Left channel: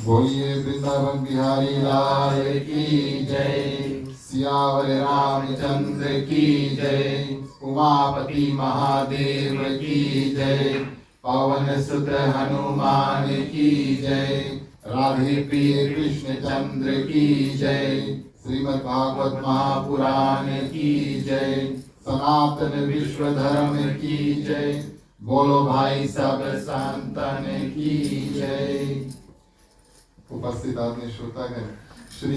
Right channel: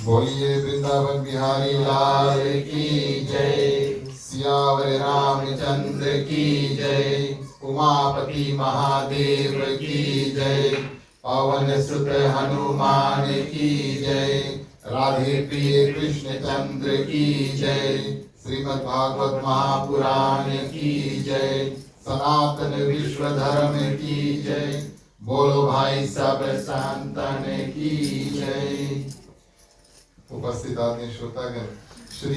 बोलिए वृंदावन बिहारी लाल की जय। सियावर रामचंद्र की जय। उमापति महादेव की जय। पवन सुत हनुमान की जय। राधे प्रिय कृष्ण चंद्र की जय। श्रीमद् भागवत महापुराण की जय। सनातन विश्व धर्म की जय। बोलो भाई सब संतन की जय। उपस्थित आदरणीय श्रोतागण, श्री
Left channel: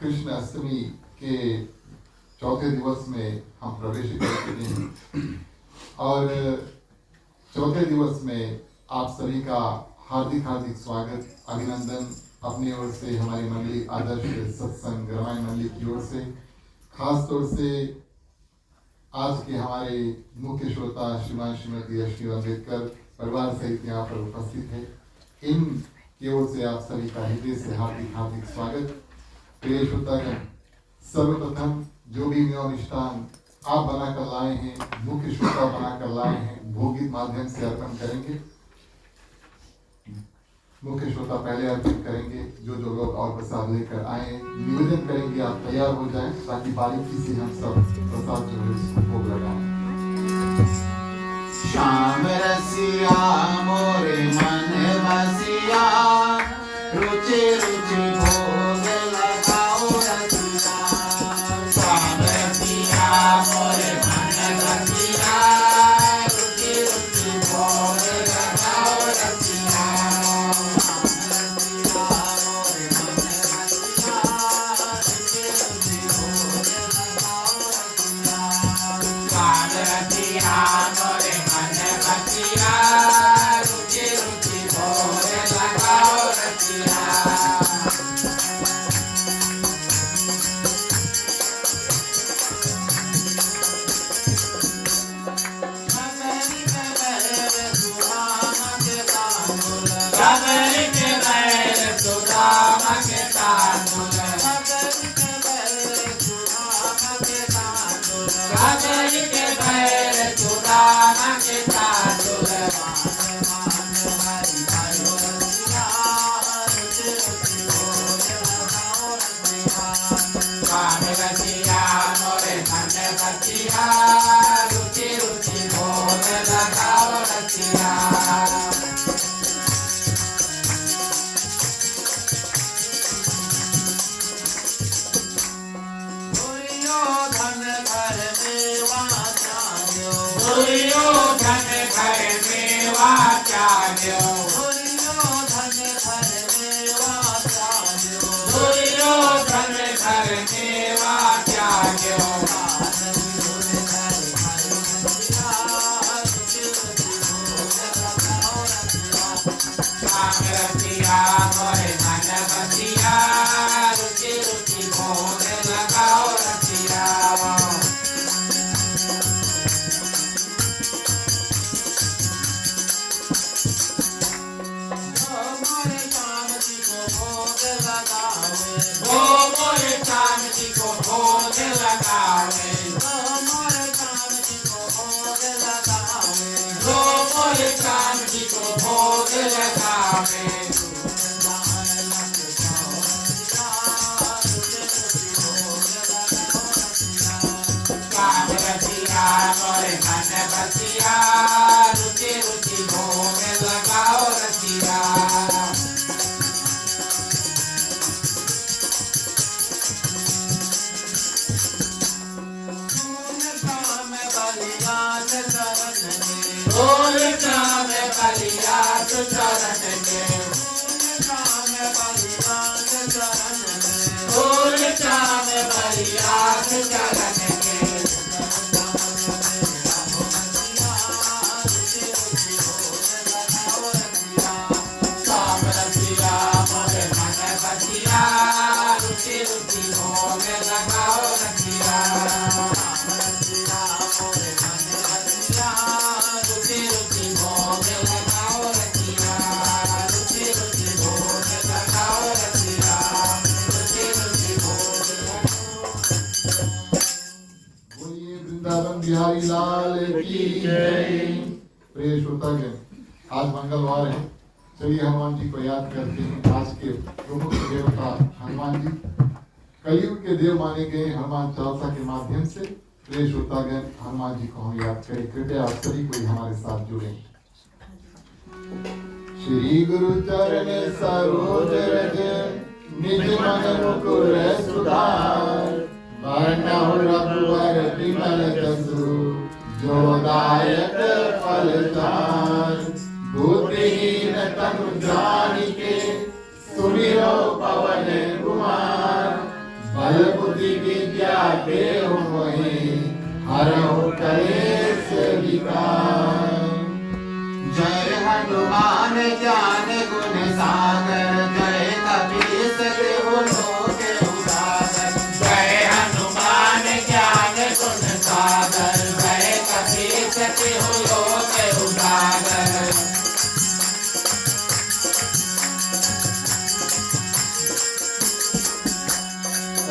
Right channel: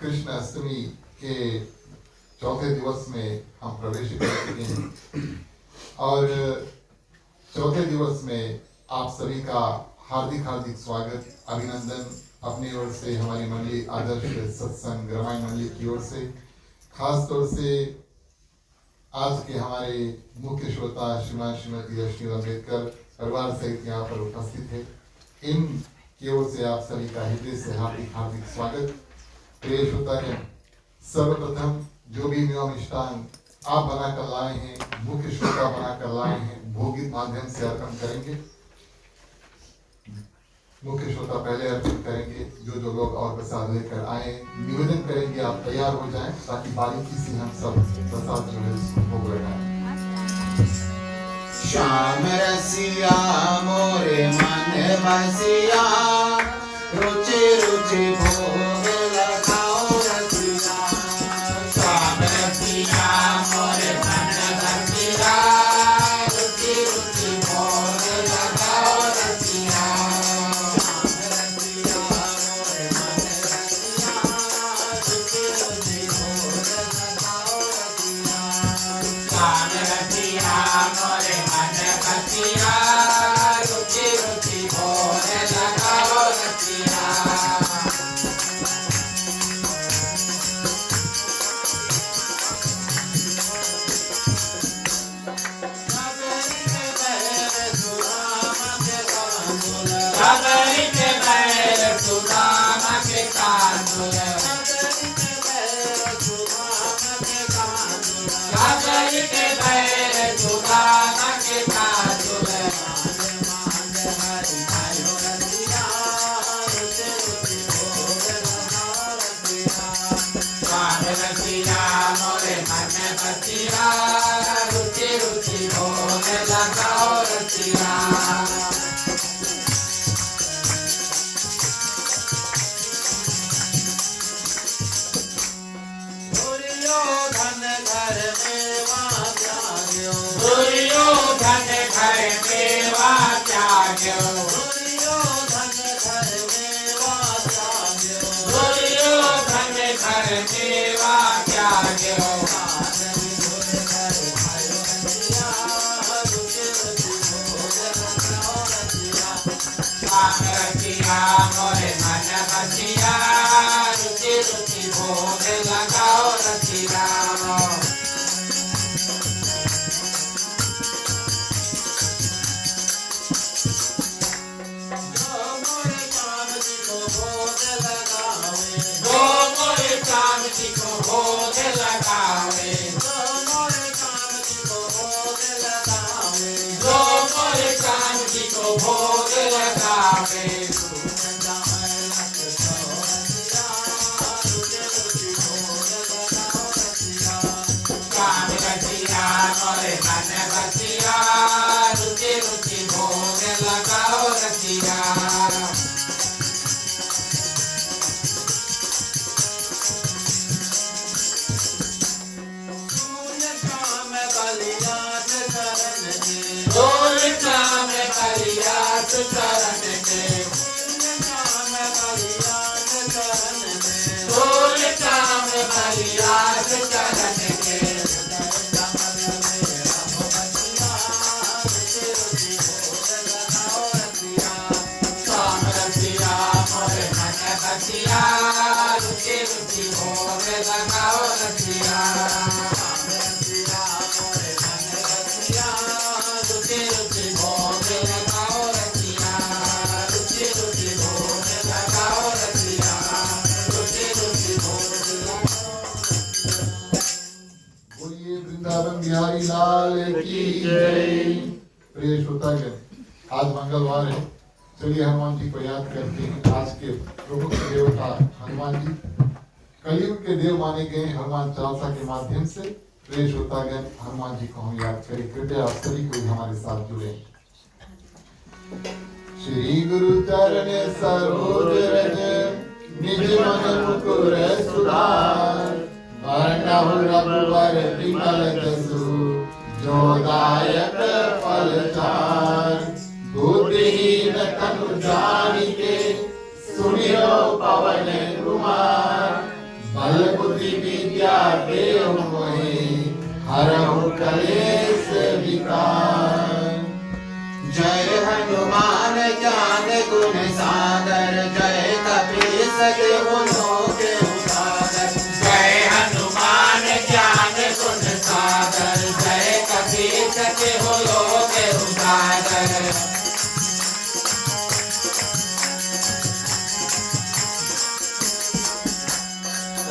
कृष्ण अष्टमी के चौथे दिवस में हम प्रवेश कर चुके हैं और चौथे दिवस में आप सभी का हार्दिक हार्दिक स्वागत, अभिनंदन अपनी ओर से, हमारी मंडली आदर्श सत्संग रामायण मंडली की ओर से। खास तौर से आज के हमारे मुख्य श्रोता श्रीमान श्रीमती अश्विनी अम्बेडकर परिवार सहित यहाँ पर उपस्थित है, इन की ओर से आप सभी का हृदय से हार्दिक हार्दिक स्वागत। प्रिय श्रोतागण, सर्वप्रथम जो भी नियम मिष्टान आप बनाकर लाए हैं, मुख्य श्रोता बनाकर लाए हैं, भोग के माध्यम से अर्पण करेंगे। मुख्य श्रोता पहले अर्पित करेंगे। जो लोग और प्रसाद लेकर आए, निवेदन करेंगे आप तैयार हो जाएं ताकि बारीकी से हम सब प्रसाद जो है उसको भोग लगाएं। श्याम रसिया मोरे मन बसिया, रुचि रुचि भोग लगाओ रसिया। श्याम रसिया मोरे मन बसिया, रुचि रुचि भोग लगाओ रसिया। श्याम रसिया मोरे मन बसिया, रुचि रुचि भोग लगाओ रसिया। खबरी के बैल सुदामा के तांडुल, खबरी के बैल सुदामा के तांडुल। श्याम रसिया मोरे मन बसिया, रुचि रुचि भोग लगाओ रसिया। दुर्योधन घर मेवा त्याग्यो, दुर्योधन घर मेवा त्याग्यो। श्याम रसिया मोरे मन बसिया, रुचि रुचि भोग लगाओ रसिया। जो मोरे श्याम जी को भोग लगावे, जो मोरे श्याम जी को भोग लगावे, जो मोरे श्याम जी को भोग लगावे। श्याम रसिया मोरे मन बसिया, रुचि रुचि भोग लगाओ रसिया। बोल श्याम बलिया चरण के, बोल श्याम बलिया चरण के। श्याम रसिया मोरे मन बसिया, रुचि रुचि भोग लगाओ रसिया। रुचि रुचि भोग लगाओ रसिया, रुचि रुचि भोग लगाओ रसिया, रुचि रुचि भोग लगाओ। बोलिए वृंदावन बिहारी लाल की जय। प्रिय श्रोतागण, आज मंगलवार है चलिए हनुमान जी को याद करते हैं। आज के प्रमुख देवता हनुमान जी कलयुग के देव माने गए। हनुमान चालीसा के माध्यम से प्रिय श्रोतागण हनुमान जी को हम याद करें। कृपया आप सभी कोई हमारे साथ जुड़े। श्री गुरु चरण सरोज रज निज मन मुकुर सुधार बरनहुँ रघुवर विमल जसु जो दायक फल चार। बुद्धिहीन तनु जानिके सुमिरो पवन कुमार बल बुद्धि विद्या देहु मोहि हरहु कलेश विकार। जय हनुमान ज्ञान गुण सागर जय कपीस देहु लोक उजागर। जय हनुमान ज्ञान गुण सागर जय कपीस देहु लोक उजागर।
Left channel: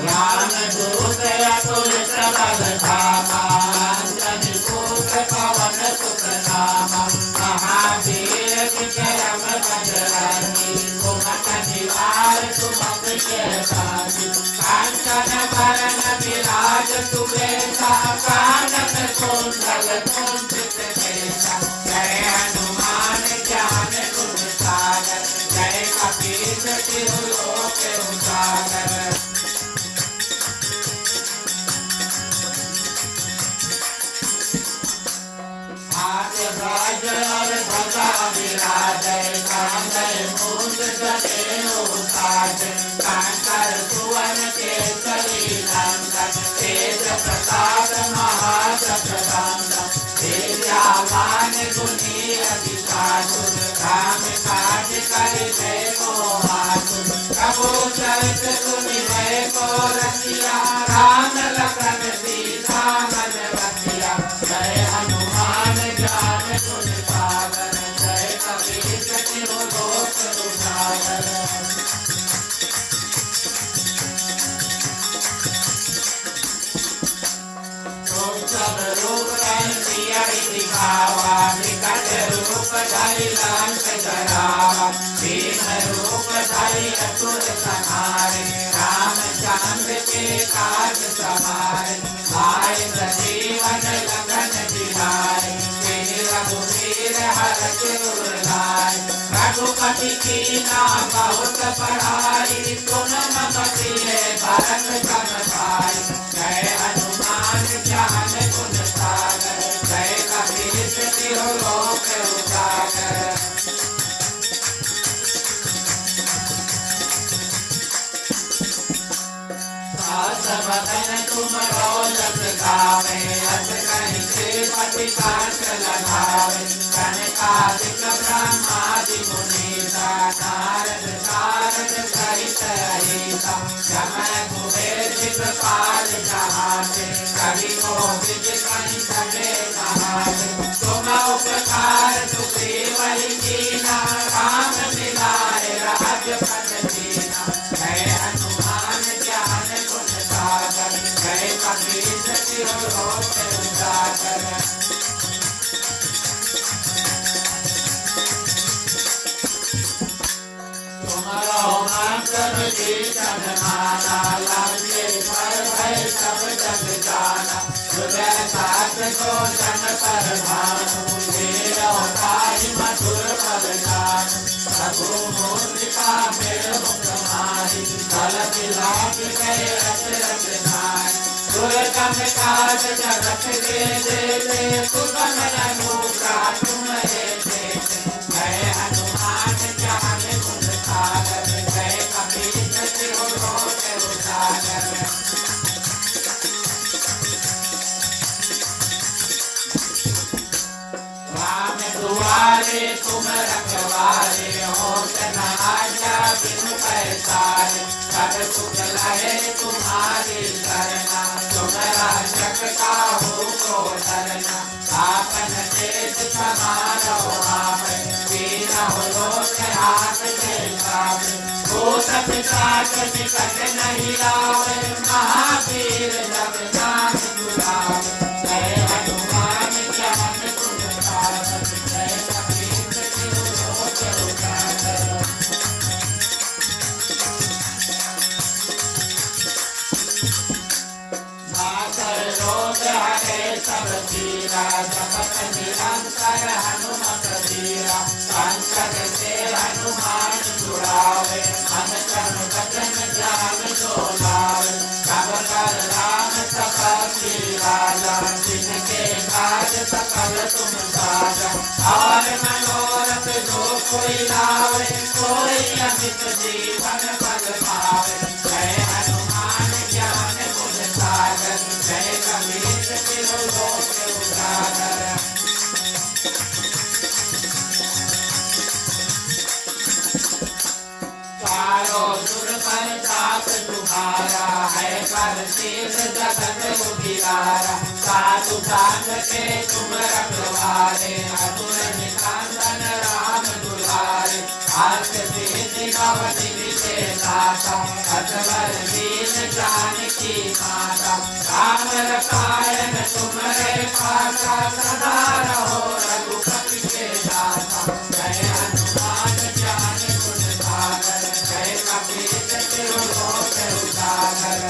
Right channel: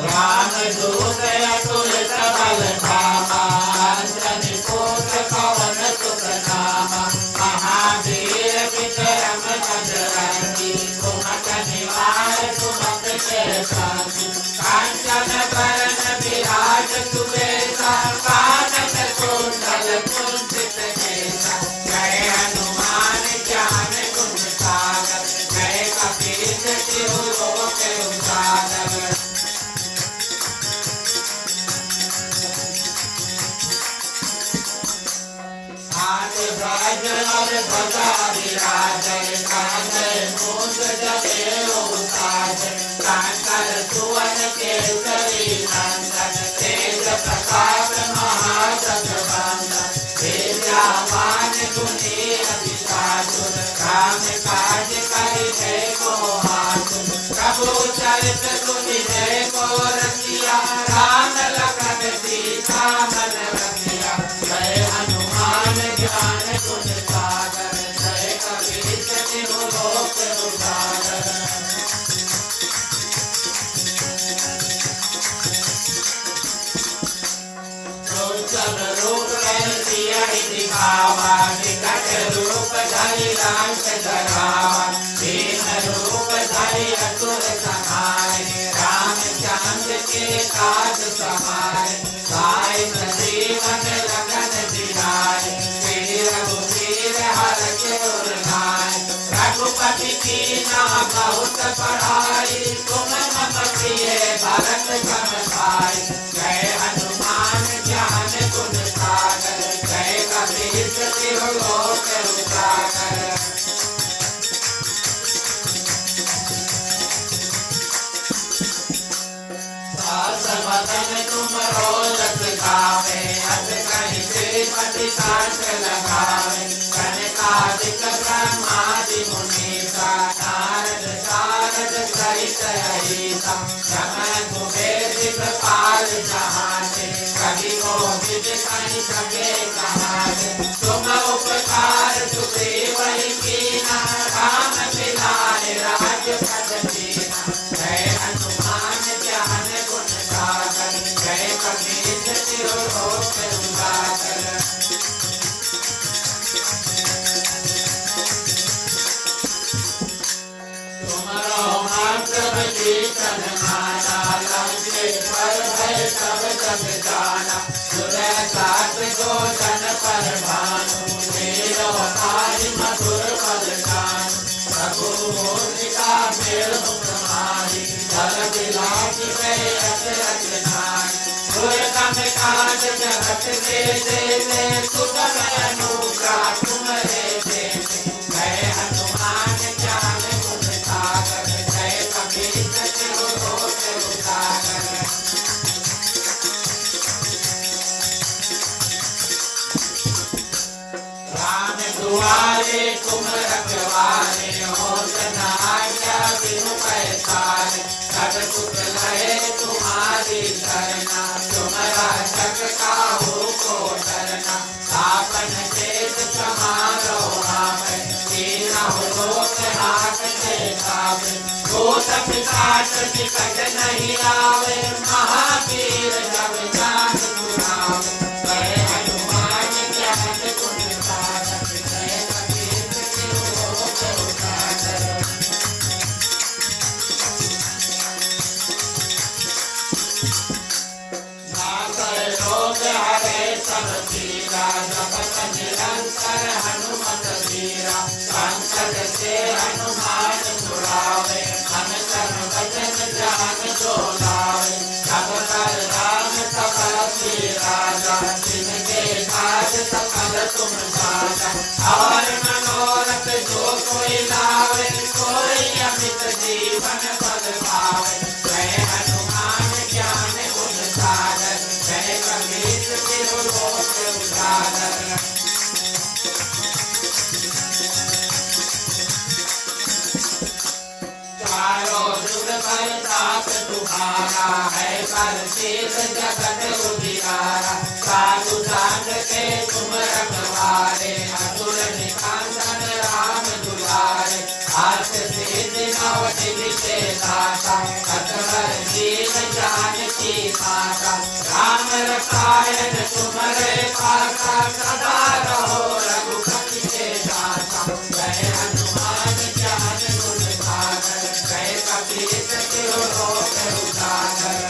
राम दूत अतुलित बल धामा अंजनी पुत्र पवन सुत नामा। महावीर विक्रम बजरंगी कुमति निवार सुमति के संगी। कांचन बरन विराज सुबेसा कानन कुंडल कुंचित केसा। जय हनुमान ज्ञान गुण सागर जय कपीस तिहु लोक उजागर। कांकर सुवन केसरी नंदन तेज प्रताप महाजगवंदन। विद्यावान गुणी अति साधुर राम काज करिबे को आतुर। प्रभु चरित सुनिबे को रसिया राम लखन सीता मन रसिया। जय हनुमान ज्ञान गुण सागर जय कपीस तिहु लोक उजागर। सब रूप धरि सियहि दिखावा विकट रूप धरि लंक जरावा। दीन रूप धरि असुर संहारे रामचंद्र के काज सवारे। लाए संजीवन लखन जियाए श्री रघुवीर हरषि उर लाए। रघुपति कीन्हा बहुत बड़ाई तुम मम प्रिय भरत सम भाई। जय हनुमान ज्ञान गुण सागर जय कपीस तिहु लोक उजागर। सास बदन तुम रोजस गावे अस कहि श्रीमति सास लगावे। कनकादिक ब्रह्मादि मुनीसा नारद सारद सहित अहिसा। समर कुबेर दिगपाल जहाते कवि कोविद कहि सके कहाते। तुम उपकार सुग्रीव कीन्हा राम मिलाए राजपद दीन्हा। जय हनुमान ज्ञान गुण सागर जय कपीस तिहु लोक उजागर। तुमरो मंत्र विभीषण माना लंके पर भय सब जग जाना। हृदय साथ गोचन पर भानु वीर भारी मधुर पद गानु। प्रभु मुद्रिका मेल मुख माहि जल दिलास गए अचरज नाहि। दुर्गम काज जगत के देते सुगम अनुग्रह तुम्हारे देते। जय हनुमान ज्ञान गुण सागर जय कपीस तिहु लोक उजागर। राम दुआरे तुम रखवारे हो जना आज्ञा बिनु पैसारे। सब सुख लहे तुम्हारी करना तुम रक्षक काहू को डरना। आपन तेज समारो आपै तीनहुँ लोक हांकते काबै। भूत पिशाच निकट नहीं आवे महावीर जब नाम सुनावे। जय हनुमान ज्ञान गुण सागर जय कपीस तिहु लोक उजागर। तीरा जपत निरंतर हनुमत धीरा संकट से हनुमान छुड़ावे मन तन वचन ध्यान जो लावे सब पर राम तपस्वी राजा जिनके काज सकल तुम साजा और मनोरथ जो कोई लावे कोई अमित जीवन फल पावे जय हनुमान ज्ञान गुण सागर जय कबीर तिरुलोक उजागर चारों जुग परिताप तुम्हारा है पर शील जगत उजियारा साधु संग के तुम रखवारे असुर निकंदन राम दुलारे हाथ सिद्धि नव निधि के दाता असवर दीन जानकी माता राम रसायन तुम्हारे पासा सदा रहो रघुपति के दाता जय हनुमान ज्ञान गुण सागर जय कपीश तिरुलोक उजागर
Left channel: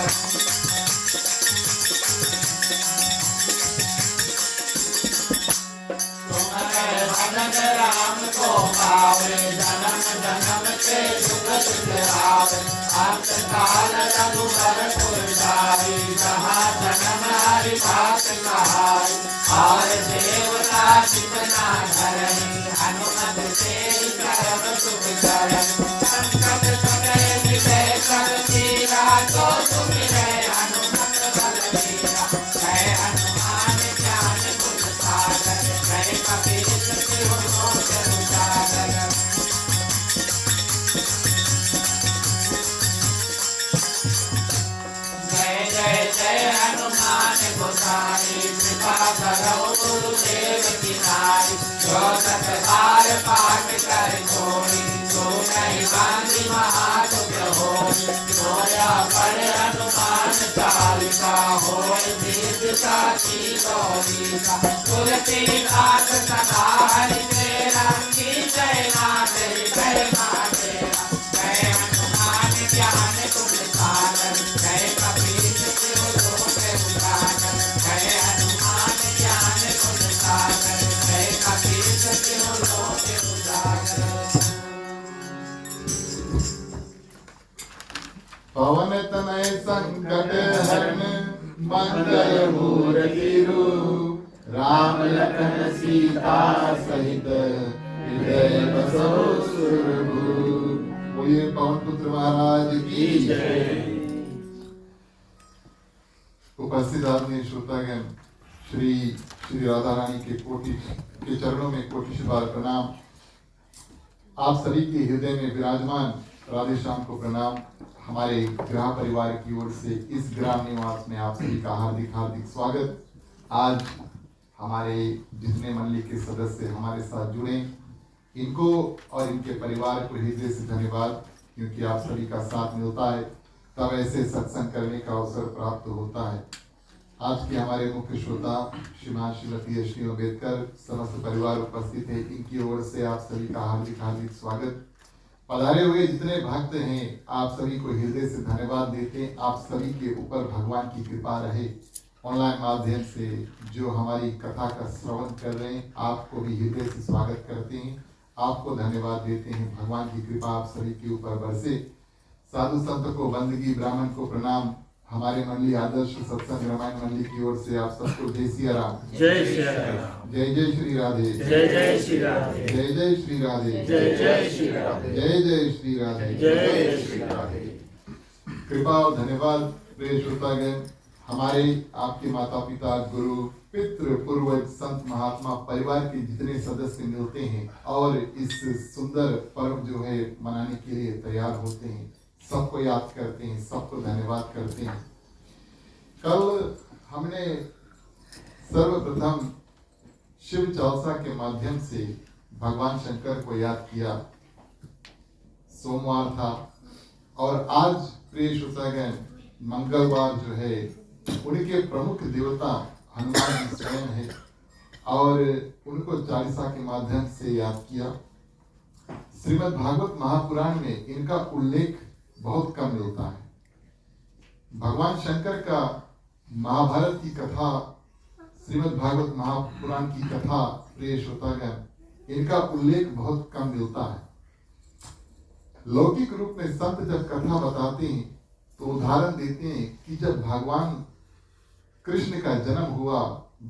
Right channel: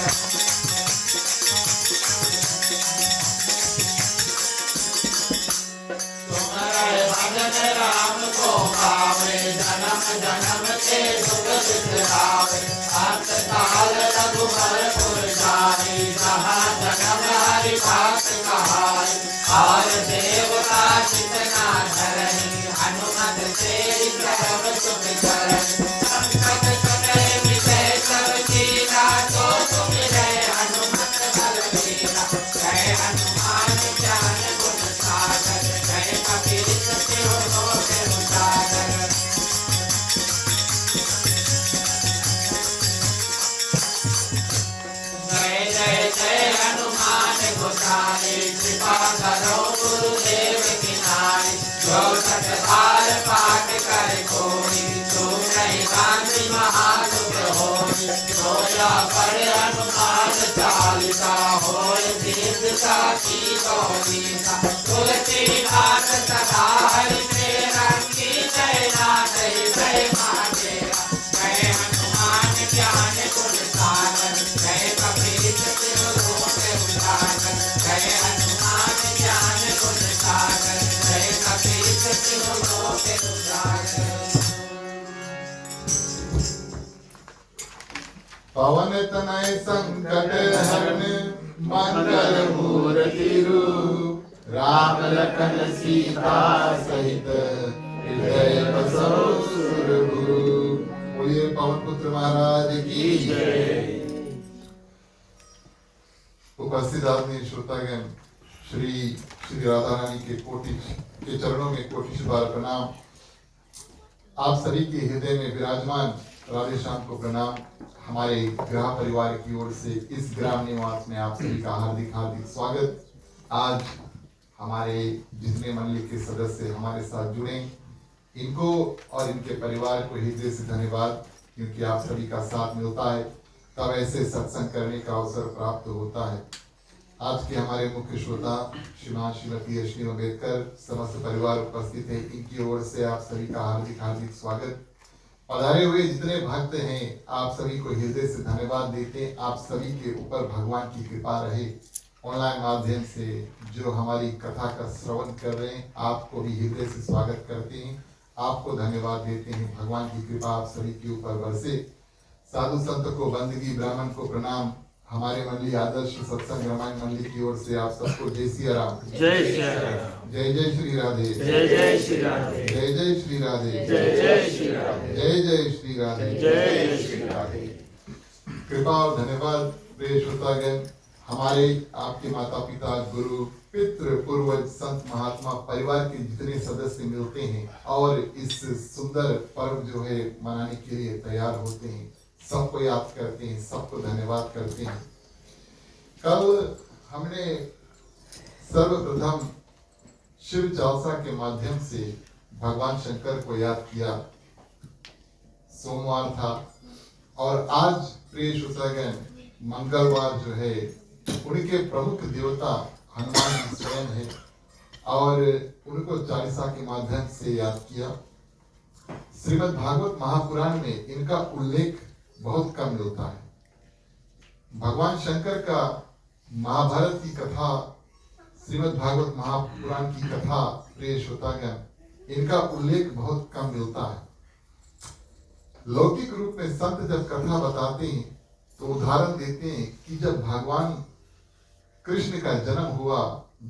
तुम्हारे भजन राम को पावे जन्म जन्म के दुख बिसरावे अंत काल रघुबर पुर जाई जहाँ जन्म हरि बात कहाई और देवता जितना धरई हनुमत तेरी करम सुख करई संकट कटे विजय कर दीना जो तुम रहे हनुमत बलवीरा जय हनुमान ज्ञान गुण सागर जय कपीश तिरुलोक उजागर जय जय जय हनुमान गोसाई कृपा करो गुरुदेव की नाई जो सत बार पाठ कर कोई जो नहीं गांधी महादुख होई रोया पर हनुमान चालिसा होय दीर्घ साची गौरीसा तुलसीदास सदा हरि तेरा की जय नाथ जय मातेरा जय हनुमान ज्ञान गुण सागर जय कपीश तिरुलोक उजागर जय हनुमान ज्ञान गुण सागर जय कपीश तिरुलोक उजागर पवन तनय संकट हरण मंगल मूर्ति रूप राम लखन सीता सहित हृदय बसो सुरभूप। बोलिए पवन पुत्र महाराज की जय। उपस्थित आदमी श्रोतागण श्री श्री राधा रानी के चरणों में कोटि बार प्रणाम। आप सभी के हृदय में विराजमान राधे श्याम को प्रणाम। हमारे ग्रह परिवार की ओर से इस ग्राम निवास में आप सभी का हार्दिक हार्दिक स्वागत। आज हमारे जितने मंडली के सदस्य हमारे साथ जुड़े इनको और इनके परिवार को हृदय से धन्यवाद, क्योंकि आप सभी का साथ मिलता है तब ऐसे सत्संग करने का अवसर प्राप्त होता है। आज के हमारे मुख्य श्रोता श्रीमान श्रीमती अश्विनी अम्बेडकर समस्त परिवार उपस्थित है, इनकी ओर से आप सभी का हार्दिक हार्दिक स्वागत। पधारे हुए जितने भक्त हैं आप सभी को हृदय से धन्यवाद देते। आप सभी के ऊपर भगवान की कृपा रहे। ऑनलाइन माध्यम से जो हमारी कथा का श्रवण कर रहे हैं आपको भी हृदय से स्वागत करते हैं, आपको धन्यवाद देते हैं। भगवान की कृपा आप सभी के ऊपर बरसे। साधु संत को बंदगी ब्राह्मण को प्रणाम। हमारे मंडली आदर्श सत्संग रामायण मंडली की ओर से आप सबको जय सिया राम, जय श्री राम, जय जय श्री राधे, जय जय श्री राधे, जय जय श्री राधे, जय जय श्री राधे, जय जय श्री राधे, जय श्री राधे। कृपा और धन्यवाद प्रिय श्रोतागण। हमारे आपके माता पिता गुरु पितृ पूर्वज संत महात्मा परिवार के जितने सदस्य मिलते हैं और इस सुंदर पर्व जो है मनाने के लिए तैयार होते हैं, सबको याद करते हैं, सबको धन्यवाद करते हैं। कल हमने सर्वप्रथम शिव चालसा के माध्यम से भगवान शंकर को याद किया। सोमवार था और आज प्रिय श्रोतागण मंगलवार जो है उनके प्रमुख देवता हनुमान जी स्वयं है और उनको चालीसा के माध्यम से याद किया। श्रीमद् भागवत महापुराण में इनका उल्लेख बहुत कम मिलता है। भगवान शंकर का महाभारत की कथा श्रीमद् भागवत महापुराण की कथा प्रिय श्रोतागण, इनका उल्लेख बहुत कम मिलता है। लौकिक रूप में संत जब कथा बताते हैं तो उदाहरण देते हैं कि जब भगवान कृष्ण का जन्म हुआ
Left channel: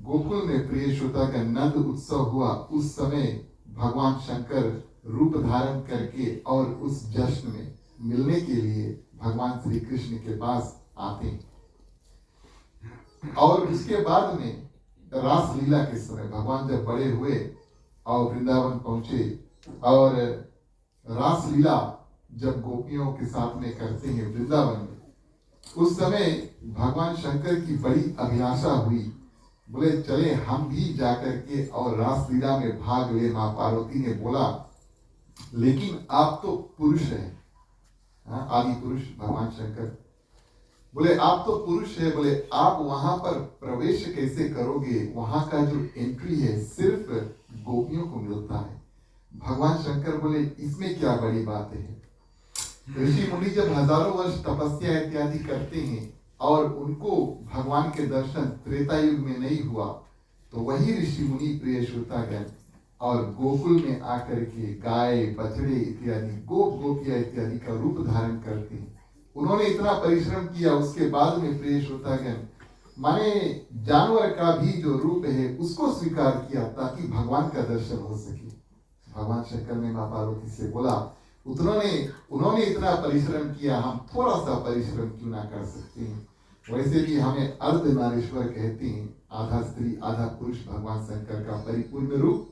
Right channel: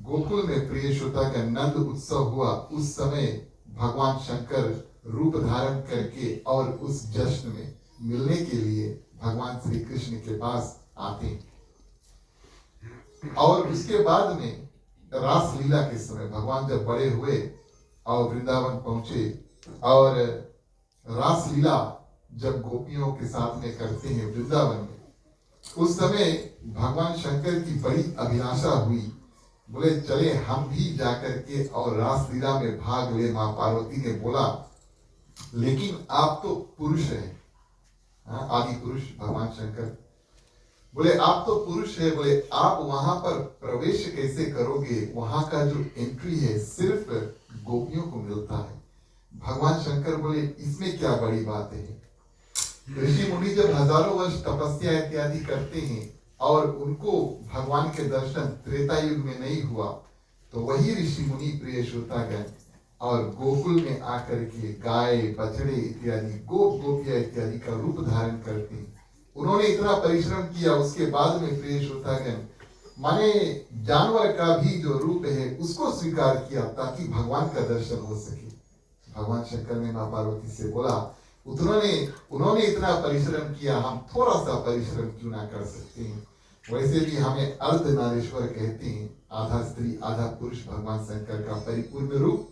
गोकुल में, प्रिय श्रोतागण, नंद उत्सव हुआ, उस समय भगवान शंकर रूप धारण करके और उस जश्न में मिलने के लिए भगवान श्री कृष्ण के पास आते हैं। और उसके बाद में रास लीला के समय भगवान जब बड़े हुए और वृंदावन पहुंचे और रास लीला जब गोपियों के साथ में करते हैं वृंदावन में, उस समय भगवान शंकर की बड़ी अभिलाषा हुई। बोले चले हम भी जाकर के और रास लीला में भाग ले। मां पार्वती ने बोला लेकिन आप तो पुरुष हैं, आदि पुरुष भगवान शंकर बोले आप तो पुरुष है, बोले आप वहां पर प्रवेश कैसे करोगे? वहां का जो एंट्री है सिर्फ गोपियों को मिलता है। भगवान शंकर बोले इसमें क्या बड़ी बात है? ऋषि मुनि जब हजारों वर्ष तपस्या इत्यादि करते हैं और उनको भगवान के दर्शन त्रेता युग में नहीं हुआ, तो वही ऋषि मुनि, प्रिय श्रोतागण, और गोकुल में आकर के गाय बछड़े इत्यादि गोप गोपिया इत्यादि का रूप धारण करते हैं। उन्होंने इतना परिश्रम किया, उसके बाद में प्रिय श्रोतागण, माने जानवर का भी जो रूप है उसको स्वीकार किया ताकि भगवान का दर्शन हो सके। भगवान शंकर ने मां पार्वती से बोला उन्होंने इतना परिश्रम किया, हम थोड़ा सा परिश्रम क्यों ना कर सकते हैं? वैसे भी हमें अर्धनारीश्वर कहते हैं, आधा स्त्री आधा पुरुष भगवान शंकर का परिपूर्ण रूप।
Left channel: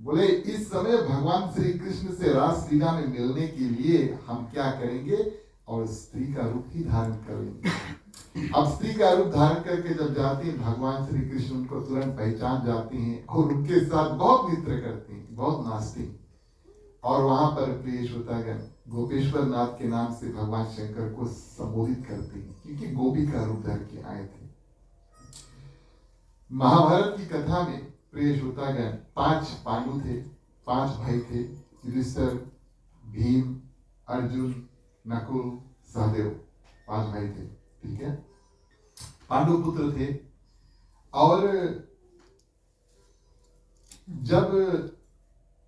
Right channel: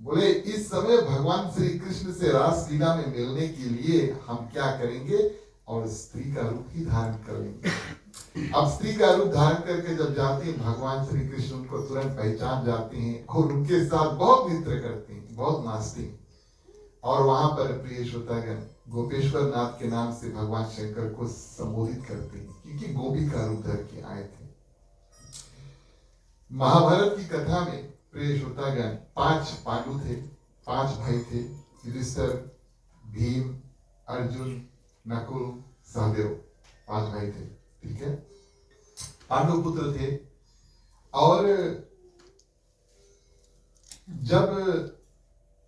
बोले इस समय भगवान श्री कृष्ण से रास लीला में मिलने के लिए हम क्या करेंगे? और स्त्री का रूप ही धारण कर लेंगे। अब स्त्री का रूप धारण करके जब जाते हैं भगवान श्री कृष्ण उनको तुरंत पहचान जाते हैं और उनके साथ बहुत नृत्य करते हैं, बहुत नाचते हैं। और वहां पर प्रिय श्रोतागण गोपेश्वर नाथ के नाम से भगवान शंकर को संबोधित करते हैं, क्योंकि गोपी का रूप धर के आए थे। महाभारत की कथा में प्रिय श्रोतागण 5 पांडु थे, 5 भाई थे, युधिष्ठिर, भीम, अर्जुन, नकुल, सहदेव, 5 भाई थे। ठीक है, पांडु पुत्र थे। और जब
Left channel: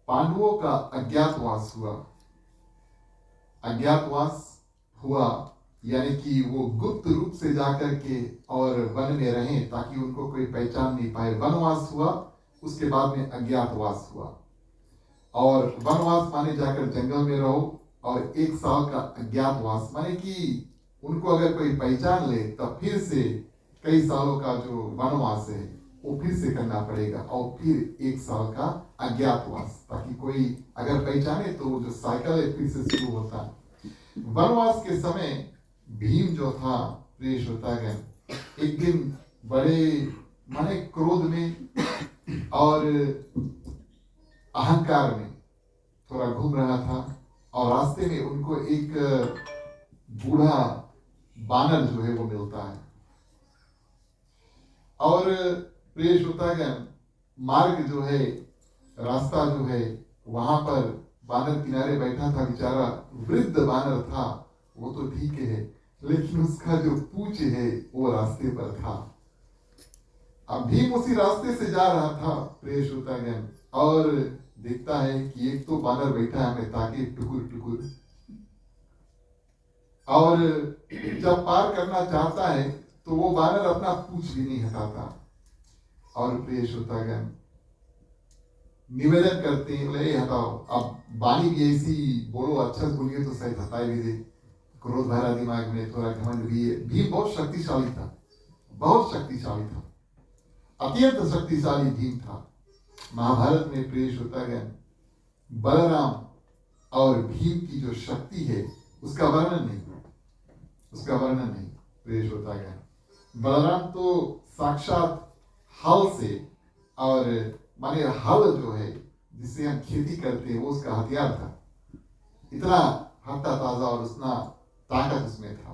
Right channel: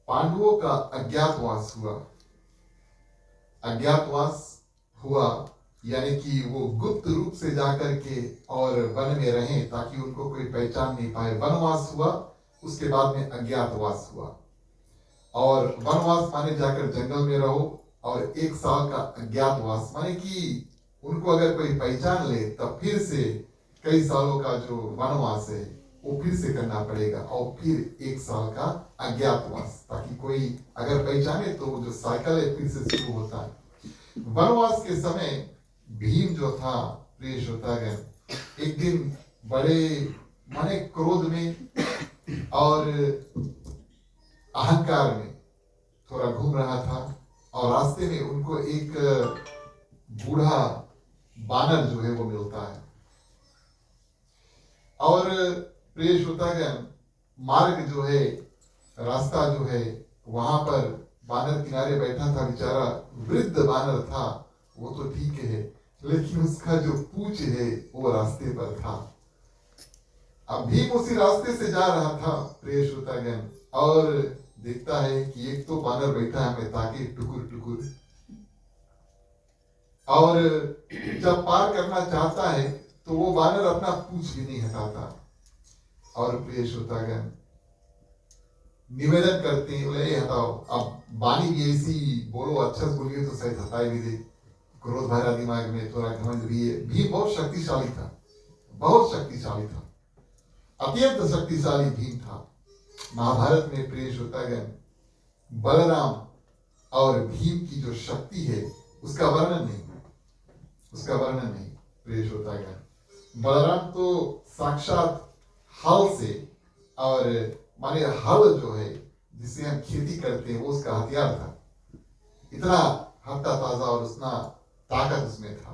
पांडवों का अज्ञातवास हुआ यानी कि वो गुप्त रूप से जाकर के और वन में रहे ताकि उनको कोई पहचान नहीं पाए, वनवास हुआ। उसके बाद में अज्ञातवास हुआ, और वनवास माने जाकर जंगल में रहो, और 1 साल का अज्ञातवास माने कि उनको अगर कोई पहचान ले तब फिर से कई सालों का जो वनवास है वो फिर से करना पड़ेगा, और फिर 1 साल का अज्ञातवास, ताकि कोई अगर पहचाने तो जो साइकिल है फिर से शुरू होता है। वनवास के समय भीम जो था प्रिय श्रोतागण, एक दिन बड़े माने क्रोध में और अहंकार में थोड़ा घूम रहा था, और रास्ते में उनको एक बूढ़ा बानर जो है वो मिलता है। और प्रिय श्रोतागण मार्ग जो है, रास्ता जो है, वहां पर बानर किनारे बैठा था, बेचारा वृद्ध बानर था, वो तो ठीक है, लेकिन उसका जो पूंछ है वो रास्ते पर था। अब भीम उसी रास्ते से जा रहा था प्रिय श्रोतागण, और देखता है कि एक तो बानर बैठा है हमें ताकि टुकुर टुकुर, और जब पार करना चाहता है तो वो बानर अपना पूंछ भी नहीं हटाता। और प्रिय श्रोतागण निवेदन करते हैं, बोले हटाओ। अब बानी भी ऐसी बोलो, अच्छा बोलिए तो शायद हटाए भी दे, क्रोध भरा दिमाग में, थोड़ा घमंड भी है। भीम बहुत शक्तिशाली था, बहुत शक्तिशाली था, अत्यंत शक्तिशाली भीम था। महाभारत में प्रिय श्रोतागण बलराम और भीम की जो शक्ति है उसका वर्णन नहीं प्रिय श्रोतागण। बलराम तो साक्षात हल से, और माने हल जो है जिससे हम खेती करते हैं वो उसका हथियार था, इतना हट्टा ताजा और उतना ताकत उसमें था।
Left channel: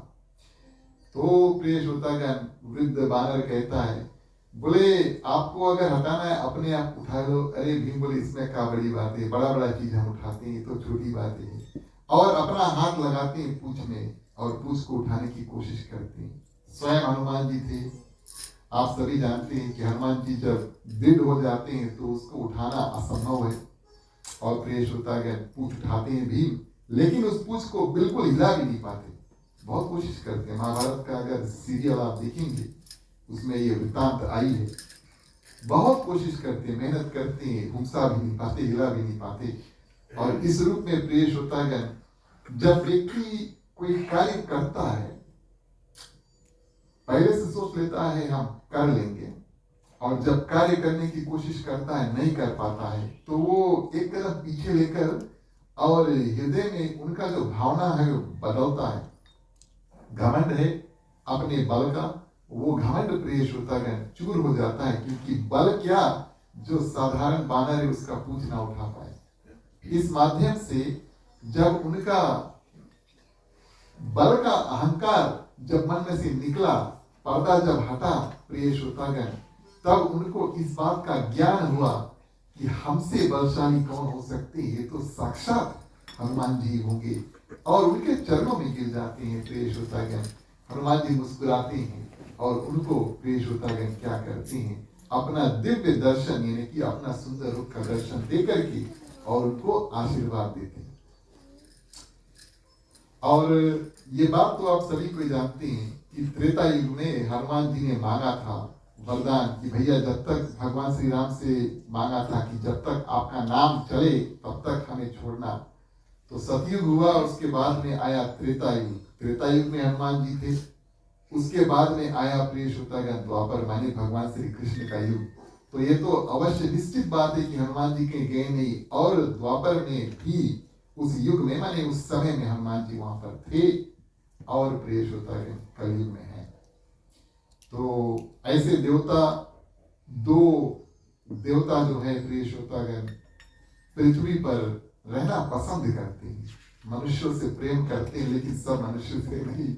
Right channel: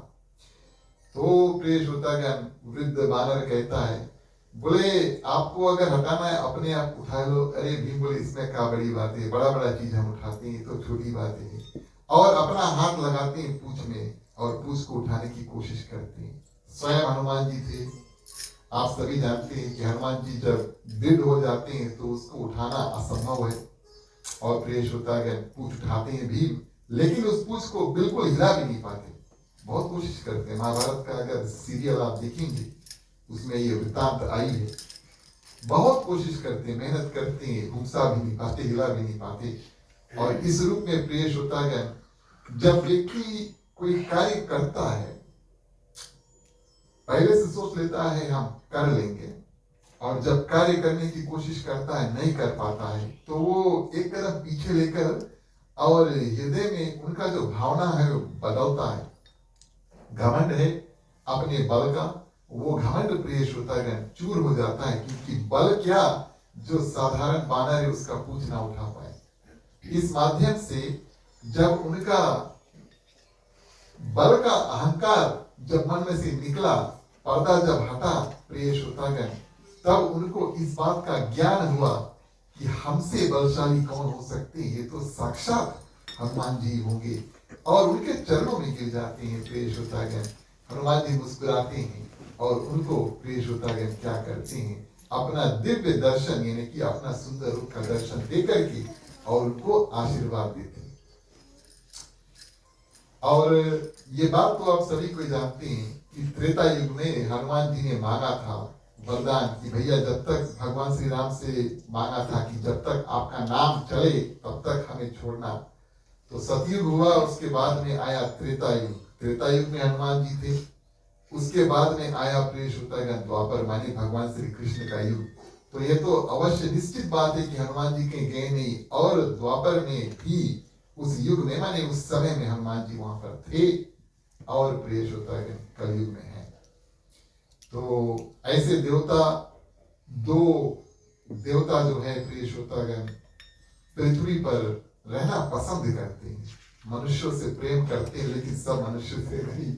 तो प्रिय श्रोतागण वृद्ध बानर कहता है, बोले आपको अगर हटाना है अपने आप उठा लो। अरे भीम बोले इसमें क्या बड़ी बात है, बड़ा बड़ा चीज हम उठाते हैं तो छोटी बात है, और अपना हाथ लगाते हैं पूंछ में और पूंछ को उठाने की कोशिश करते हैं। स्वयं हनुमान जी थे, आप सभी जानते हैं कि हनुमान जी जब दृढ़ हो जाते हैं तो उसको उठाना असंभव है। और प्रिय श्रोतागण, पूछ उठाते हैं भीम, लेकिन उस पूछ को बिल्कुल हिला भी नहीं पाते। बहुत कोशिश करते हैं। महाभारत का अगर सीरियल आप देखेंगे उसमें ये वृत्तांत आई है। बहुत कोशिश करते हैं, मेहनत करते हैं, घुसा भी नहीं पाते, हिला भी नहीं पाते। और इस रूप में प्रिय श्रोतागण, जब व्यक्ति कोई कार्य करता है, पहले से सोच लेता है हम कर लेंगे, और जब कार्य करने की कोशिश करता है नहीं कर पाता है, तो वो एक कदम पीछे लेकर और हृदय में उनका जो भावना है वो बदलता है। घमंड है अपने बल का, वो घमंड प्रिय श्रोतागण चूर हो जाता है, क्योंकि बल क्या, जो साधारण बानर है उसका पूछ ना उठा पाए। इस माध्यम से जब उनका बल का अहंकार जब मन में से निकला, पर्दा जब हटा प्रिय श्रोतागण, तब उनको इस बात का ज्ञान हुआ कि हमसे बलशाली कौन हो सकते, ये तो साक्षात हनुमान जी होंगे। और उनके चरणों में गिर जाते हैं प्रिय श्रोतागण। हनुमान जी मुस्कुराते हैं और उनको प्रिय श्रोतागण क्या करते हैं, अपना दिव्य दर्शन यानी कि अपना सुंदर रूप का दर्शन देकर के और उनको आशीर्वाद देते हैं। और ये बात तो आप सभी को जानते हैं कि त्रेता युग में हनुमान जी ने मांगा था वरदान कि भैया जब तक भगवान श्री राम से मांगा था कि जब तक आपका नाम चले तब तक हमें छोड़ना। तो सतयुग हुआ, उसके बाद में आया त्रेता युग। त्रेता युग में हनुमान जी थे। उसके बाद में आया प्रिय श्रोतागण द्वापर, माने भगवान श्री कृष्ण का युग। तो ये तो अवश्य निश्चित बात है कि हनुमान जी कहीं गए नहीं, और द्वापर में भी उस युग में माने उस समय में हनुमान जी वहां पर थे, और प्रिय श्रोतागण कलयुग में है। तो ऐसे दो देवता जो है प्रिय श्रोतागण पृथ्वी पर रहना पसंद करते हैं, मनुष्यों से प्रेम करते हैं, लेकिन सब मनुष्य से नहीं।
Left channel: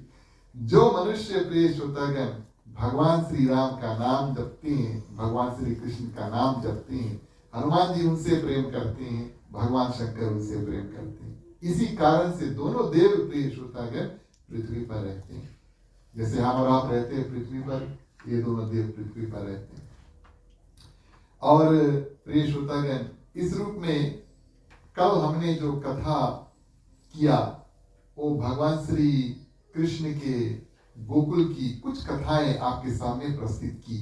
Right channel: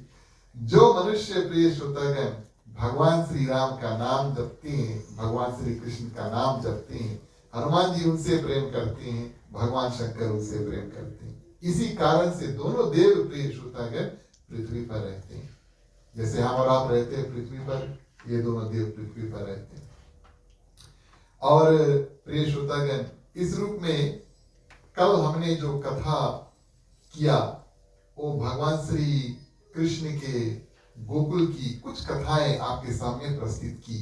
जो मनुष्य प्रिय श्रोतागण भगवान श्री राम का नाम जपते हैं, भगवान श्री कृष्ण का नाम जपते हैं, हनुमान जी उनसे प्रेम करते हैं, भगवान शंकर उनसे प्रेम करते हैं। इसी कारण से दोनों देव प्रिय श्रोतागण पृथ्वी पर रहते हैं। जैसे हम और आप रहते हैं पृथ्वी पर, ये दोनों देव पृथ्वी पर रहते हैं। और प्रिय श्रोतागण, इस रूप में कल हमने जो कथा किया वो भगवान श्री कृष्ण के गोकुल की कुछ कथाएं आपके सामने प्रस्तुत की।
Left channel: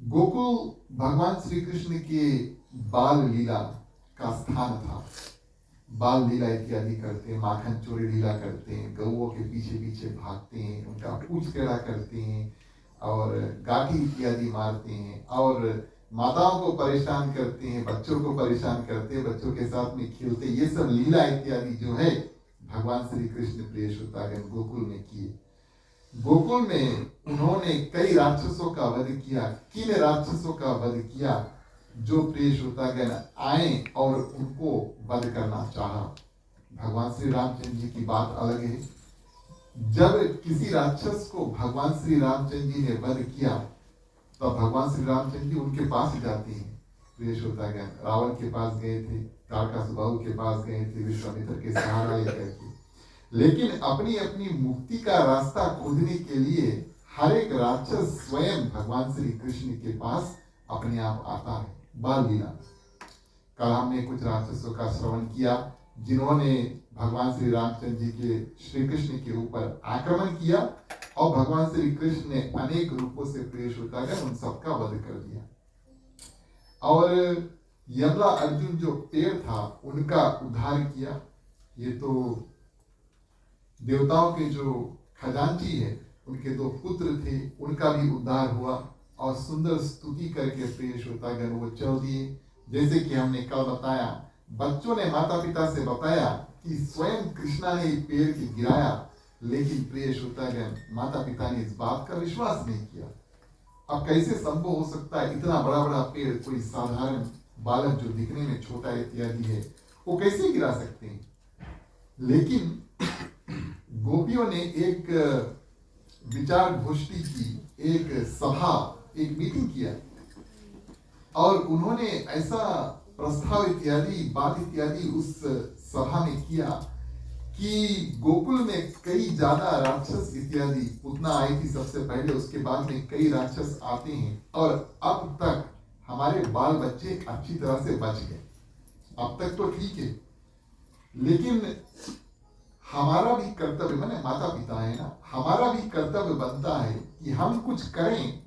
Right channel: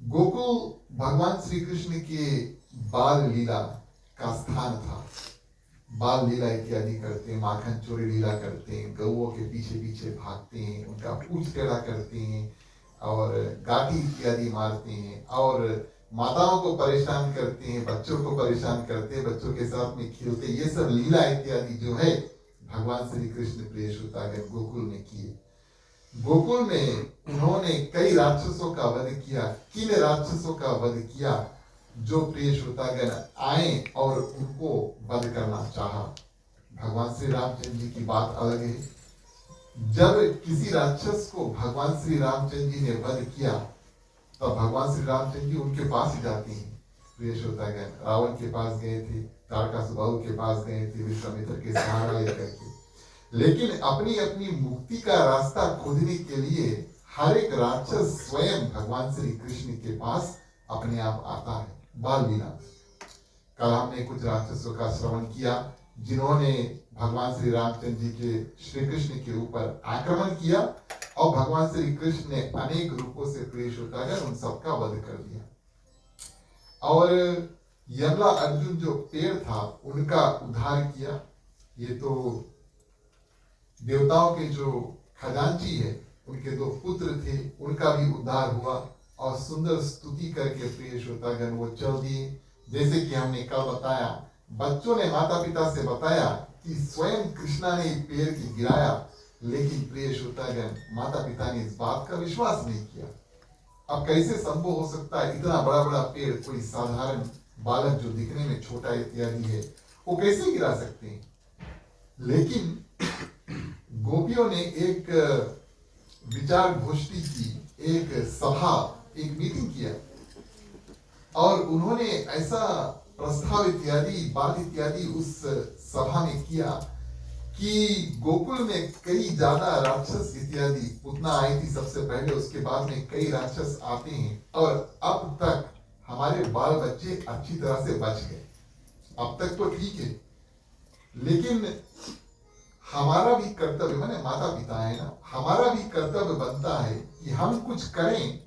गोकुल भगवान श्री कृष्ण के बाल लीला का स्थान था। बाल लीला इत्यादि करते हैं, माखन चोरी लीला करते हैं, गौओं के पीछे पीछे भागते हैं, उनका पूछ टेढ़ा करते हैं और गाठी इत्यादि मारते हैं, और माताओं को परेशान करते हैं, बच्चों को परेशान करते हैं, बच्चों के साथ में खेलते। ये सब लीला इत्यादि जो है भगवान श्री कृष्ण प्रिय श्रोतागण गोकुल में किए। गोकुल में उन्होंने कई राक्षसों का वध किया। किन राक्षसों का वध किया? जो प्रिय श्रोतागण आए और उनको वध करना चाहा। भगवान श्री रामचंद्र जी की बात अलग है। जब किसी राक्षस को भगवान श्री रामचंद्र जी ने वध किया तो भगवान श्री रामचंद्र जी उनके पास जाते हैं। प्रिय श्रोतागण रावण के पास गए थे, तारकासुबाहु के पास गए थे, विश्वामित्र के सहारा लेकर के, लेकिन अपनी अपनी मुक्ति का रास्ता खोजने के लिए हर एक राक्षस स्वयं भगवान श्री कृष्ण के पास अपने आप आता है। बाल लीला। कल हमने कुछ राक्षसों का श्रवण किया जिन्होंने भगवान श्री रामचंद्र जी के श्री कृष्ण के ऊपर आक्रमण किया और भगवान श्री कृष्ण ने अनेक रूपों से पेश होकर उन सबका वध कर दिया। और यमला अर्जुन जो पेड़ था उनका उद्धार किया। ये तो देवताओं के जो खजांची है उनके दो पुत्र थे, उनका भी उद्धार हुआ और सुंदर स्तुति करके प्रिय श्रोतागण वो चल दिए। जैसे कि हमने कल बताया, बच्चों ने माता पिता से बताया कि स्वयं कृष्णा ने पेड़ की गिराया, लेकिन प्रिय श्रोतागण माता पिता ने इस बात का विश्वास नहीं किया। अब कैसे संभव हो सकता है इतना बड़ा बड़ा पेड़, कोई साधारण बालक जो दिखने में छोटा इत्यादि है वो कैसे गिरा सकते हैं? लेकिन गोपियों ने एक विचार गोष्ठी की, एक सभा, एक मीटिंग किया और उन्होंने ऐसा प्रस्ताव इत्यादि बात इत्यादि उस सभा में किया कि गोकुल में कई ज्यादा राक्षस इत्यादि पूतना आई थी सबसे पहले, उसके बाद में कई राक्षस आते हैं और अब तक हमारे बाल बच्चे अच्छी तरह से बच गए। अब तक तो ठीक है, लेकिन हमारा भी कर्तव्य, माने माता पिता है ना, हमारा भी कर्तव्य बनता है कि हम कुछ करें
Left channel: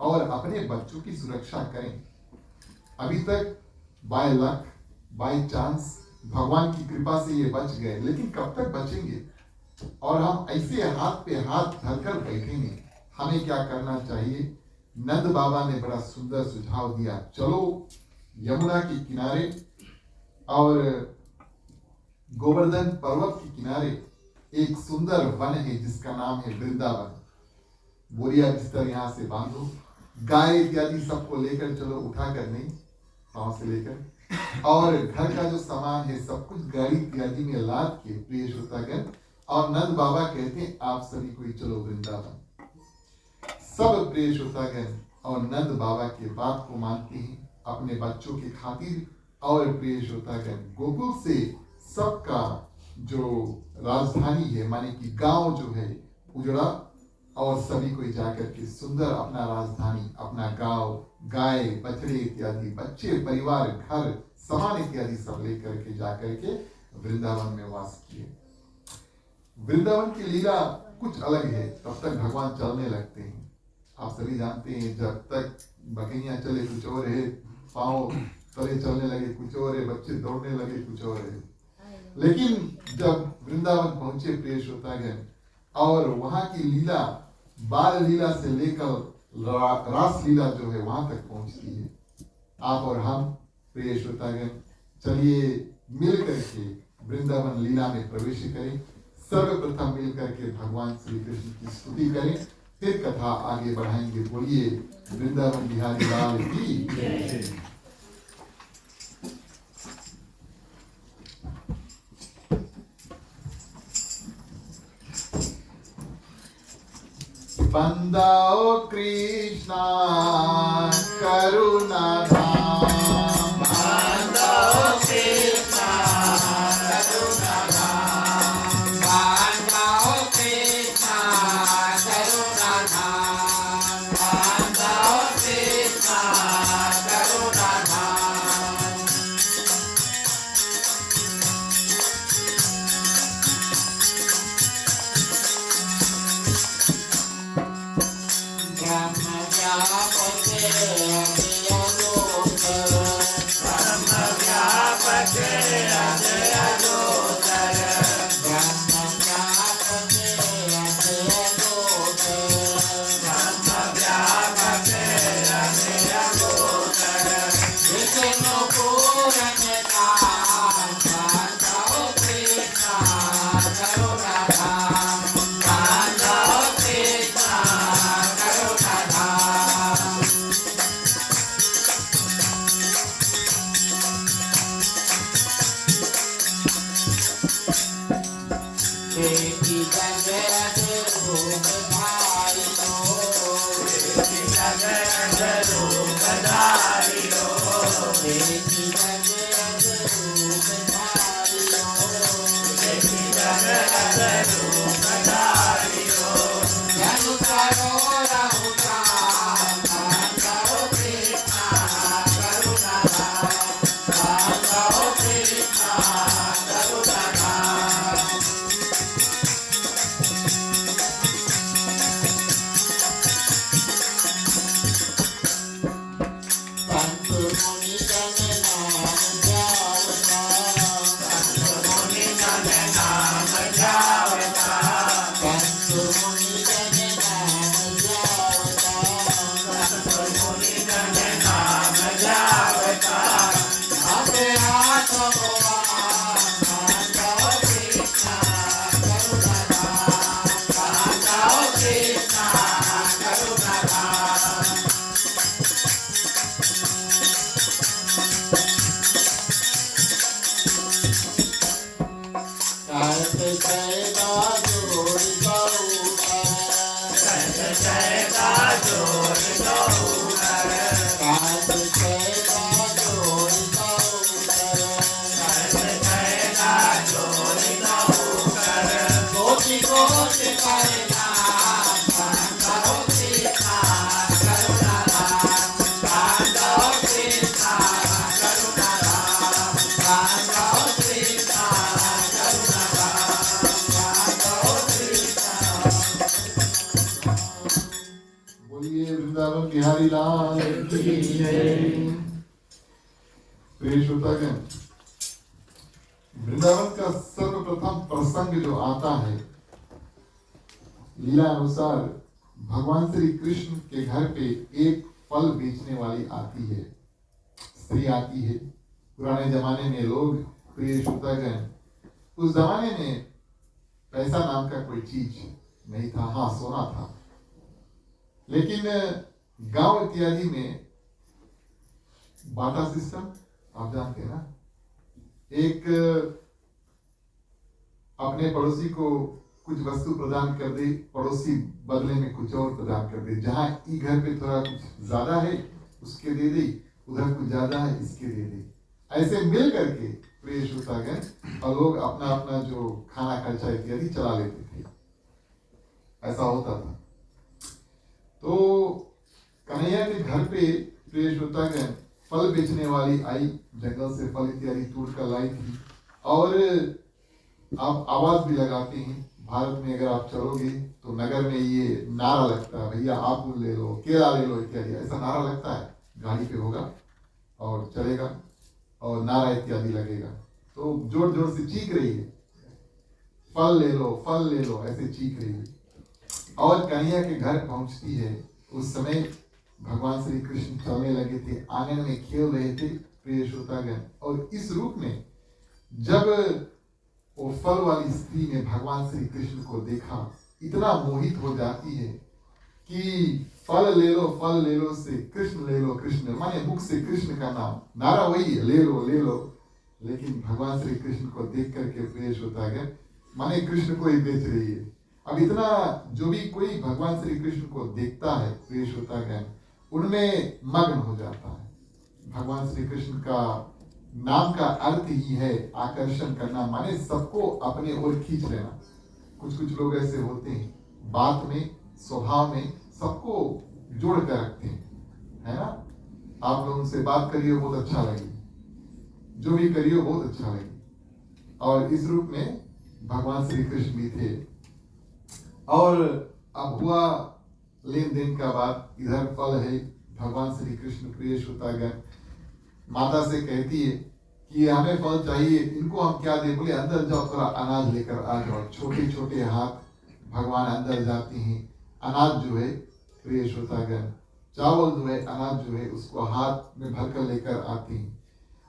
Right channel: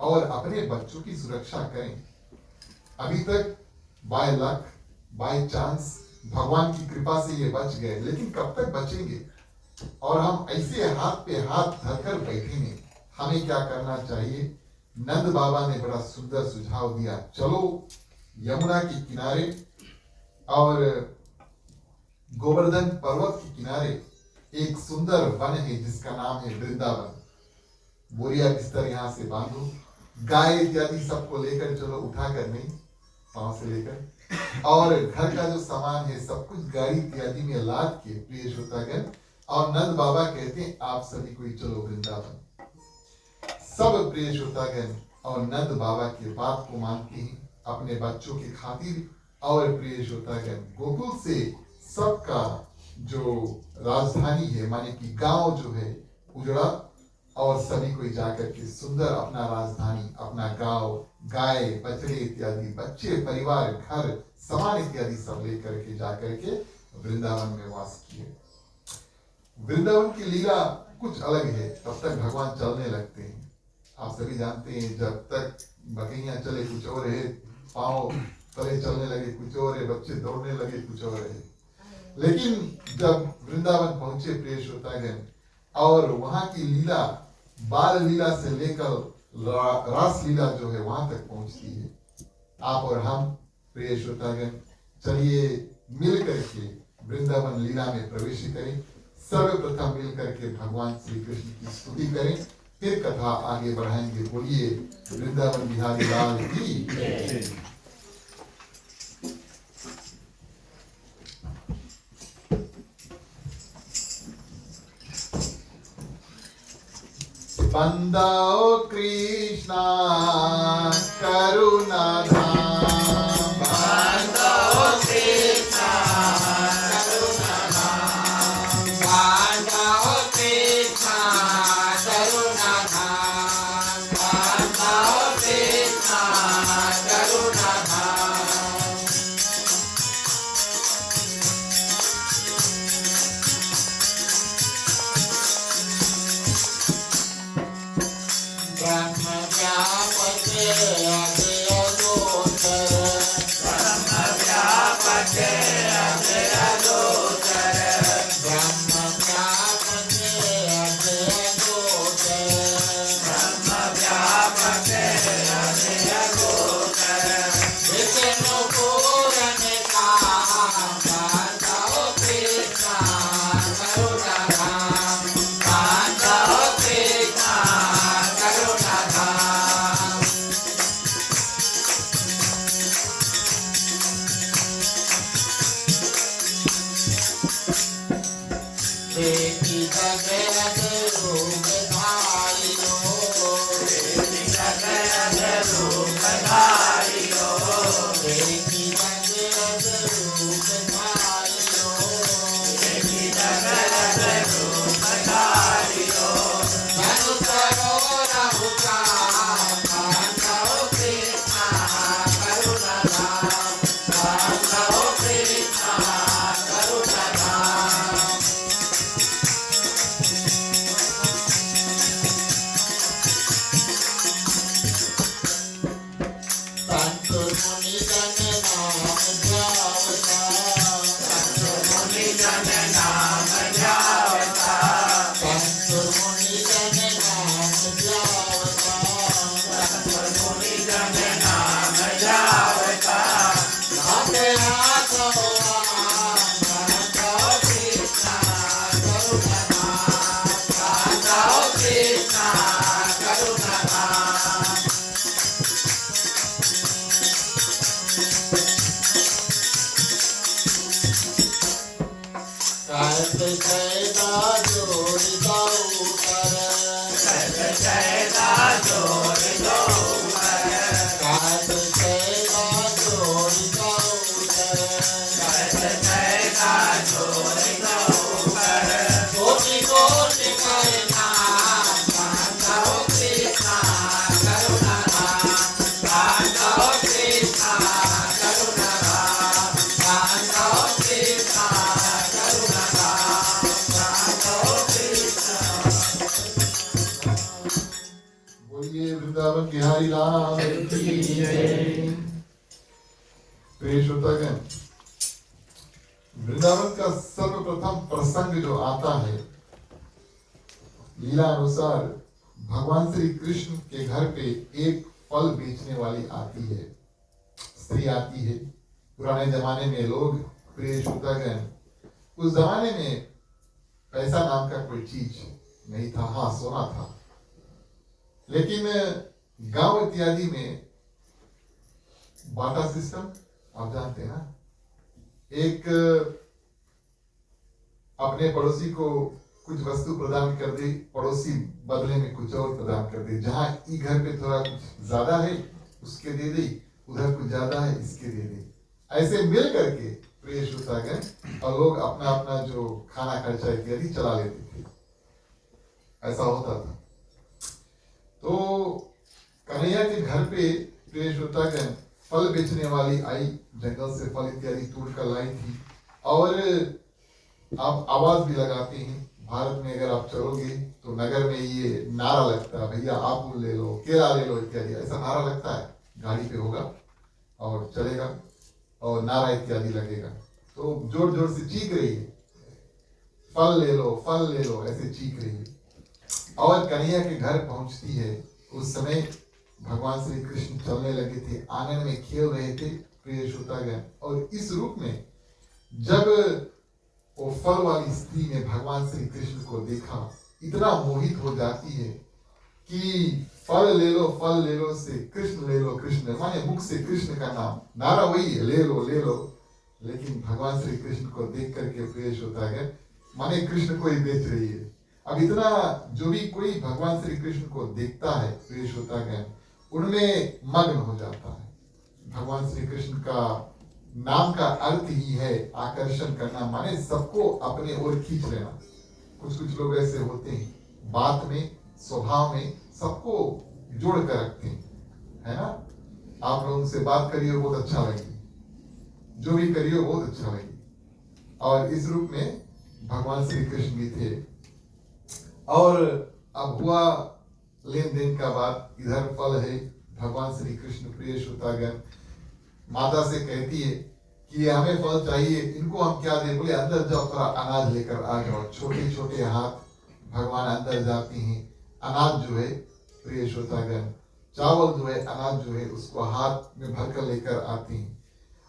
और अपने बच्चों की सुरक्षा करें। अभी तक बाय लक, बाय चांस, भगवान की कृपा से ये बच गए, लेकिन कब तक बचेंगे? और हम ऐसे हाथ पे हाथ धरकर बैठेंगे। हमें क्या करना चाहिए? नंद बाबा ने बड़ा सुंदर सुझाव दिया, चलो यमुना के किनारे और गोवर्धन पर्वत के किनारे एक सुंदर वन है जिसका नाम है वृंदावन। बोरिया बिस्तर यहाँ से बांधो, गाय इत्यादि सबको लेकर चलो, उठाकर नहीं, पांव से लेकर, और घर का जो सामान है सब कुछ गाड़ी इत्यादि में लाद के प्रिय श्रोतागण, और नंद बाबा कहते हैं आप सभी को चलो वृंदावन। सब प्रिय श्रोतागण और नंद बाबा के बात को मानते हैं अपने बच्चों की खातिर। और प्रिय श्रोतागण, गोकुल से सबका जो राजधानी है, माने कि गांव जो है उजड़ा, और सभी को जाकर के सुंदर अपना राजधानी, अपना गांव, गाय, बछड़े इत्यादि, बच्चे, परिवार, घर, सामान इत्यादि सब लेकर के जाकर के वृंदावन में वास किए। वृंदावन की लीला कुछ अलग है। तब तक भगवान चलने लगते हैं। आप सभी जानते हैं, जब तक बकैया चले कुछ और है, पांव तले चलने लगे कुछ और है, बच्चे दौड़ने लगे कुछ और है। लेकिन जब वृंदावन पहुंचे प्रिय श्रोतागण, और वहां की लीला बाल लीला से लेकर रास लीला जो है वहां तक पहुंचती है। आप और हम प्रिय श्रोतागण, चलिए मिल करके वृंदावन लीला में प्रवेश करें। सर्वप्रथम मिल करके भगवान श्री कृष्ण की स्तुति करें, फिर कथा आगे बढ़ाएंगे। बोलिए वृंदावन बिहारी लाल की। बंदाओ कृष्णा करुणा धाम, बंदाओ कृष्णा करुणा धाम, बंदाओ कृष्णा करुणा धाम, बंदाओ कृष्णा करुणा धाम। ब्रह्म व्यापके अव्ययोतर, ब्रह्म व्यापके अव्ययोतर, ब्रह्म व्यापके अव्ययोतर, ब्रह्म व्यापके अव्ययोतर। विष्णु पूरन धाम, बंदाओ कृष्णा करुणा धाम, बंदाओ कृष्णा करुणा धाम। देखी जगत रूप धारियो, देखी जगत रूप धारियो, देखी जगत रूप धारियो, देखी जगत रूप धारियो। धनु करो रहु काम, बंदाओ कृष्णा करुणा धाम, बंदाओ कृष्णा करुणा धाम। संत मुनि जन नाम ध्यावता, कोटि कोटि प्रणाम पांडव कृष्णा करुणाधाम पांडव कृष्णा करुणाधाम पांडव कृष्णा करुणाधाम पांडव कृष्णा। बोलिए वृंदावन बिहारी लाल की जय। प्रिय श्रोतागण, वृंदावन का सर्वप्रथम प्रसंग जो आता है, लीला अनुसार भगवान श्री कृष्ण के घर पे एक फल बेचने वाली आती है, स्त्री आती है। पुराने जमाने में लोग, प्रिय श्रोतागण, उस जमाने में पैसा नाम का कोई चीज नहीं था। हाँ, सोना था, लेकिन गांव इत्यादि में बाटा सिस्टम आप जानते हैं ना, एक अपने पड़ोसी को कुछ वस्तु प्रदान कर दे, पड़ोसी बदले में कुछ और प्रदान कर दे। जहां ई घर पे थोड़ा कुछ ज्यादा है उसके दे दे, उधर कुछ ज्यादा है इसके दे दे। ऐसे मिल करके प्रिय श्रोतागण, और लोग अपना अपना जो खाना खर्चा इत्यादि चला लेते थे, ऐसा होता था। तो कन्हैया के घर पे प्रिय श्रोतागण फल बेचने वाली आई, जंगल से फल इत्यादि तोड़ कर लाई थी। और आप आवाज भी लगाते हैं, भारत में अगर आप चलोगे तो नगर में ये नारा लगता है, भैया आपूल ले लो, केला ले लो इत्यादि, ऐसा नारा लगता है। गाड़ी पे होगा और चलेगा और नारा इत्यादि लगेगा, तो जोर जोर से चीख रही है, फल ले लो, फल ले लो, ऐसे चीख रही है। और कन्हैया के घर पहुंचती है। उस समय भगवान श्री कृष्ण चलने लगे थे, आंगन में खेल रहे थे प्रिय श्रोतागण। और इस रूप में जब वो फल वाली स्त्री ने भगवान श्री कृष्ण को देखा, इतना मोहित हो जाती है कि फल ले लो से कृष्ण ले लो, कृष्ण माने मुख से कृष्ण का नाम, नारा वही है, ले लो ले लो। लेकिन भगवान श्री कृष्ण को देख करके प्रिय श्रोतागण, माने कृष्ण को ही बेच रही है। अब इतना जो भी कोई भगवान श्री कृष्ण को देखता है प्रिय श्रोतागण, उनमें मग्न हो जाता है। भगवान श्री कृष्ण का नाम का अर्थ ही है आकर्षण करना, माने सबको अपने ओर खींच लेना। कुछ कुछ लोग ऐसे होते हैं, बात में, स्वभाव में सबको जोड़ कर रखते हैं, है ना। आप लोग उनसे बात करिए बहुत अच्छा लगे, जो भी करिए बहुत अच्छा लगे। और इस रूप में भगवान श्री कृष्ण भी थे। और अब हुआ लेन देन का बात, इधर फल है। भगवान श्री कृष्ण प्रिय श्रोतागण माता से कहती है कि हमें फल चाहिए, इनको हम क्या दे? बोले अंदर जाओ, थोड़ा अनाज लेकर आ जाओ। छोटे छोटे हाथ भगवान अंदर जाते हैं, अनाज जो है प्रिय श्रोतागण, चावल जो है, अनाज जो है, उसको हाथ में भरकर लेकर आते हैं।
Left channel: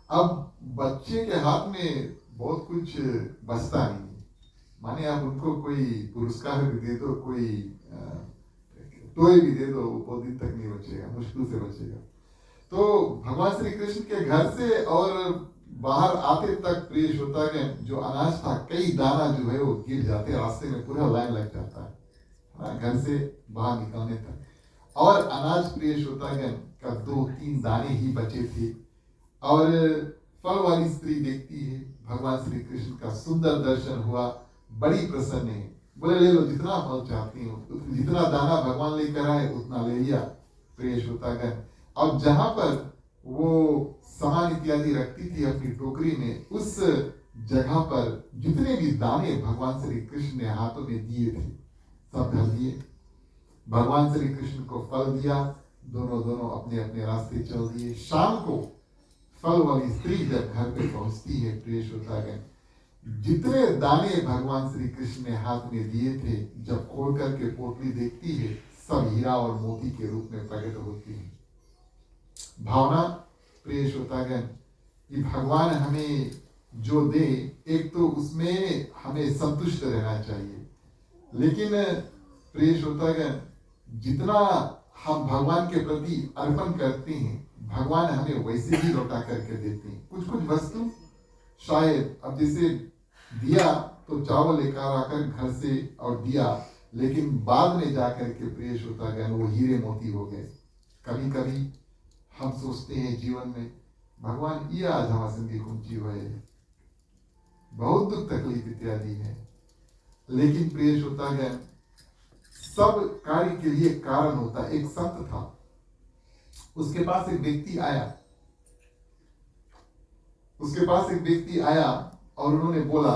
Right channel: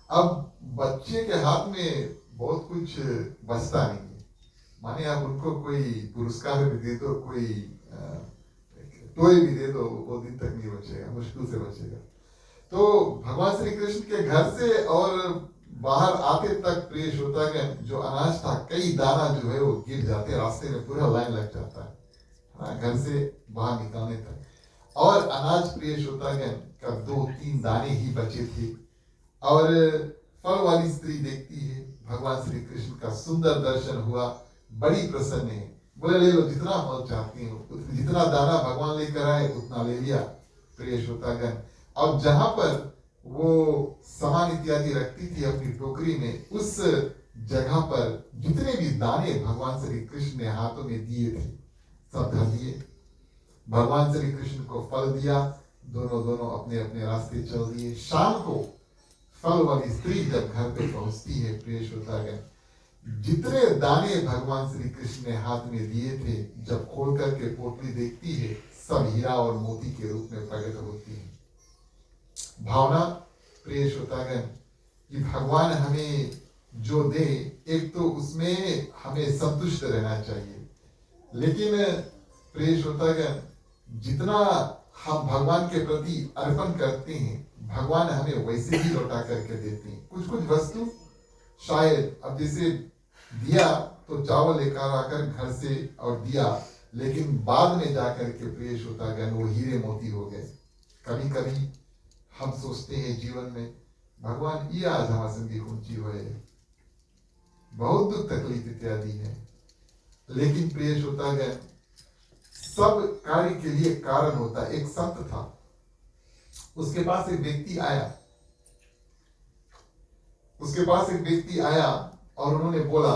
अब बच्चे के हाथ में बहुत कुछ बचता नहीं है, माने आप उनको कोई पुरस्कार भी दे दो, कोई टॉय भी दे दो, वो दिन तक नहीं बचेगा, मुश्किल से बचेगा। तो भगवान श्री कृष्ण के घर से और बाहर आते तक प्रिय श्रोतागण जो अनाज था, कई दाना जो है वो गिर जाते, रास्ते में पूरा लाइन लग जाता है घर से बाहर निकलने तक। और अनाज प्रिय श्रोतागण का 2-3 दाने ही बचे थे। और फल वाली स्त्री देखती है, भगवान श्री कृष्ण का सुंदर दर्शन हुआ, बड़ी प्रसन्न है। बोले ले लो, जितना फल चाहती हो, जितना दाना भगवान लेकर आए उतना ले लिया प्रिय श्रोतागण। और जहां पर वो सामान इत्यादि रखती थी अपनी टोकरी में, उस जगह पर जितने भी दाने भगवान श्री कृष्ण ने हाथों में दिए थे सब धर दिए। भगवान श्री कृष्ण को फल दिया, दोनों अपने अपने रास्ते चल दिए। शाम को फल वाली स्त्री जब घर पे पहुंचती है प्रिय श्रोतागण, जितने दाने भगवान श्री कृष्ण ने हाथ में दिए थे, जब खोल करके पोटली देखती है, सब हीरा और मोती के रूप में प्रकट होती है। भावना प्रिय श्रोतागण कि भगवान हमें जो दे, एक तो उसमें हमें संतुष्ट रहना चाहिए, लेकिन प्रिय श्रोतागण जितना हम भगवान के प्रति अर्पण करते हैं, भगवान हमें वैसे ही लौटा करके देते हैं। कुछ कुछ वस्तु शायद, अब जैसे दिया तो चावल लेकर आकर घर से और दिया, लेकिन बाद में जाकर के प्रिय श्रोतागण वो हीरे मोती हो गए। कभी कभी हम सोचते हैं जीवन में, भगवान ये आज हमारे संगी ऊंची हुए, बहुत दुख तकलीफ इत्यादि है, लेकिन प्रिय श्रोतागण, सब कार्य के लिए कारण होता है। एक संत था, उसके पास एक व्यक्ति आया और उन्होंने बोला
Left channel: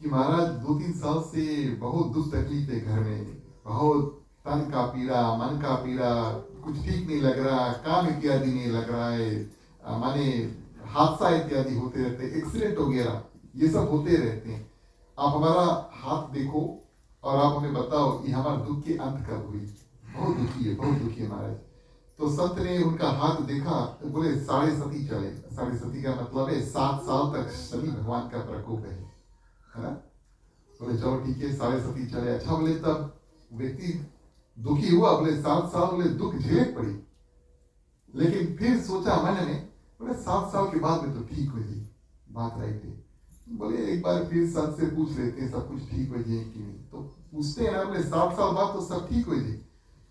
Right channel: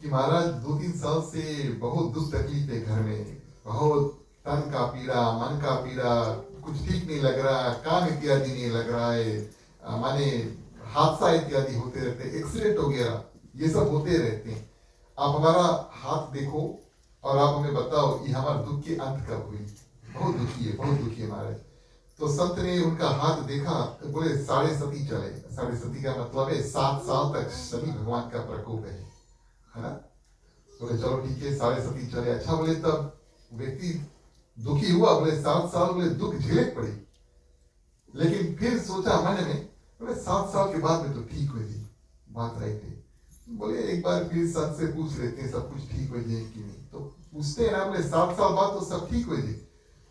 कि महाराज 2-3 साल से बहुत दुख तकलीफ है घर में, बहुत तन का पीड़ा, मन का पीड़ा, कुछ ठीक नहीं लग रहा, काम इत्यादि नहीं लग रहा है, माने हादसा इत्यादि होते रहते, एक्सीडेंट वगैरह ये सब होते रहते हैं। आप हमारा हाथ देखो और आप हमें बताओ ये हमारे दुख के अंत कब हुई। बहुत दुखी है महाराज। तो संत ने उनका हाथ देखा, बोले 7.5 चले। 7.5 का मतलब है 7 साल तक शनि भगवान का प्रकोप है ना। बोले चलो ठीक है, 7.5 चले। अच्छा, बोले तब व्यक्ति दुखी हुआ, बोले 7 साल बोले दुख झेले पड़ी। लेकिन फिर सोचा मन में, बोले 7 साल के बाद में तो ठीक हुई थी, बात राइट है। बोले एक बार फिर संत से पूछ लेते हैं सब कुछ ठीक हो जाए कि नहीं। तो पूछते हैं ना, बोले 7 साल बाद तो सब ठीक हो जाए।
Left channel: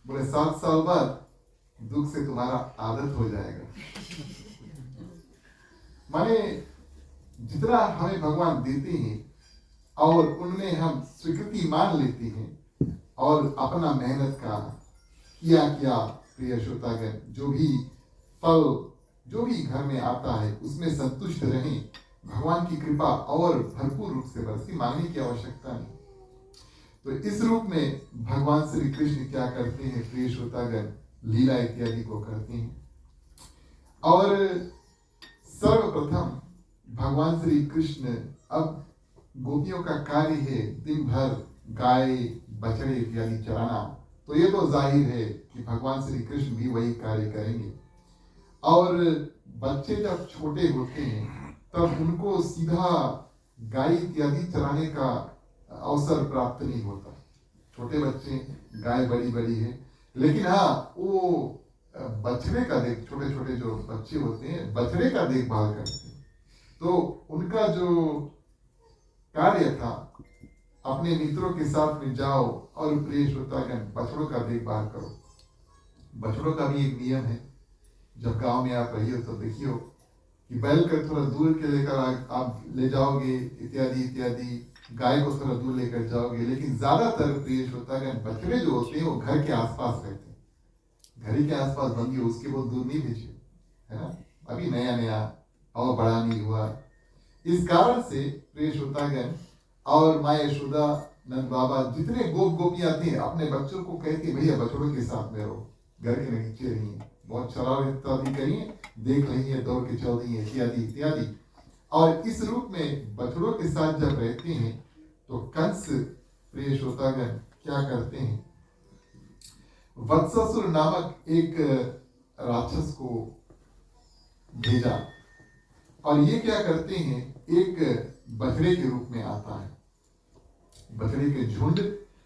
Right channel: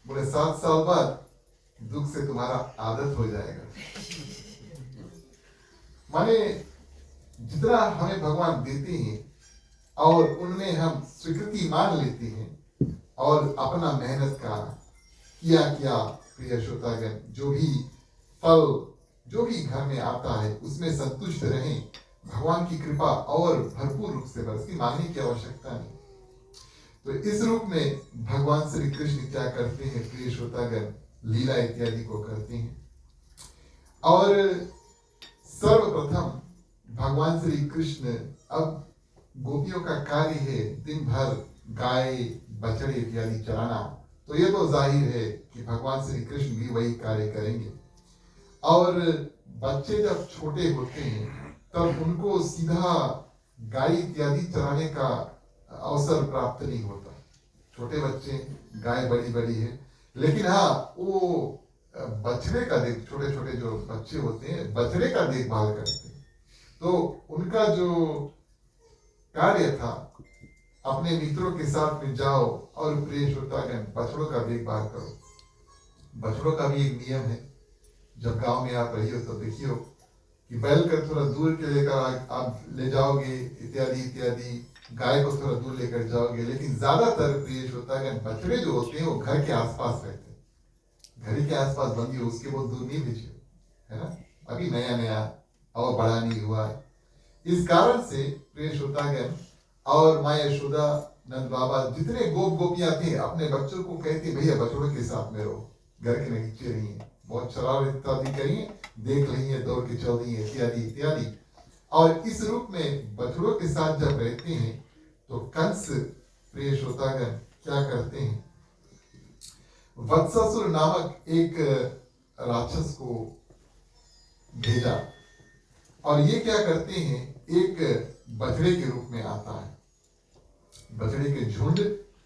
बोले 7 साल बाद दुख से तुम्हारा आदत हो जाएगा। माने जितना हमें भगवान देते हैं और उनमें हम स्वीकृति मान लेते हैं और अपना मेहनत का किया प्रिय श्रोतागण, जो भी फल जो भी घर में आता है उसमें संतुष्ट रहें। भगवान की कृपा और भरपूर रूप से बरसती, मांगने की आवश्यकता नहीं। तो इस रूप में भगवान श्री कृष्ण क्या करते हैं प्रिय श्रोतागण, लीला इत्यादि को करते हैं। और सर्वप्रथम भगवान श्री कृष्ण, अब गोपियों का कार्य है दिन भर गाय बछड़े इत्यादि चराना, तो ये तो जाहिर है कि भगवान श्री कृष्ण भी वही कार्य करेंगे। और बच्चे जब छोटे होते हैं तब उनको सीधा गाय इत्यादि चराने का अवसर प्राप्त नहीं होता। छोटे बच्चे, गाय बड़ी है, लेकिन हाँ वो बछड़े का छोटे छोटे जो बच्चे होते हैं बछड़े का देखभाल करते हैं। तो उनका जो कार्य था, अपने मित्रों के साथ में जाओ और प्रिय श्रोतागण बछड़ों का देखभाल करो। बछड़ों का भी एक नियम है, जब गांव में आप रही हो तो देखियो कि बैल कर थोड़ा दूर के लेकर आप ले जाओगे इत्यादि, गाय को थोड़ा दूर लेकर जाओगे। लेकिन ज्यादातर प्रिय श्रोतागण बछड़े जो होते हैं वो घर के आसपास रहते हैं। घर के आसपास बंदी हो, उसके बहुत दूर नहीं भेजिए, है ना। अभी नया और बड़ा नहीं हुआ। इस कारण से प्रिय श्रोतागण और माँ यशोदा, नंद बाबा, जितने गोपियां थे अपने बच्चों को कहते भैया बछड़ों के साथ में रहो, घर के नीचे रहिए, बहुत शरारत इत्यादि करिए, देख रही दौड़ के चल रही है इत्यादि। और इस रूप में बछड़ों के साथ जब रहते हैं तो कंस प्रिय श्रोतागण क्या करते हैं, वत्सासुर नामक एक राक्षस को भेजा और ये क्या करते हैं, एक बछड़े के रूप में आता है, बछड़े के झुंड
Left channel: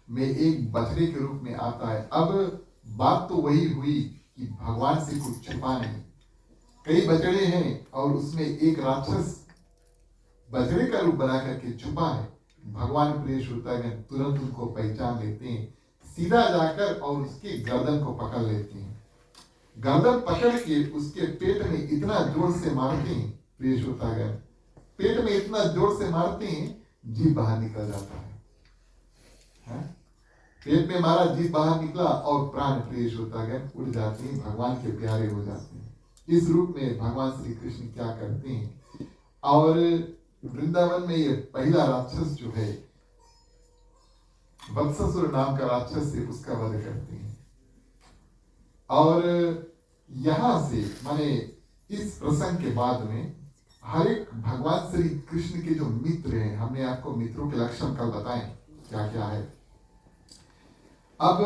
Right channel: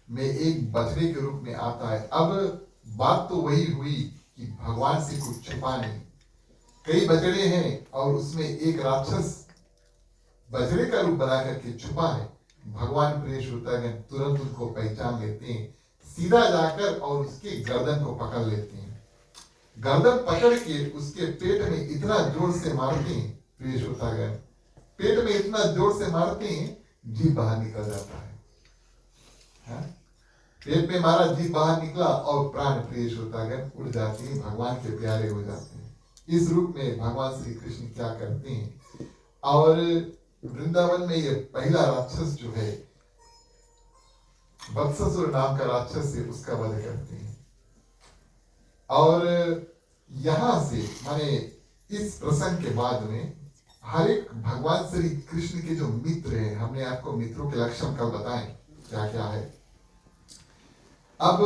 में एक बछड़े के रूप में आता है। अब बात तो वही हुई कि भगवान से कुछ छुपा नहीं, कई बछड़े हैं और उसमें एक राक्षस बछड़े का रूप बना करके छुपा है। भगवान प्रिय श्रोतागण तुरंत उनको पहचान लेते हैं, सीधा जाकर और उसके गर्दन को पकड़ लेते हैं। गर्दन पकड़ के उसके पेट में इतना जोर से मारते हैं प्रिय श्रोतागण, पेट में इतना जोर से मारते हैं जीभ बाहर निकल जाता है। पेट में मारा, जीभ बाहर निकला और प्राण प्रिय श्रोतागण उड़ जाते हैं, भगवान के प्यारे हो जाते हैं। इस रूप में भगवान श्री कृष्ण क्या करते हैं, और वृंदावन में ये पहला राक्षस जो है वत्सासुर नाम का राक्षस है, उसका वध करते हैं। और यहां से माने इस प्रसंग के बाद में हर एक भगवान श्री कृष्ण के जो मित्र हैं, हमने आपको मित्रों के लक्षण कल बताए क्या क्या है। अब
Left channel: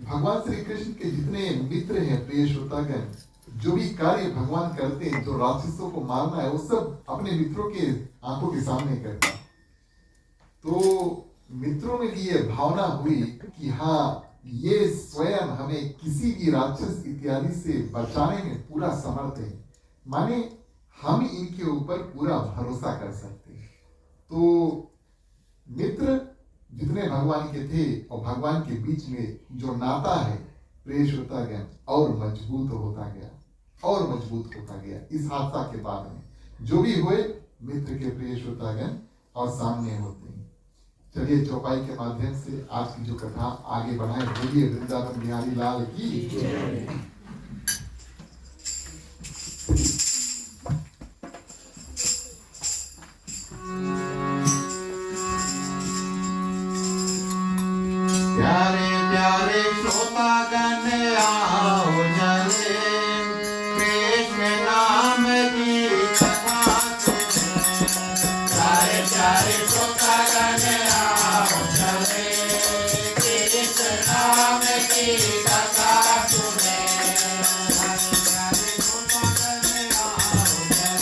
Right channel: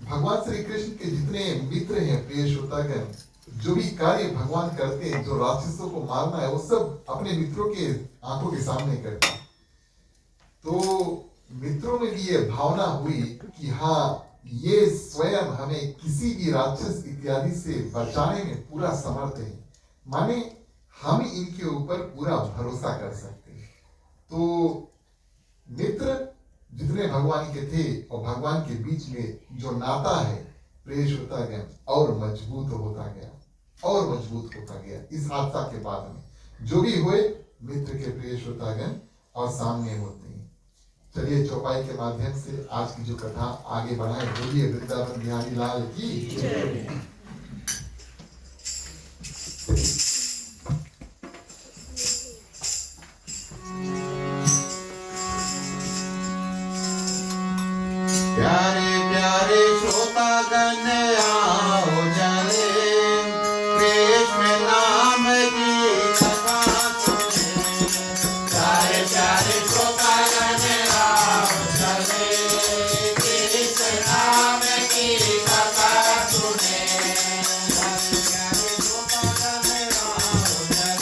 भगवान श्री कृष्ण के जितने मित्र हैं प्रिय श्रोतागण, जो भी कार्य भगवान करते हैं, जो राक्षसों को मारना है, वो सब अपने मित्रों के आंखों के सामने करते हैं। तो मित्रों में भी ये भावना हुई कि हाँ, ये स्वयं हमें किसी भी राक्षस इत्यादि से बचाने में पूरा समर्थ है, माने हम इनके ऊपर पूरा भरोसा कर सकते हैं। तो मित्र जितने भगवान के थे और भगवान के बीच में जो नाता है प्रिय श्रोतागण और मजबूत होता गया। इस हादसा के बाद में जो भी हुए मित्र के प्रिय श्रोतागण और सामने होते हैं। चलिए चौपाई के माध्यम से आज की जो कथा आगे बढ़ाएं। बोलिए वृंदावन बिहारी लाल की जय। प्यारे प्यारे श्रोतागण आओ चले कृष्ण नाम की कथा सुने। प्यारे प्यारे श्रोतागण आओ चले कृष्ण नाम की कथा सुने। प्यारे श्रोतागण आओ चले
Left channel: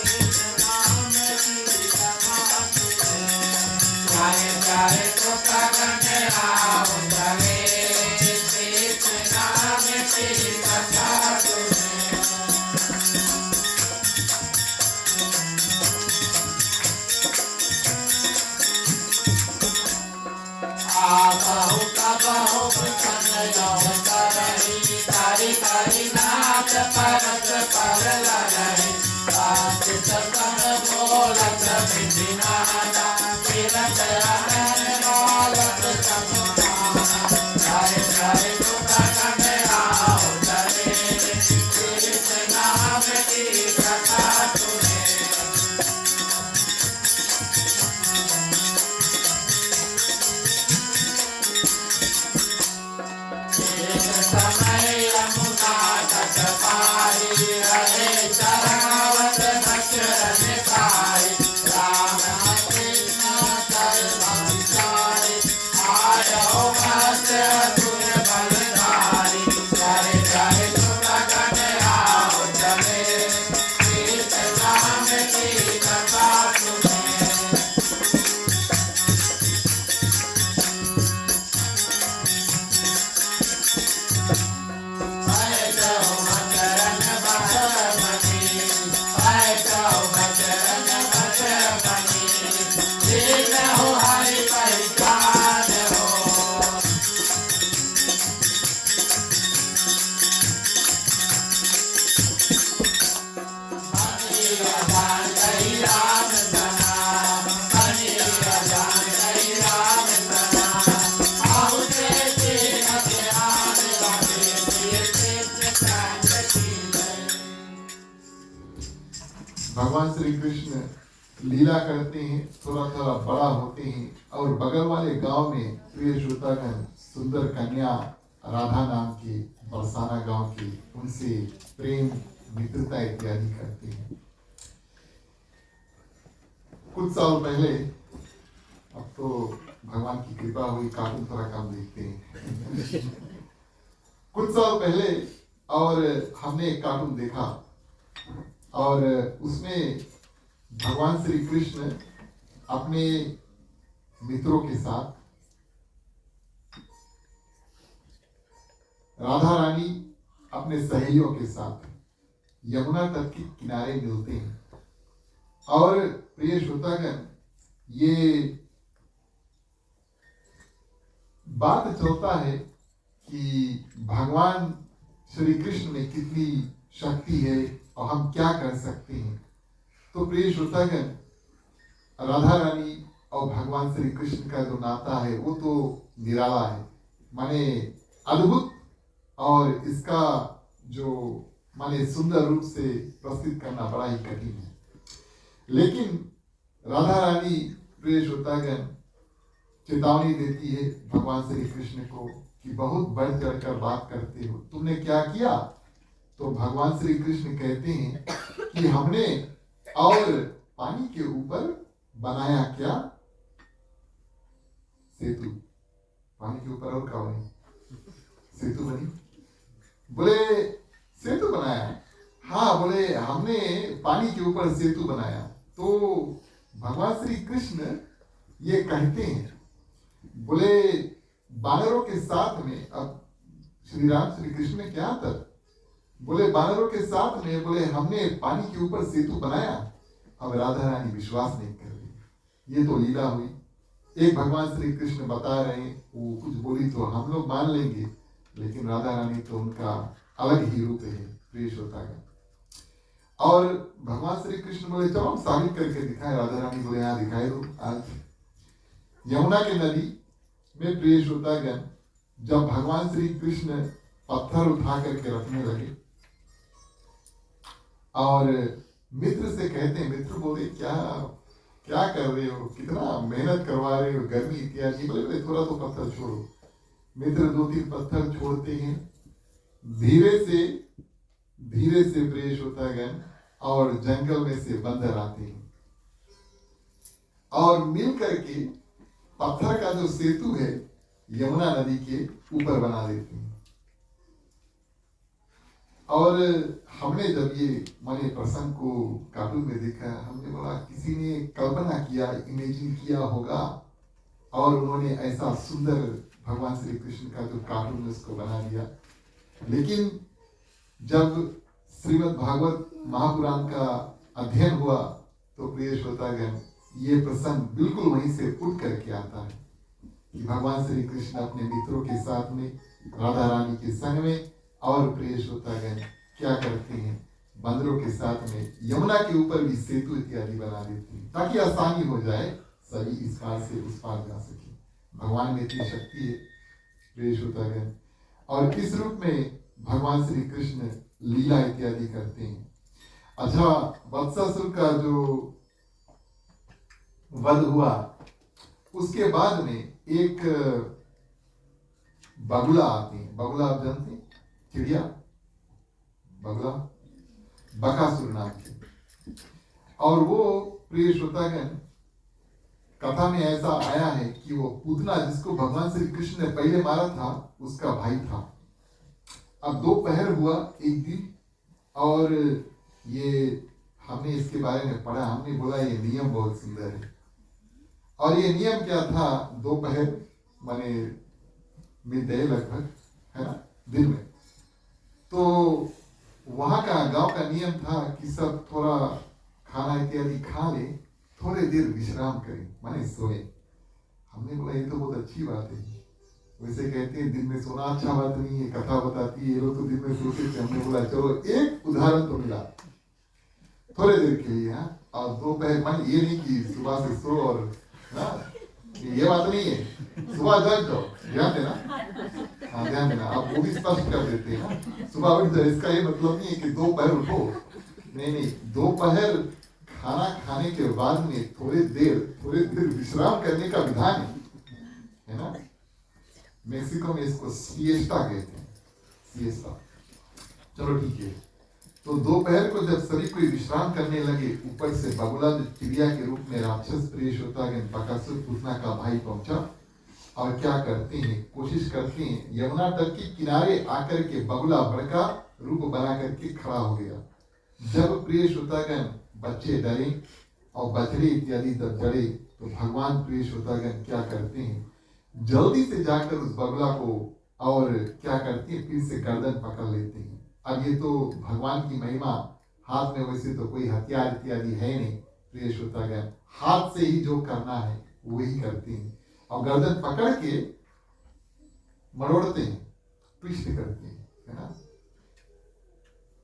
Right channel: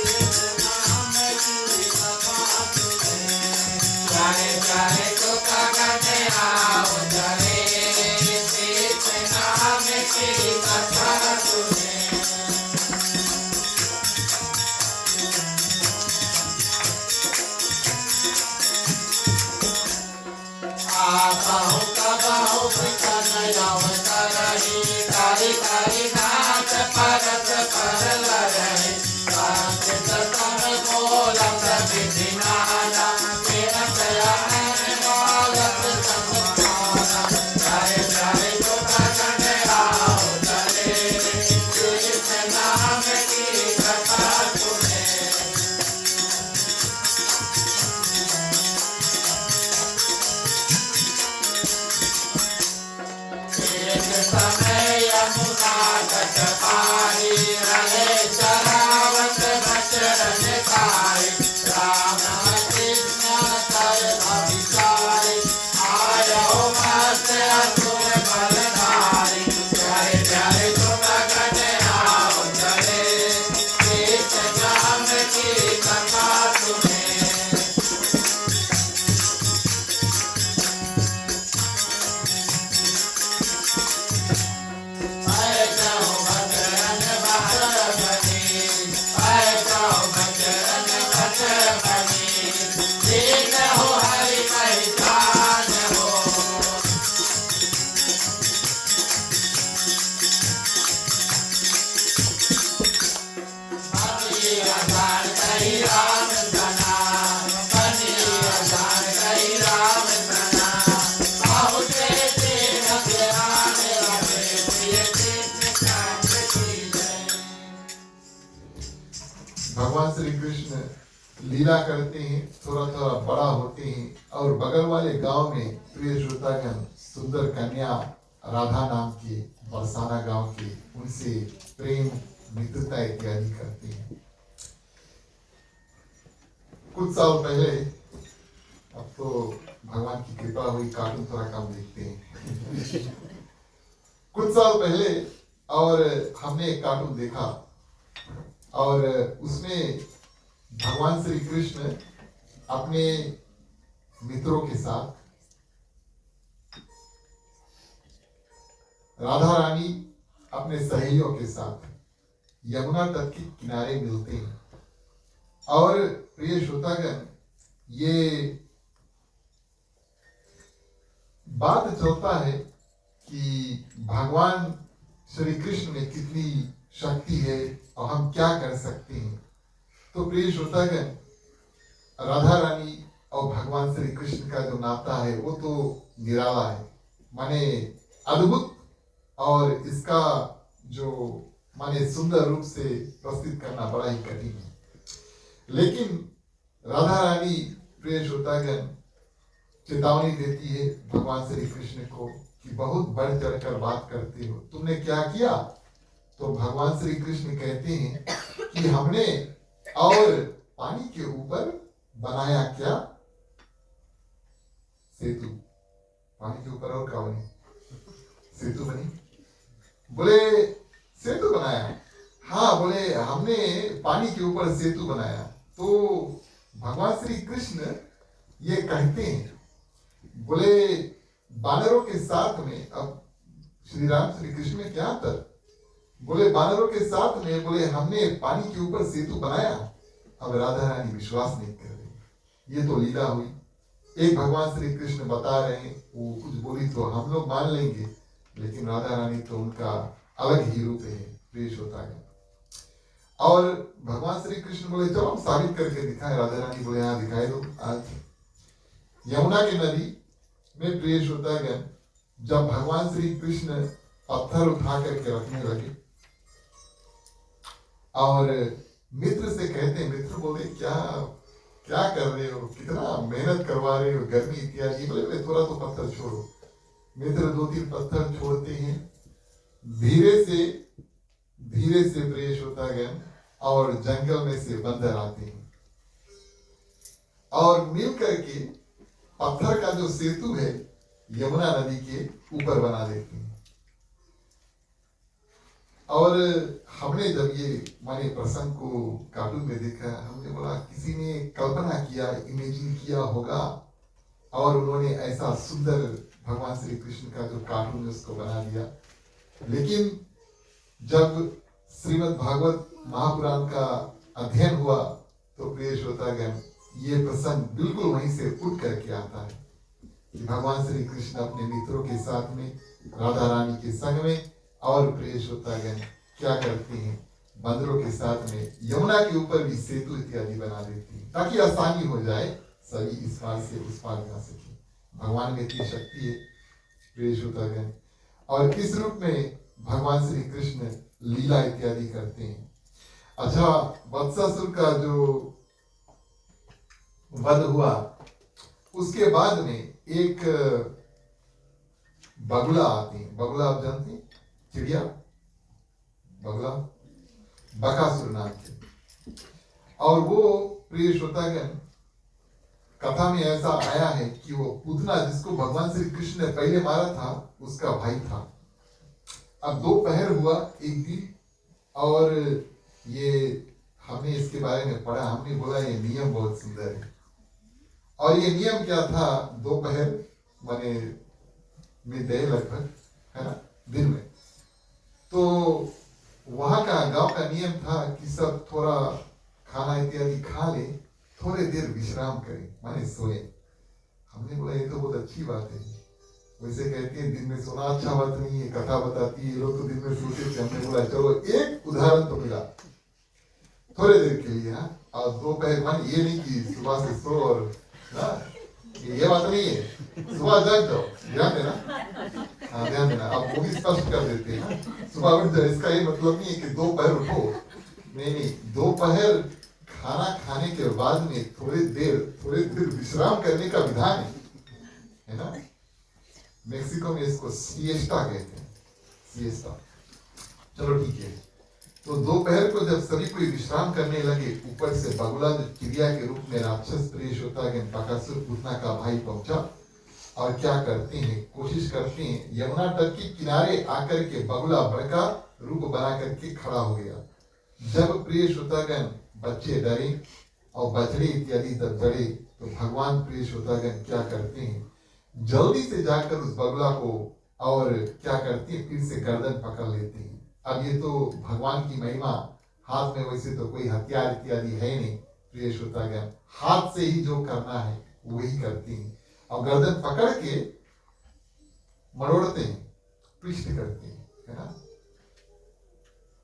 कृष्ण नाम की कथा सुने। प्यारे प्यारे श्रोतागण आओ चले कृष्ण नाम की कथा सुने। आबाहु तबाहु प्रसन्न अवतारी कारी कारी नाथ परत पर लहरी सात सतम गोलक विधि माला तिलक अनन बालक समुखाना। जय जय श्रोतागण आओ चले कृष्ण नाम की कथा सुने। एक समय यमुना तट पारी रहे चरावत बचरन खाए। राम कृष्ण सर्व विचारे आयो मस्त असुर बलधारी। प्यारे प्यारे श्रोतागण आओ चले कृष्ण नाम की कथा सुने। भगवान श्री कृष्ण लीला करते हैं, थोड़ा थोड़ा बड़ा होते हैं और बगल वाले गांव में प्रिय श्रोतागण सुंदर कन्या राधा नाम की बरसाना गांव की उनसे प्रेम मित्रता इत्यादि करते हैं। कुछ साल पहले, अब तो भगवान की कृपा हुई कार्टून थोड़ा कम देखते हैं कुछ साल पहले और हमने एक कार्टून देखा और उसमें भगवान श्री कृष्ण अपने मित्रों के साथ, राधा रानी अपने सहेलियों के साथ यमुना तट के किनारे मिलते हैं। और प्रिय श्रोतागण, ये बात चलता है कि भगवान श्री कृष्ण में कितनी शक्ति है और हम क्या कर सकते हैं। तो प्रिय श्रोतागण, राधा रानी और भगवान श्री कृष्ण का जो नाता है वो तो निराला है, माने अद्भुत, और इसका जो माने सुंदर रूप से प्रस्तुत करना बड़ा ही कठिन है। लेकिन राधा रानी प्रिय श्रोतागण चेतावनी देती है भगवान श्री कृष्ण को कि बहुत बढ़ चढ़कर बात करते हो, तुमने क्या किया। तो भगवान श्री कृष्ण कहते हैं कि हमने और पानी के ऊपर बनाया क्या, सेतु। पानी के ऊपर और क्या बनी, सेतु बनी। बोले सेतु बनाया, हाँ बोले हमने पानी के ऊपर सेतु बनाया। तो भगवान श्री कृष्ण ये कहते हैं, बोले बानरों के साथ में, अब श्री राम श्री कृष्ण में क्या अंतर, बोले बानरों के साथ में बोले हमने पानी के ऊपर सेतु बनाया। अब राधा रानी विश्वास नहीं कर रही, ये तो लीला हुई। एक भगवान श्री कृष्ण बता रहे हैं, वो कुछ बोली तो हम लोग मान लेंगे, लेकिन राधा रानी तो उनका अलग ही रूप है, प्रिय श्रोता है। और भगवान श्री कृष्ण बोले चलो हम साबित करके दिखाए। राधा रानी बोले हाँ दिखाई दो आज। यमुना के नदी में प्रिय श्रोतागण जब भगवान श्री कृष्ण पत्थर उठा करके रखने लगे और मित्र से कहते हैं, मित्र बोले क्या क्या कर रहे हो, कितना मेहनत करवा रहे हो, गर्मी इत्यादि। बोले बोले थोड़ा तो पत्थर छोड़ो। मित्र 2-3 पत्थर छोड़ते हैं, धीरे से प्रेष होता गया और जंगल में से बंदर आते हैं और मिल करके पत्थर का जो सेतु है यमुना नदी के ऊपर बना देते हैं। और हमने जब ये माने प्रसंग को कार्टून में देखा, हमने बोला किसी ने कल्पना किया, इमेजिन किया होगा और उन्होंने ऐसा सुंदर भगवान श्री कृष्ण का जो कार्टून है उसको बना दिया। लेकिन जब श्रीमद् भागवत महापुराण का अध्ययन हुआ तो प्रिय श्रोतागण ये प्रसंग बिल्कुल वहीं से उठ करके आता है कि भगवान श्री कृष्ण अपने मित्रों के साथ में, राधा रानी के संग में और प्रिय श्रोतागण क्या करते हैं, बंदरों के साथ में यमुना के ऊपर भी सेतु इत्यादि बना देते हैं ताकि आसानी हो जाए, सभी इस पार से उस पार जा सके। भगवान में इतनी शक्ति है प्रिय श्रोतागण। और इस रूप में भगवान श्री कृष्ण लीला इत्यादि करते हैं। अच्छा, वत्सासुर का जो वध हुआ उसके बाद में एक बगुला आती है। बगुला आप जानते हैं, चिड़िया, बगुला, बकासुर नाम के। और वो प्रिय श्रोतागण कथा में ऐसा आया है कि वो पूतना जिसको भगवान श्री कृष्ण ने पहले मारा था उसका भाई था। अब दोपहर हुआ एक दिन और ये हमने इसके बारे में पढ़ा, हमने बोला ये नियम बहुत सुंदर है। और ये नियम क्या था, दोपहर माने मिड डे लगभग, है ना, दिन में, तो वहां का गांव का नियम था कि सब थोड़ा खाना इत्यादि खा ले, थोड़े देर विश्राम करें, माने सोए। हमने बोला ये तो बहुत अच्छी बात है। वैसे कहते हैं दिन में सोना अच्छा बात नहीं है, कथा बताती है ये लोग तो दिन में सोते थे। हमने बोला चलो एक उदाहरण तो मिला थोड़े देर के लिए। हाँ, और दोपहर मन ये नहीं कि सुबह से सो और ना, ये बात नहीं है, सुबह जाग जाओ, ध्यान देना। हाँ ध्यान देना, आप वो भी स्पष्ट कर देते हैं ना, सुबह उठ जाए। इसका ये मतलब नहीं है कि दोपहर उठो, नहीं, दोपहर खाना खाने के बाद में थोड़ी देर विश्राम करने का विधान है ना। मेक्सिको में इसको सिएस्टा कहते हैं, सिएस्टा। चलो ठीक है। तो दोपहर को जब सभी कोई विश्राम करने लगे, ऊपर से बगुला जो चिड़िया के रूप में राक्षस प्रिय श्रोतागण बकासुर पूतना का भाई पहुंचा और क्या करते हैं, कोशिश करते हैं यमुना तट के किनारे आकर के बगुला बड़का रूप बना करके खड़ा हो गया। जब प्रिय श्रोतागण बच्चे डरे और बछड़े इत्यादि जब डरे तो भगवान प्रिय श्रोतागण क्या करते हैं, जल्दी से जाकर उस बगुला को और क्या करते हैं, फिर से गर्दन पकड़ लेते हैं। अब ये तो भगवान की महिमा, हाथ में वैसे तो कोई हथियार इत्यादि है नहीं प्रिय श्रोतागण, हाथ से ही जो करना है वही करते हैं और गर्दन पकड़ के मरोड़ते हैं, ट्विस्ट करते हैं, है ना।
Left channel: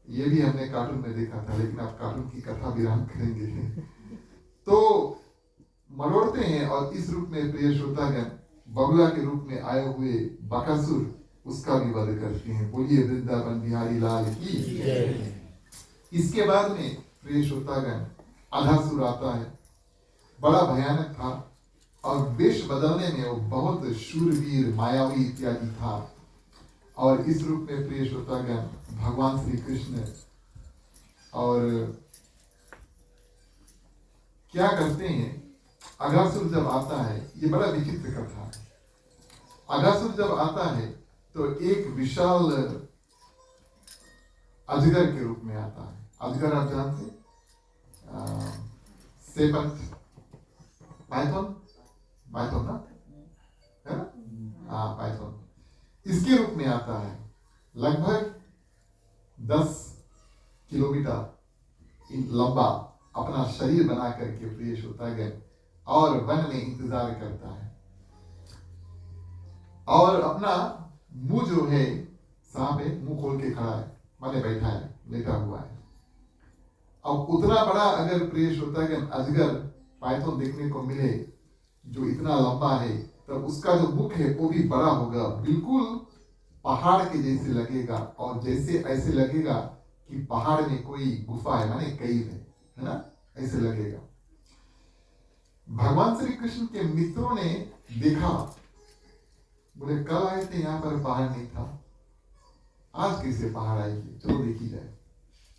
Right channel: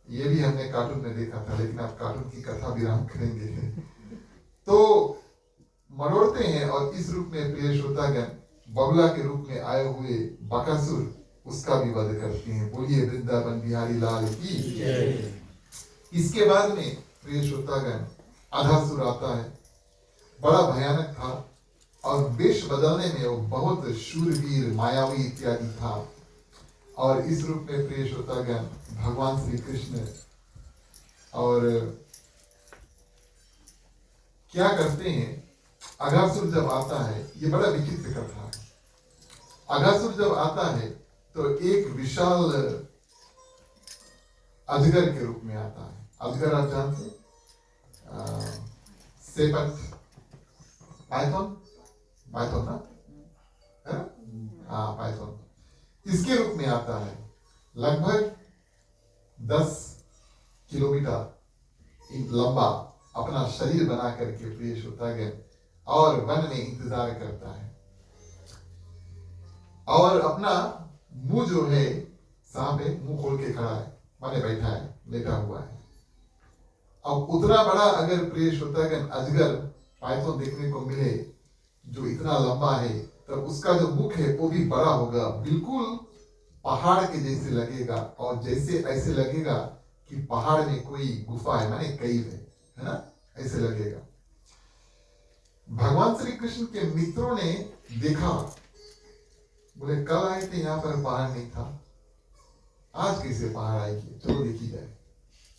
ये भी हमने कार्टून में देखा था, लेकिन अब कार्टून की कथा विराम करेंगे। तो मरोड़ते हैं और इस रूप में प्रिय श्रोतागण बगुला के रूप में आए हुए बकासुर उसका भी वध करते हैं। बोलिए वृंदावन बिहारी लाल की। इसके बाद में प्रिय श्रोतागण अधासुर आता है, बड़ा भयानक था और वेश बदलने में वो बहुत शूरवीर मायावी इत्यादि था। और इस रूप में प्रिय श्रोतागण भगवान श्री कृष्ण और क्या करते हैं, अघासुर जब आता है, ये बड़ा विचित्र कथा है। अघासुर जब आता है तो एक विशाल अजगर के रूप में आता है। अजगर आप जानते हैं, सेपंत, पाइथन ना, है ना, हाँ पाइथन, इसके रूप में आता है। लगभग 10 किलोमीटर लंबा अपना शरीर बना करके प्रिय श्रोतागण और वन में इंतजार करता है और अपना मुंह जो है, सांप है, मुंह खोल के खड़ा है, माने बैठा है, लेटा हुआ है। अब उतना बड़ा अगर प्रिय श्रोतागण अजगर पाइथन देखने को मिले जो इतना लंबा है, तो उसका जो मुख है वो भी बड़ा होगा, बिल्कुल पहाड़ के जैसे लगेगा, और जैसे ऐसे लगेगा कि पहाड़ में कोई गुफा है, माने कैव है ना, ऐसे लगेगा। भगवान श्री कृष्ण के मित्रों ने देखा, बोले कल आए थे यहाँ पर पहाड़ नहीं था, आज कैसे पहाड़ आएगी, चलो देखी जाए।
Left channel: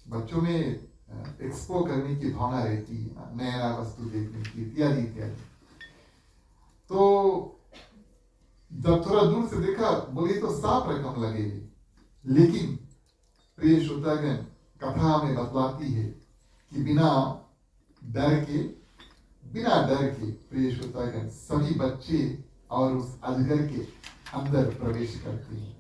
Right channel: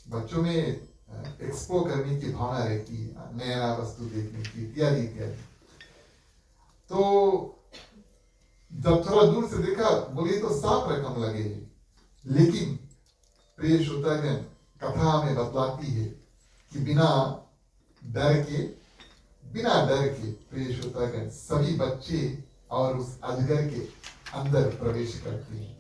बच्चों में एक्सप्लोर करने की भावना रहती है, नया वस्तु देखने की, इत्यादि इत्यादि। तो जब थोड़ा दूर से देखा, बोले तो साफ रकम लगे, लेकिन प्रिय श्रोतागण, कथा हमें बतलाती है कि बिना डर के प्रिय श्रोतागण सभी बच्चे और उस अजगर के अंदर प्रवेश करते हैं।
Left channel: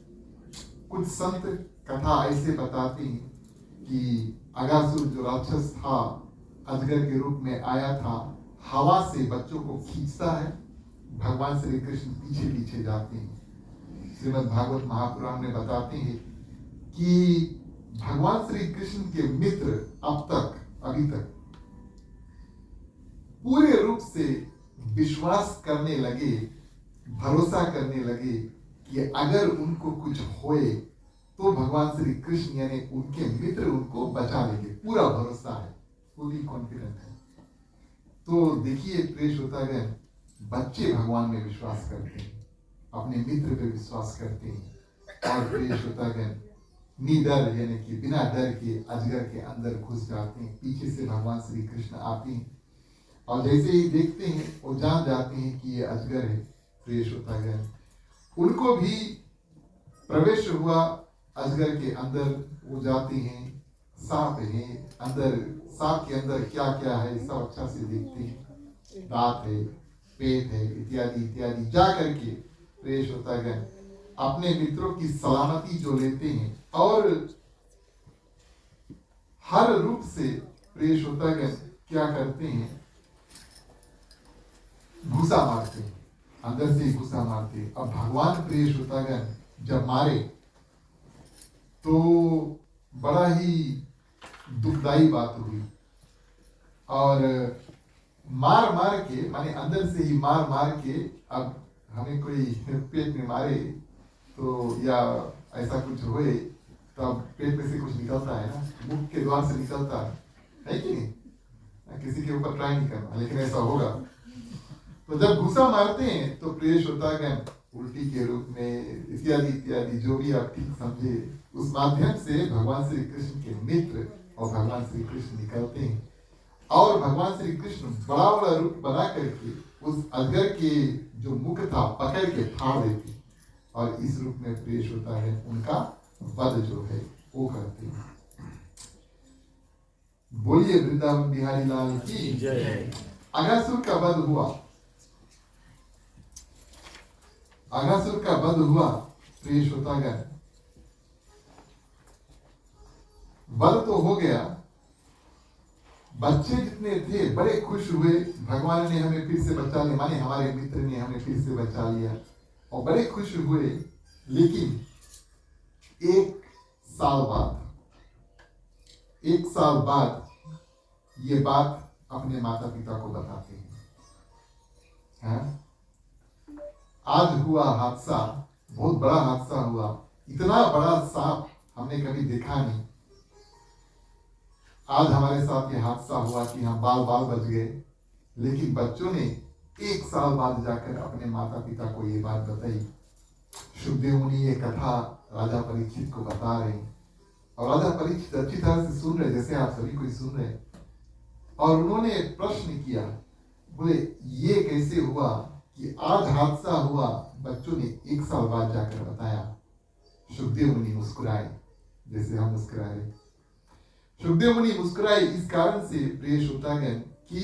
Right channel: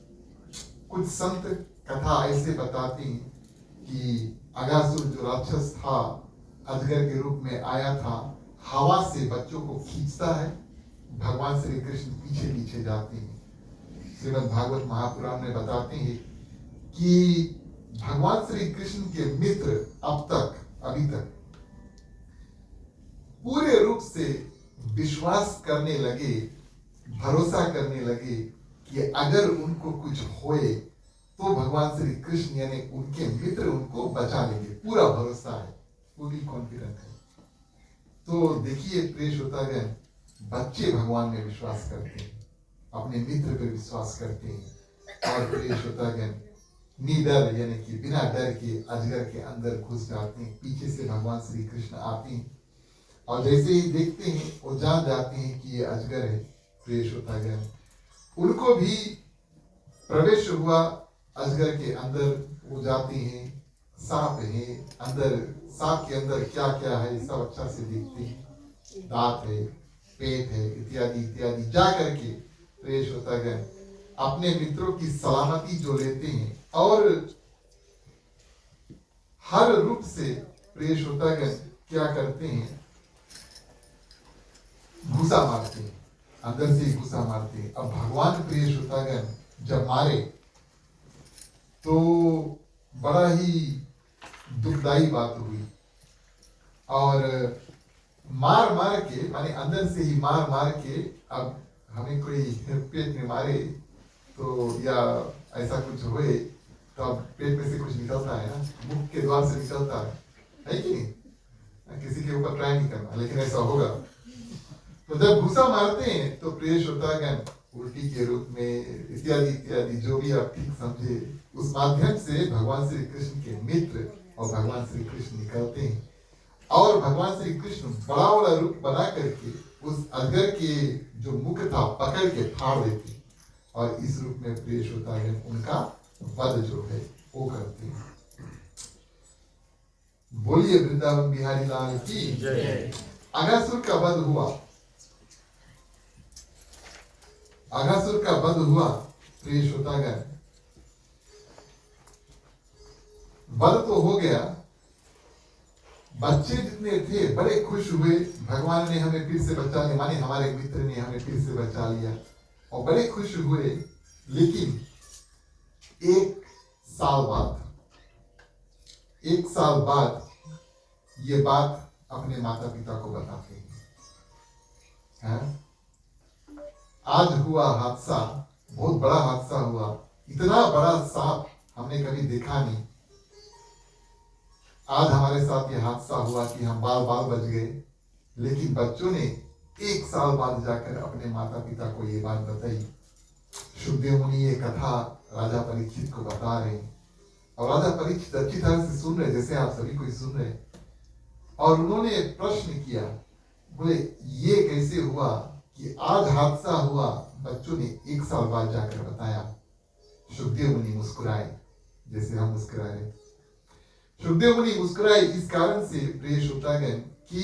कुछ संत कथा ऐसे बताते हैं कि अगासुर जो राक्षस था, अजगर के रूप में आया था, हवा से बच्चों को खींचता है, भगवान श्री कृष्ण पीछे पीछे जाते हैं। श्रीमद् भागवत महापुराण में बताते हैं कि भगवान श्री कृष्ण के मित्र अभी तक पूरे रूप से विश्वास करने लगे, भरोसा करने लगे कि अगर उनको कुछ होए तो भगवान श्री कृष्ण यानी उनके मित्र उनको बचा लेंगे, पूरा भरोसा है, पूरी कॉन्फिडेंट है। तो देखिए प्रिय श्रोतागण, बच्चे भगवान में विश्वास करते हैं, अपने मित्र पर विश्वास करते हैं, और प्रिय श्रोतागण निडर यानी कि बिना डर के अजगर के अंदर घुस जाते हैं। पीछे से भगवान श्री कृष्ण आते हैं और जैसे ही देखते हैं वो जान जाते हैं कि ये अजगर है। प्रिय श्रोतागण, उनको भी प्रवेश हुआ अजगर के अंदर, वो जाते हैं, सांप है अंदर, सांप के अंदर क्या क्या है सब अच्छा से देखते हैं, दांत है, पेट है, इत्यादि इत्यादि। जा करके प्रिय श्रोतागण अपने मित्रों की सलामती जो लेते हैं, और हर रूप से प्रिय श्रोतागण क्या करते हैं, घुसा मारते हैं, अंदर से घुसा मारते हैं। अब भगवान प्रिय श्रोतागण जब मारे तो बड़ा ही दुखदाई बात हुई, और मार के माने अंदर से ही मार के, अब हमें कोई पेट में मारे तो या ऐसा कुछ होए तो अब पेट में से कुछ निकलता है ना, मुख के द्वार से निकलता है कि नहीं? किसी के ऊपर ट्राई नहीं करना, लेकिन ऐसा होगा। तो जब घुसा मारते हैं तो प्रिय श्रोतागण उल्टी के रूप में इत्यादि इत्यादि जो भी आप ठीक समझे, उस माध्यम से भगवान श्री कृष्ण के मित्र और भगवान श्री कृष्ण निकलते हैं, और भगवान श्री कृष्ण बड़ा बड़ा रूप बना करके उस अजगर के जो मुख था पकड़ के फाड़ देते, और इस रूप में प्रिय श्रोतागण उनका वध जो है वो करते हैं। बोलिए वृंदावन बिहारी लाल की जय। अगासुर का वध हुआ, अगासुर का वध हुआ प्रिय श्रोतागण, वध तो हो गया, बच्चे जितने थे बड़े खुश हुए, भगवान ने हमें फिर से बचा लिया, माने हमारे मित्र ने हमें फिर से बचा लिया, और बड़े खुश हुए। लेकिन एक साल बाद ये बात अपने माता पिता को बताते हैं। आज हुआ हादसा, बहुत बड़ा हादसा हुआ, इतना बड़ा सांप हमने कभी देखा नहीं। आज हमारे साथ ये हादसा हुआ कि हम बाल बच गए, लेकिन बच्चों ने 1 साल बाद जाकर अपने माता पिता को ये बात बताई। सुखदेव मुनि ये कथा राजा परीक्षित को बता रहे हैं, और राजा परीक्षित अच्छी तरह से सुन रहे, जैसे आप सभी कोई सुन रहे, और उन्होंने प्रश्न किया, बोले ये कैसे हुआ कि आज हादसा हुआ, बच्चों ने 1 साल बाद जाकर बताया। सुखदेव मुनि मुस्कुराए, जैसे हम मुस्कुरा रहे। सुखदेव मुनि मुस्कुराए इस कारण से प्रिय श्रोतागण कि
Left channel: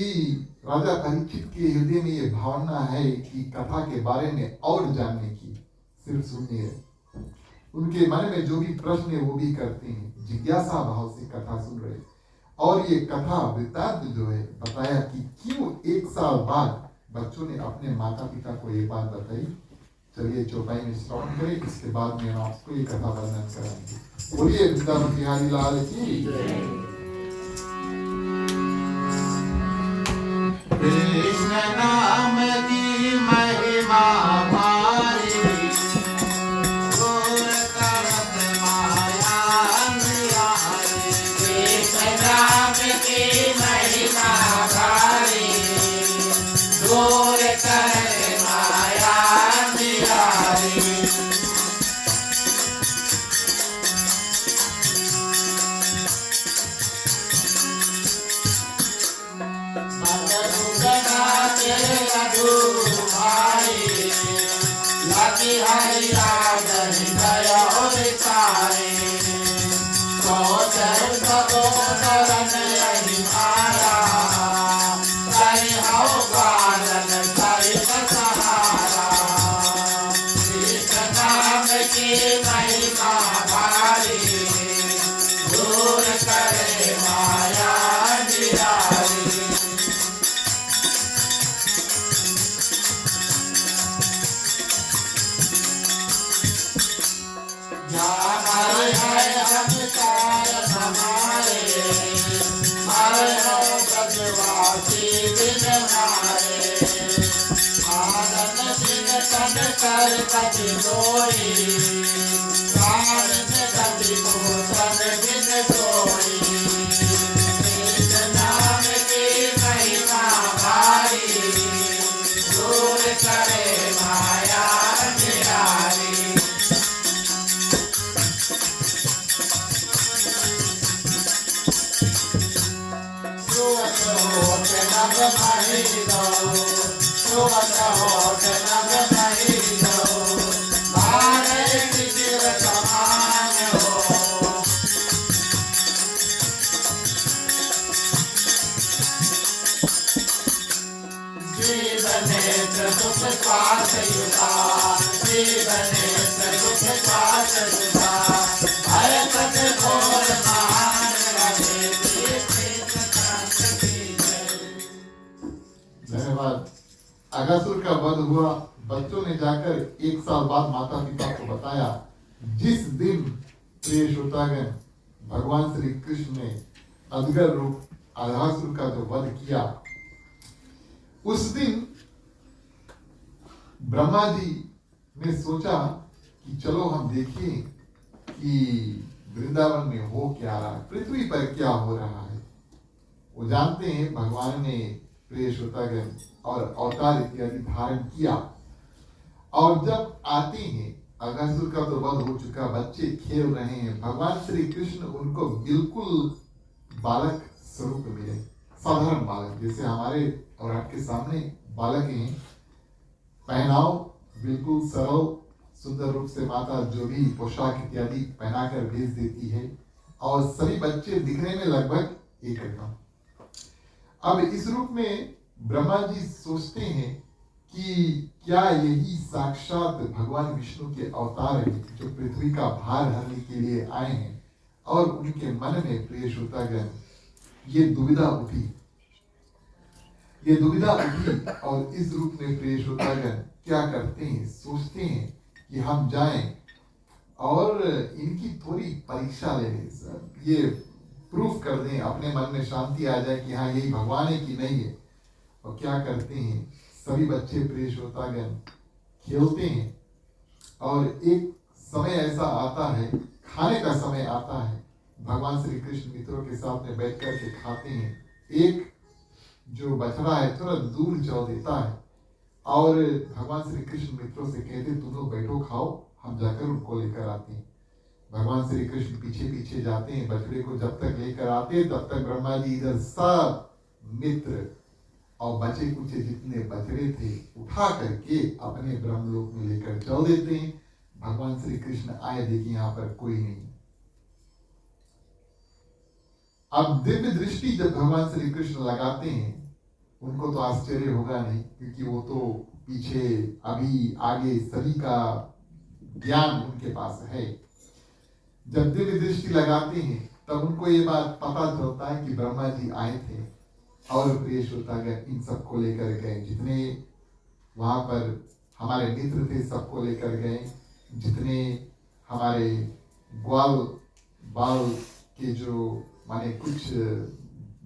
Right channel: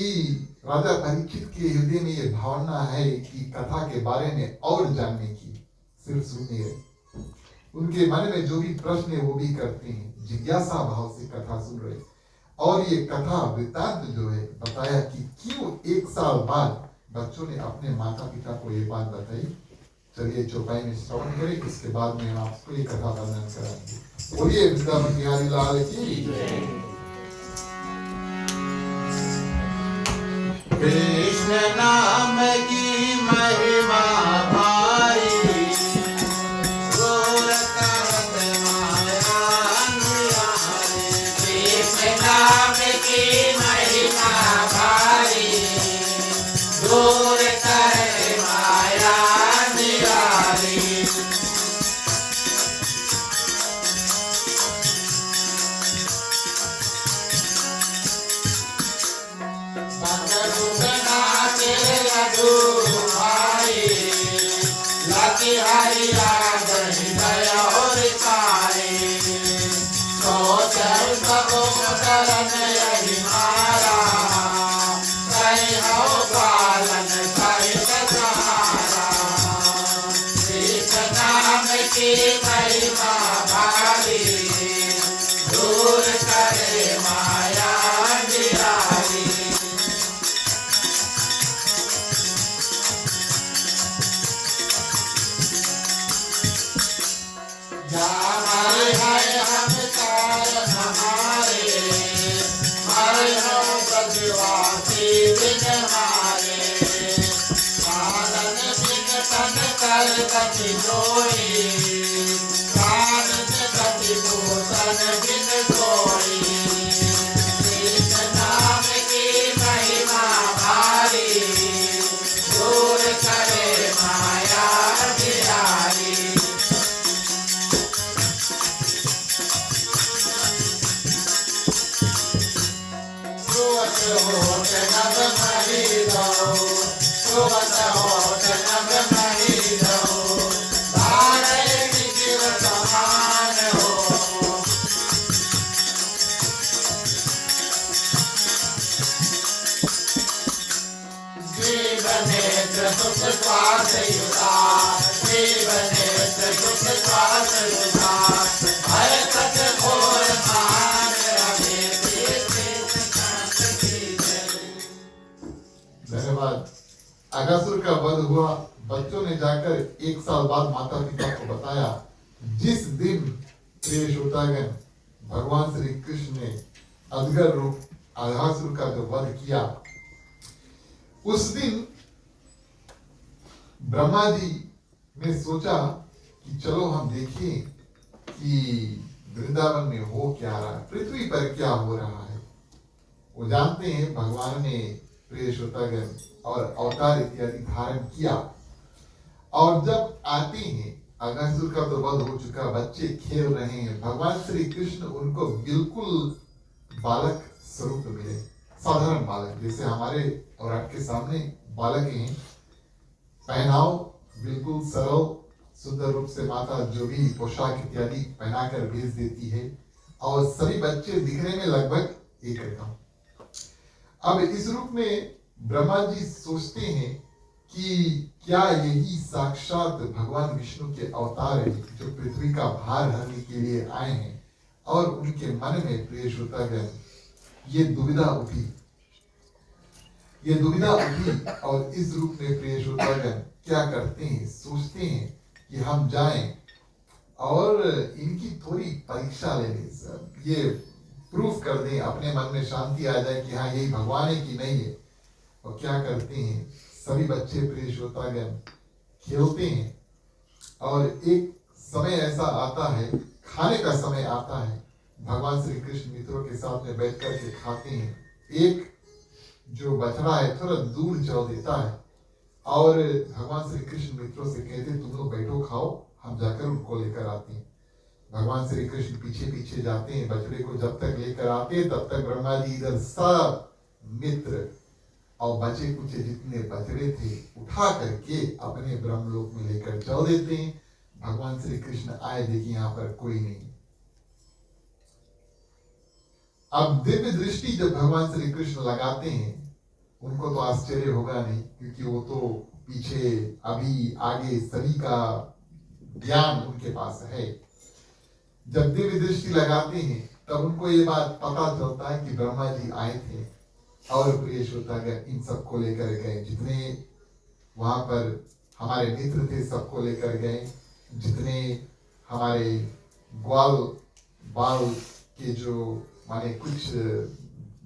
राजा परीक्षित के हृदय में ये भावना है कि कथा के बारे में और जानने की, सिर्फ सुनने है। उनके मन में जो भी प्रश्न है वो भी करते हैं, जिज्ञासा भाव से कथा सुन रहे। और ये कथा वृत्तांत जो है बताया कि क्यों 1 साल बाद बच्चों ने अपने माता पिता को ये बात बताई। चलिए चौपाई में श्रवण करें, इसके बाद में हम आपको ये कथा वर्णन कराएंगे। बोलिए वृंदावन बिहारी लाल की कृष्ण नाम की बिहारी राज हृदय और सारे सोचर सबोदरन यही मारा कहीं हो पालन सहित सहारा कृष्ण नाम की महिमा भारी दूर करे माया अंधियारी हमारे है हम कार हमारे मारे हो ब्रजवासी बिन मारे पालन बिन तन कर कति लोई कान में कति भूषण बिन कोई कृष्ण नाम की महिमा भारी दूर करे माया अंधियारी धन्यवाद। अगासुर का वध हुआ। बच्चों ने जाकर 1 साल बाद माता पिता को बताया। जिस दिन प्रिय श्रोतागण भगवान श्री कृष्ण ने अजगर रूप अगासुर का जो वध किया, उस दिन ब्रह्मा जी ने सोचा कि चलो हम देखें कि वृंदावन में हो क्या रहा है, पृथ्वी पर क्या हो रहा है। वो जानते हैं भगवान ने प्रिय श्रोतागण और अवतार इत्यादि धारण किया, और जब आते हैं अगासुर का तो वध हो चुका, बच्चे खेल रहे हैं, भगवान श्री कृष्ण उनको बिल्कुल बालक स्वरूप मिले, साधारण बालक, जैसे हमारे और आपके सामने बालक हैं। पहनाव बिल्कुल सरल सुंदर रूप से माता जो भी पोशाक इत्यादि पहनाकर भेज देती है, और सभी बच्चे दिखने में लगभग एक रकम। अब इस रूप में ब्रह्मा जी सोचते हैं कि क्या यही साक्षात भगवान विष्णु के अवतार हैं जो पृथ्वी का भार हरने के लिए आए हैं। और उनके मन में प्रिय श्रोतागण ये दुविधा उठी, और इस रूप में प्रिय श्रोतागण क्या करते हैं, सोचते हैं कि हम जाएं और इनकी थोड़ी परीक्षा ले लें, सर ये प्रूफ कर दें, अपने मन में शांति आ जाए कि हाँ यही भगवान है कि नहीं है। और क्या करते हैं, सभी बच्चे प्रिय श्रोतागण खेलते हैं, और एक समय ऐसा आता है, खाने का समय आता है, भगवान श्री कृष्ण मित्रों के साथ में बैठ कर के खाते हैं। एक जो बछड़ा है थोड़ा दूर चल देता है, और भगवान श्री कृष्ण मित्रों से कहते तुम लोग बैठो खाओ, हम जाकर उनको लेकर आते हैं। भगवान श्री कृष्ण पीछे पीछे जाते हैं, बछड़े को जब तक लेकर आते हैं तब तक ब्रह्मा जी इधर सब मित्र और बचे कुचे जितने बछड़े थे उठा करके अपने ब्रह्मलोक में लेकर चल देते हैं। भगवान श्री कृष्ण आए, देखिए यहाँ पर कोई नहीं। अब दिव्य दृष्टि जब भगवान श्री कृष्ण लगाते हैं, उनको तो आश्चर्य होगा नहीं, क्योंकि वो तो पीछे अभी आगे सभी का ज्ञान उनके पास है। जब दिव्य दृष्टि लगाते हैं तब उनको ये बात पता चलता है कि ब्रह्मा जी आए थे, और प्रिय श्रोतागण इन सबको लेकर गए, जितने वहां पर हमारे मित्र थे सबको लेकर गए, जितने हमारे ग्वाल बाल के जो माने कुछ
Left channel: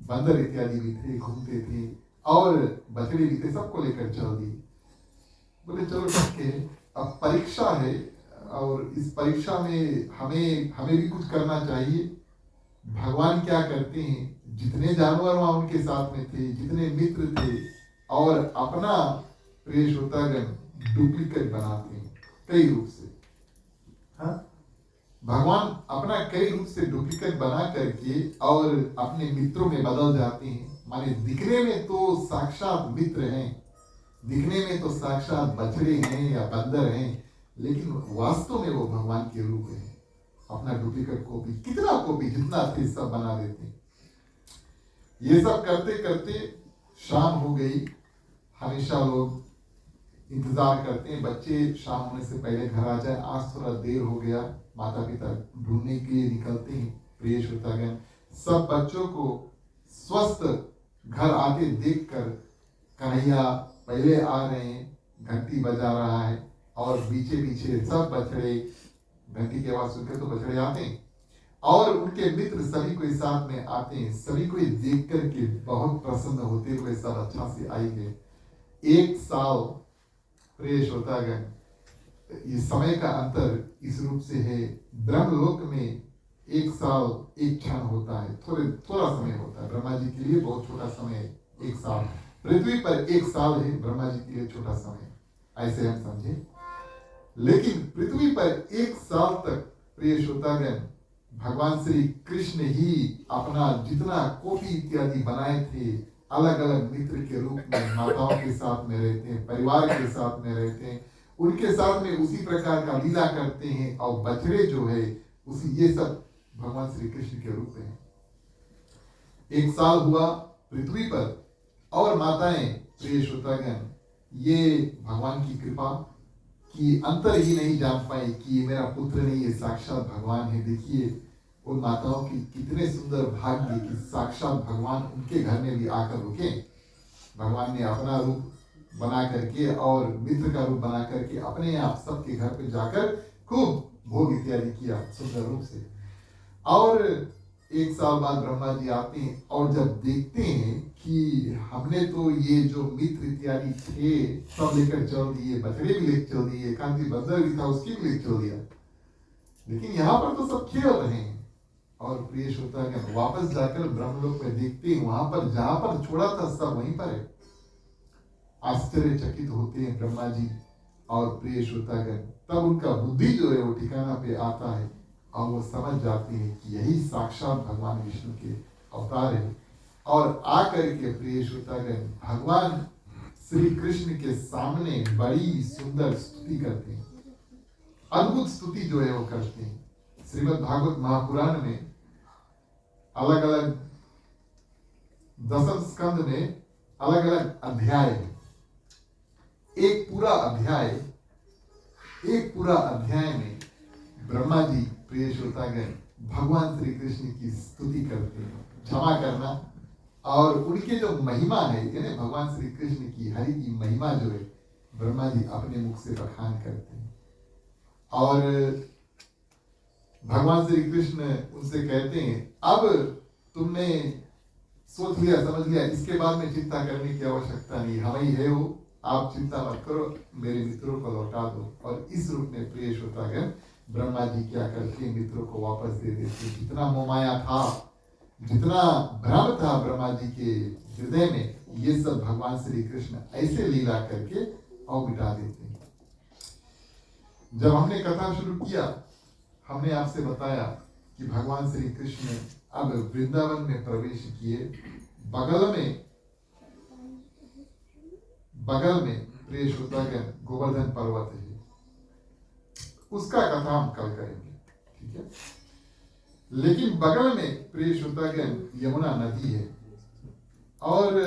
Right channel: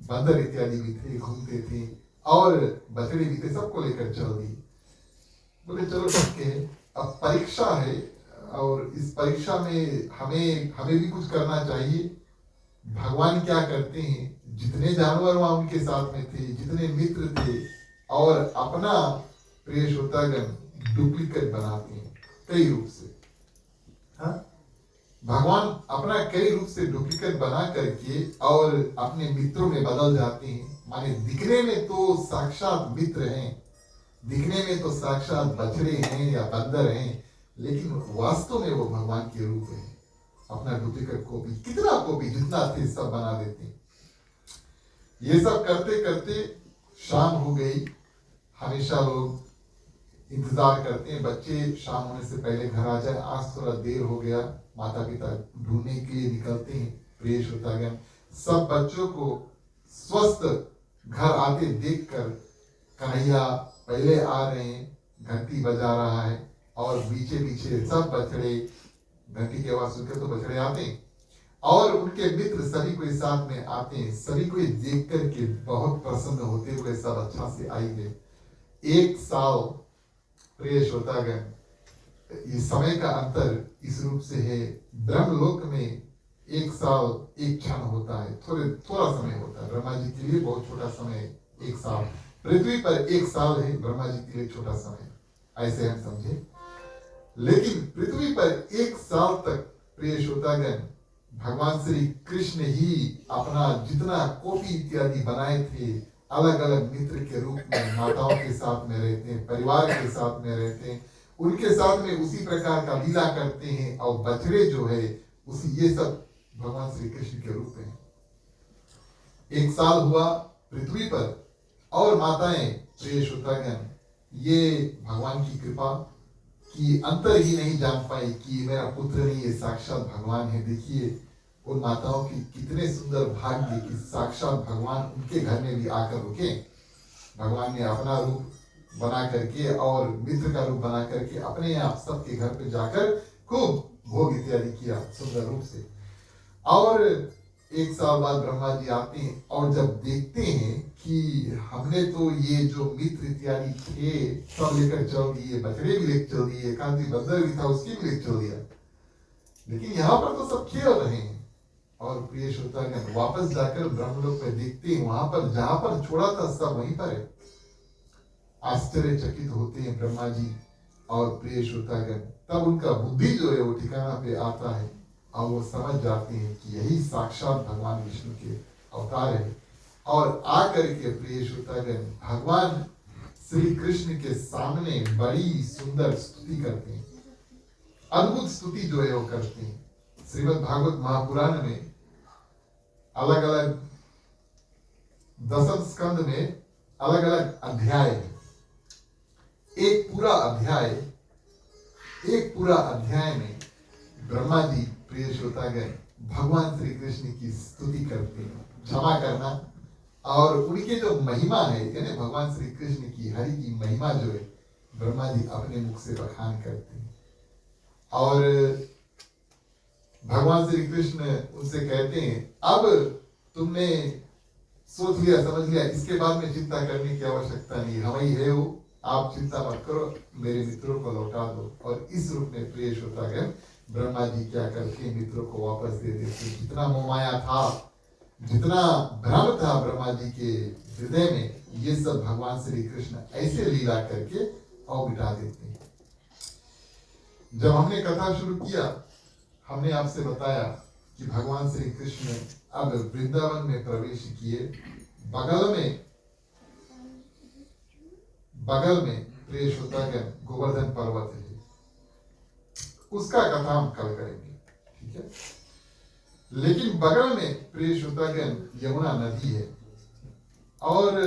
बंदर इत्यादि भी थे, घूमते थे, और बछड़े भी थे, सबको लेकर चल दी। बोले चलो ठीक है, अब परीक्षा है, और इस परीक्षा में हमें भी कुछ करना चाहिए। भगवान क्या करते हैं, जितने जानवर वहां उनके साथ में थे, जितने मित्र थे, और अपना प्रिय श्रोतागण डुप्लीकेट बनाते हैं कई रूप से। हाँ, भगवान अपना कई रूप से डुप्लीकेट बना करके और अपने मित्रों में बदल जाते हैं। माने दिखने में तो साक्षात मित्र हैं, दिखने में तो साक्षात बछड़े हैं या बंदर हैं, लेकिन वास्तव में वो भगवान के रूप है। अपना डुप्लीकेट कॉपी, कितना कॉपी जितना थे सब बना देते। ये सब करते करते शाम हो गई। हमेशा लोग इंतजार करते हैं बच्चे शाम होने से पहले घर आ जाए। आज थोड़ा देर हो गया, माता पिता ढूंढने के लिए निकलते हैं। प्रिय श्रोतागण, सब बच्चों को स्वस्थ घर आते देखकर कन्हैया पहले आ रहे हैं, घंटी बजा रहा है और पीछे पीछे सब बछड़े घंटी की आवाज सुनकर तो बछड़े आते हैं और उनके मित्र सभी कोई साथ में आते हैं। सभी कोई देख करके बहुत प्रसन्न होते हुए सब अच्छा से आएंगे। एक साल, प्रिय श्रोतागण, ये समय का अंतर इस रूप से है। ब्रह्मलोक में एक साल एक क्षण होता है, थोड़ा समय होता है। ब्रह्मा जी के लिए बहुत छोटा समय है एक साल। पृथ्वी पर एक साल है ब्रह्मा जी के लिए छोटा समय, ऐसे हम समझे। लेकिन पृथ्वी पर एक साल तक, प्रिय श्रोतागण, भगवान श्री कृष्ण ही अपना जितना कॉपी इत्यादि बनाए थे, अलग अलग मित्र के रूप में माताओं के साथ में रहते हैं, परिवार के साथ में रहते हैं, उनके साथ में उसी प्रकार का लीला करते हैं। और बछड़े जो है उसी, ये सब भगवान श्री कृष्ण के रूप हैं। एक साल हुआ पृथ्वी पर और माताएं, प्रिय श्रोतागण, ये भगवान की कृपा की अंतर ही नहीं जान पाई कि ये मेरा पुत्र नहीं, ये साक्षात भगवान है। देखिए उन माताओं की कितने सुंदर भाग्य कि साक्षात भगवान उनके घर में भी आकर रुके। भगवान ने अपना रूप बना करके और मित्र का रूप बना करके अपने आप सबके घर पे जाकर खूब भोग इत्यादि किया सुंदर रूप से। और एक साल बाद ब्रह्मा जी आते हैं और जब देखते हैं कि हमने तो ये जो मित्र इत्यादि थे सब लेकर चल दिए, बछड़े भी लेकर चल दिए, कांति बंदर भी था उसकी भी लेकर चल दिया, लेकिन यहाँ पर तो सब खेल रहे हैं। और प्रिय श्रोतागण, वापस जाकर ब्रह्मलोक में देखते हैं, वहां पर जहां पर छोड़ा था सब वहीं पर है। आश्चर्यचकित होते हैं ब्रह्मा जी। और प्रिय श्रोतागण, तब उनका बुद्धि जो है वो ठिकाना पे आता है और वो समझ जाते हैं कि यही साक्षात भगवान विष्णु के अवतार है। और आकर के प्रिय श्रोतागण, भगवान श्री कृष्ण के सामने बड़ी सुंदर स्तुति करते हैं, अद्भुत स्तुति जो है वो करते हैं। श्रीमद् भागवत महापुराण में अलग अलग दशम स्कंद में अलग अलग अध्याय है। एक पूरा अध्याय में ब्रह्मा जी, प्रिय श्रोतागण, भगवान श्री कृष्ण की स्तुति करते हैं, क्षमा करना, और उनके जो महिमा है, यानी भगवान श्री कृष्ण की, हरि की महिमा जो है, ब्रह्मा जी अपने मुख से बखान करते हैं। और भगवान श्री कृष्ण उनसे कहते हैं, अब तुमने सोच लिया, समझ लिया, इसके बाद में चिंता करने की आवश्यकता नहीं, हम ही है वो, आप चिंता मत करो, मेरे मित्रों को लौटा दो। और इस रूप में प्रिय श्रोतागण, ब्रह्मा जी क्या करते, मित्रों को वापस दे देते। जितना मोहमाया था, जितना भ्रम था ब्रह्मा जी के हृदय में, ये सब भगवान श्री कृष्ण ऐसे लीला करके और मिटा देते हैं। जब हमने कथा शुरू किया, हमने आपसे बताया कि भगवान श्री कृष्ण अब वृंदावन में प्रवेश किए। बगल में प्रिय श्रोतागण गोवर्धन पर्वत है, उसका कथा हम कल करेंगे, ठीक है। लेकिन बगल में प्रिय श्रोतागण यमुना नदी है। और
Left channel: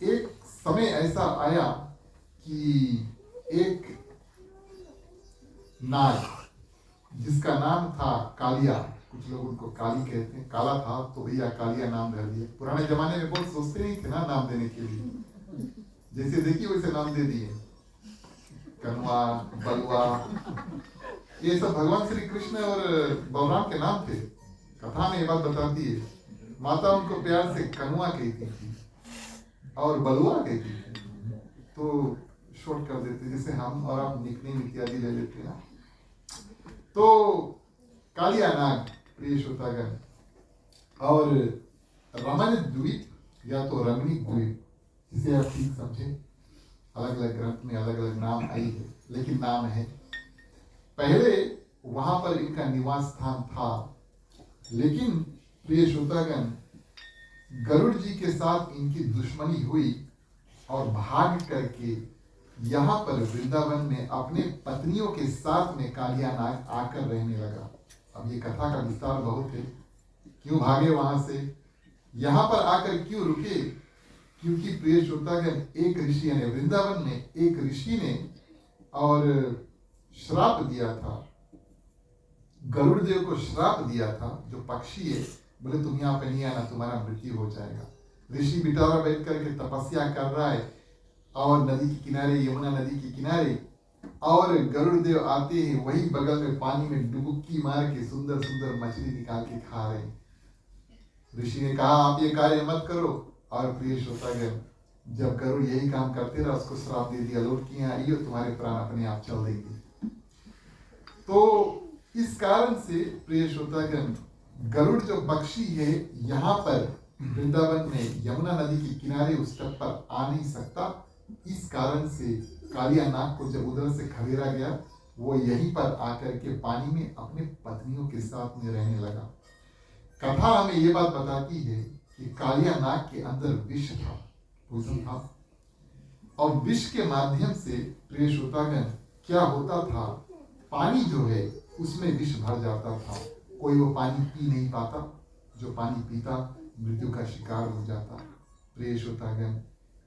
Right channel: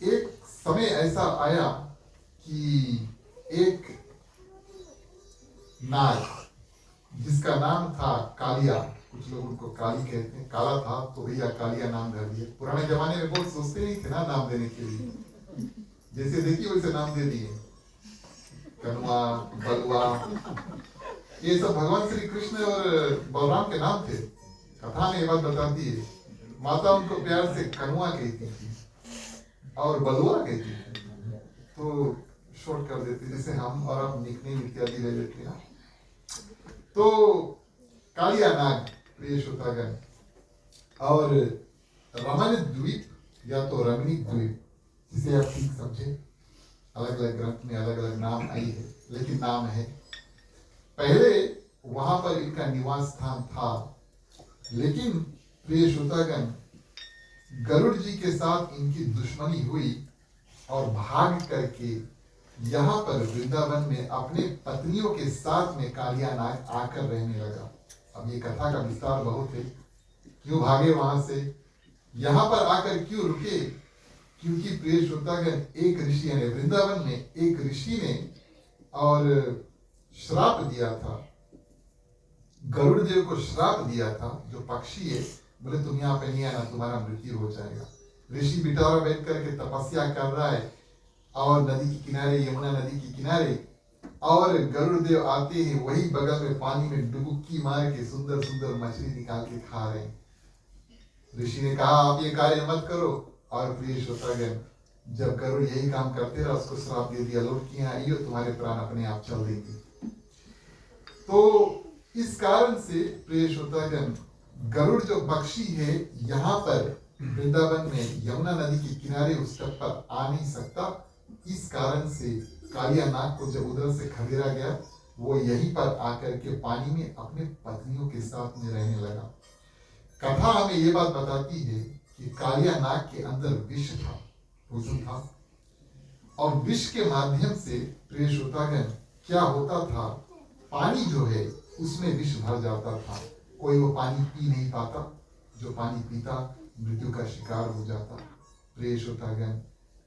एक समय ऐसा आया कि एक नाग, जिसका नाम था कालिया, कुछ लोग उनको काली कहते हैं, काला था तो भैया कालिया नाम धर दिया। पुराने जमाने में बहुत सोचते नहीं थे ना नाम देने के लिए, जैसे देखिए वैसे नाम दे दिए, कनुआ, बलुआ, ये सब भगवान श्री कृष्ण और बलराम के नाम थे। कथा में ये बात बताती है, माता उनको प्यार से कनुआ कहती थी और बलुआ कहती थी, तो शॉर्ट कर देते, जैसे हम और आप निकनेम इत्यादि ले लेते हैं। तो कालिया नाग, प्रिय श्रोतागण, और रमण द्वीप या तो रमणी द्वीप, जिसे आप ठीक समझे, अलग अलग ग्रंथ में अलग अलग नाम आई है, लेकिन नाम है। पहले वहां पर इनका निवास स्थान था, लेकिन प्रिय श्रोतागण, गरुड़ जी के साथ इनकी दुश्मनी हुई और भाग करके यहाँ पर वृंदावन में अपने पत्नियों के साथ में कालिया नाग आकर रहने लगा। अब ये कथा का विस्तार बहुत है। क्यों भागे वहां से, यहाँ पर आकर क्यों रुके? क्योंकि प्रिय श्रोतागण, एक ऋषि ने वृंदावन में एक ऋषि ने और श्राप दिया था, गरुड़ देव को श्राप दिया था। जो पक्षी है बोले तुम यहाँ पे नहीं आना, तुम्हारा मृत्यु हो जाएगा। ऋषि बिटौरा बैठ करके तपस्या कर रहा है और नदी के किनारे, यमुना नदी के किनारे, और गरुड़ देव आते हैं, वही बगल में पानी में डुबकी मार के सुंदर सुंदर मछली निकाल के खा रहे हैं। ऋषि ने कहा आप ये कार्य मत करो। और प्रिय श्रोतागण, जब गरुड़ यही काम करते रहा, उसको श्राप दे दिया, लौट के यहाँ आइयो, तुम्हारे प्राण अपने आप चल देंगे। तो इस कारण से प्रिय श्रोतागण, गरुड़ जो पक्षी है यहाँ पर वृंदावन में यमुना नदी के किनारे उस तट पर आ नहीं सकता। इस कारण से कालिया नाग को जब उधर से खदेड़ा गया, वो यहीं पर आकर के पानी में अपने पत्नियों के साथ में रहने लगा। कथा हमें ये बात बताती है कि कालिया नाग के अंदर विष था, पोइजन था, और विष के माध्यम से प्रिय श्रोतागण क्या होता था, पानी जो है उसमें विष भर जाता था। कोई वो पानी पी नहीं पाता, जो पानी पीता मृत्यु का शिकार हो जाता। प्रिय श्रोतागण,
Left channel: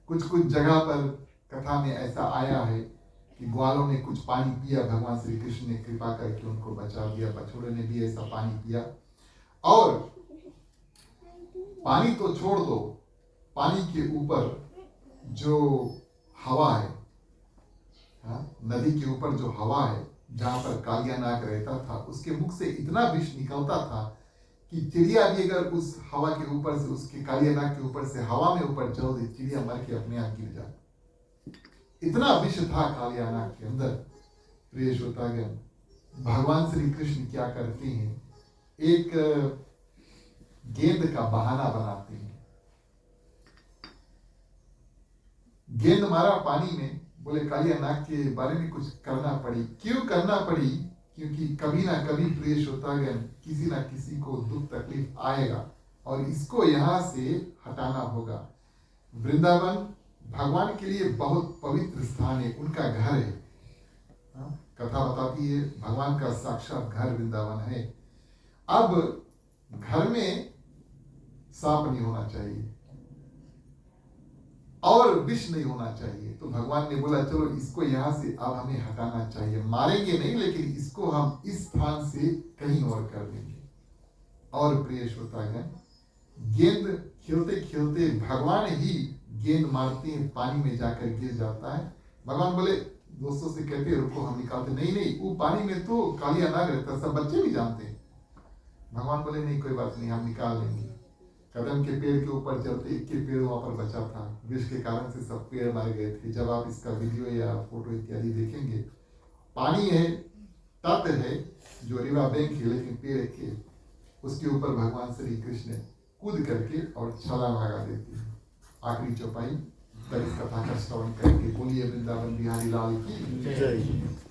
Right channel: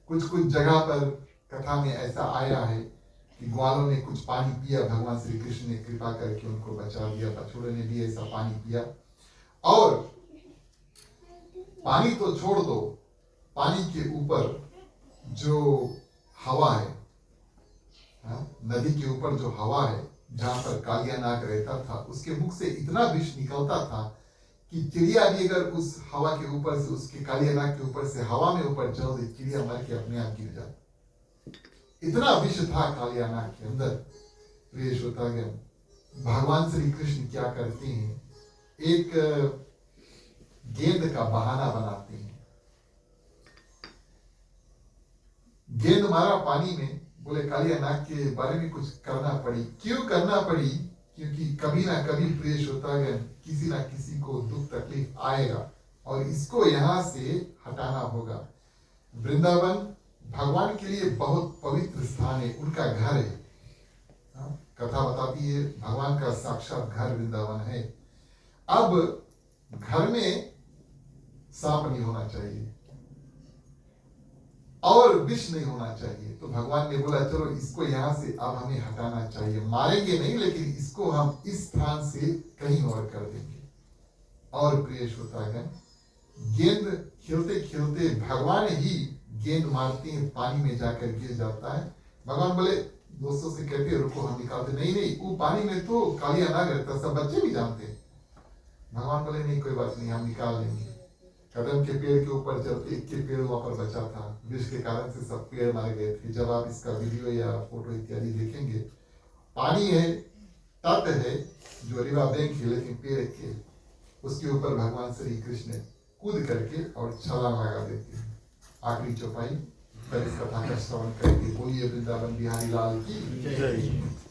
कुछ कुछ जगह पर कथा में ऐसा आया है कि ग्वालों ने कुछ पानी पिया, भगवान श्री कृष्ण ने कृपा करके उनको बचा दिया। बछड़ों ने भी ऐसा पानी पिया। और पानी तो छोड़ दो, पानी के ऊपर जो हवा है, नदी के ऊपर जो हवा है, जहां पर कालिया नाग रहता था, उसके मुख से इतना विष निकलता था कि चिड़िया भी अगर उस हवा के ऊपर से, उसके कालिया नाग के ऊपर से हवा में ऊपर चल दे, चिड़िया मर के अपने आप गिर जाती। इतना विष था कालिया नाग के अंदर। प्रिय श्रोतागण, भगवान श्री कृष्ण क्या करते हैं, एक गेंद का बहाना बनाते हैं। गेंद मारा पानी में, बोले कालिया नाग के बारे में कुछ करना पड़ी। क्यों करना पड़ी? क्योंकि कभी ना कभी प्रिय श्रोतागण, किसी ना किसी को दुख तकलीफ आएगा और इसको यहाँ से हटाना होगा। वृंदावन भगवान के लिए बहुत पवित्र स्थान है, उनका घर है। कथा बताती है भगवान का साक्षात घर वृंदावन है। अब घर में सांप नहीं होना चाहिए और विष नहीं होना चाहिए, तो भगवान ने बोला चलो इसको यहाँ से अब हमें हटाना चाहिए। मारेंगे नहीं, लेकिन इसको हम इस स्थान से कहीं और कर देंगे। और प्रिय श्रोतागण, गेंद खेलते खेलते भगवान ही गेंद मारते हैं, पानी में जाकर गिर जाता है। भगवान बोले, दोस्तों से कहते हैं रुको हम निकालते। नहीं, वो पानी में तो कालिया नाग रहता, सब बच्चे भी जानते हैं। भगवान बोले नहीं कोई बात नहीं, हम निकाल लेंगे। कदम के पेड़ के ऊपर चलते, एक के पेड़ वहां पर बचा था, विष के कारण से सब पेड़ मारे गए थे। जब आप इसका वीडियो या फोटो इत्यादि देखेंगे, पानी है, तट है जो रिवा बैंक है, लेकिन पेड़ के उसके ऊपर भगवान श्री कृष्ण कूद करके और छलांग लगा देते हैं। आखिरी चौपाई पर इस कथा का श्रवण करके बोलिए वृंदावन बिहारी लाल की जय।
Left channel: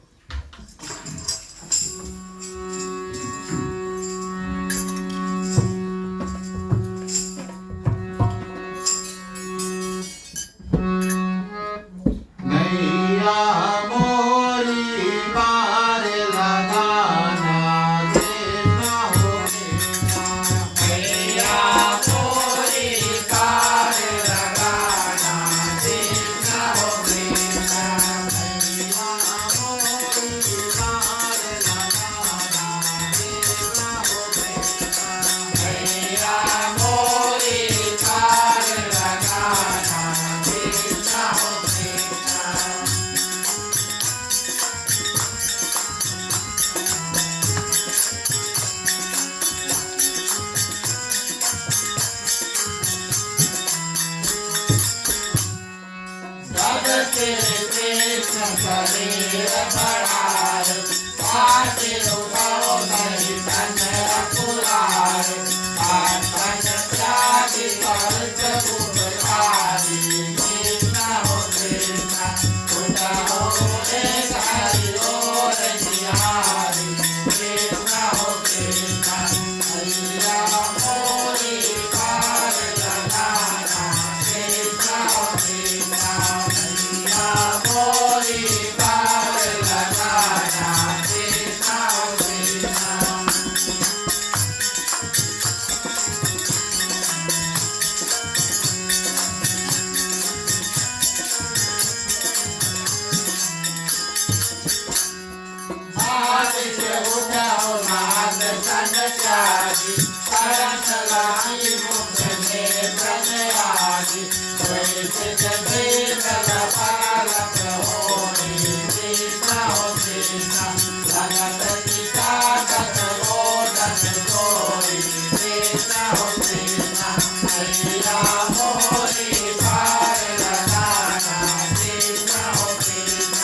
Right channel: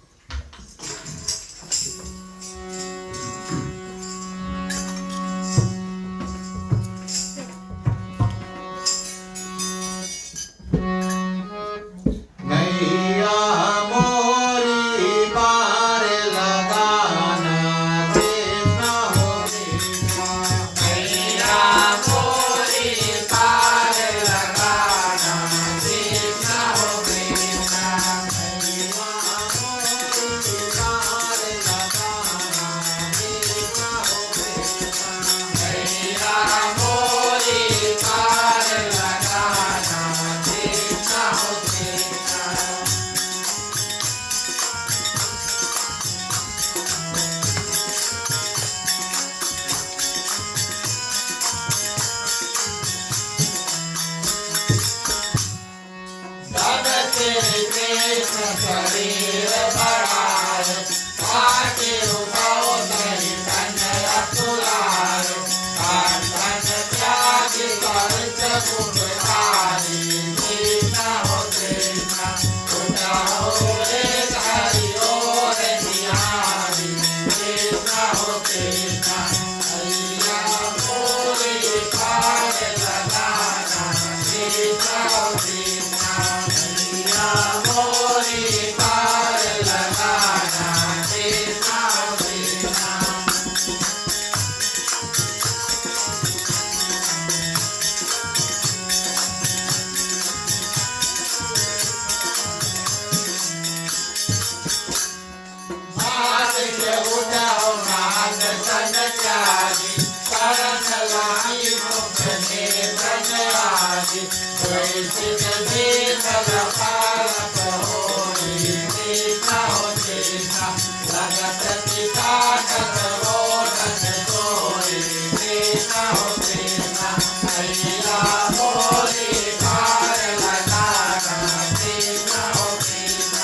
त्यागी परस लाई मुक्त नेत्रन रागी द्वैत भेद लपालक होई कृष्ण हो कृष्ण लगत चितागत बोधक जोई कृष्ण हो कृष्ण मैया मोरी भार लगाना कृष्ण हो कृष्ण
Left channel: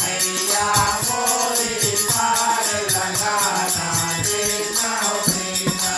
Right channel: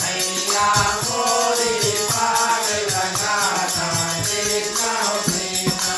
मैया मोरी भार लगाना कृष्ण हो कृष्ण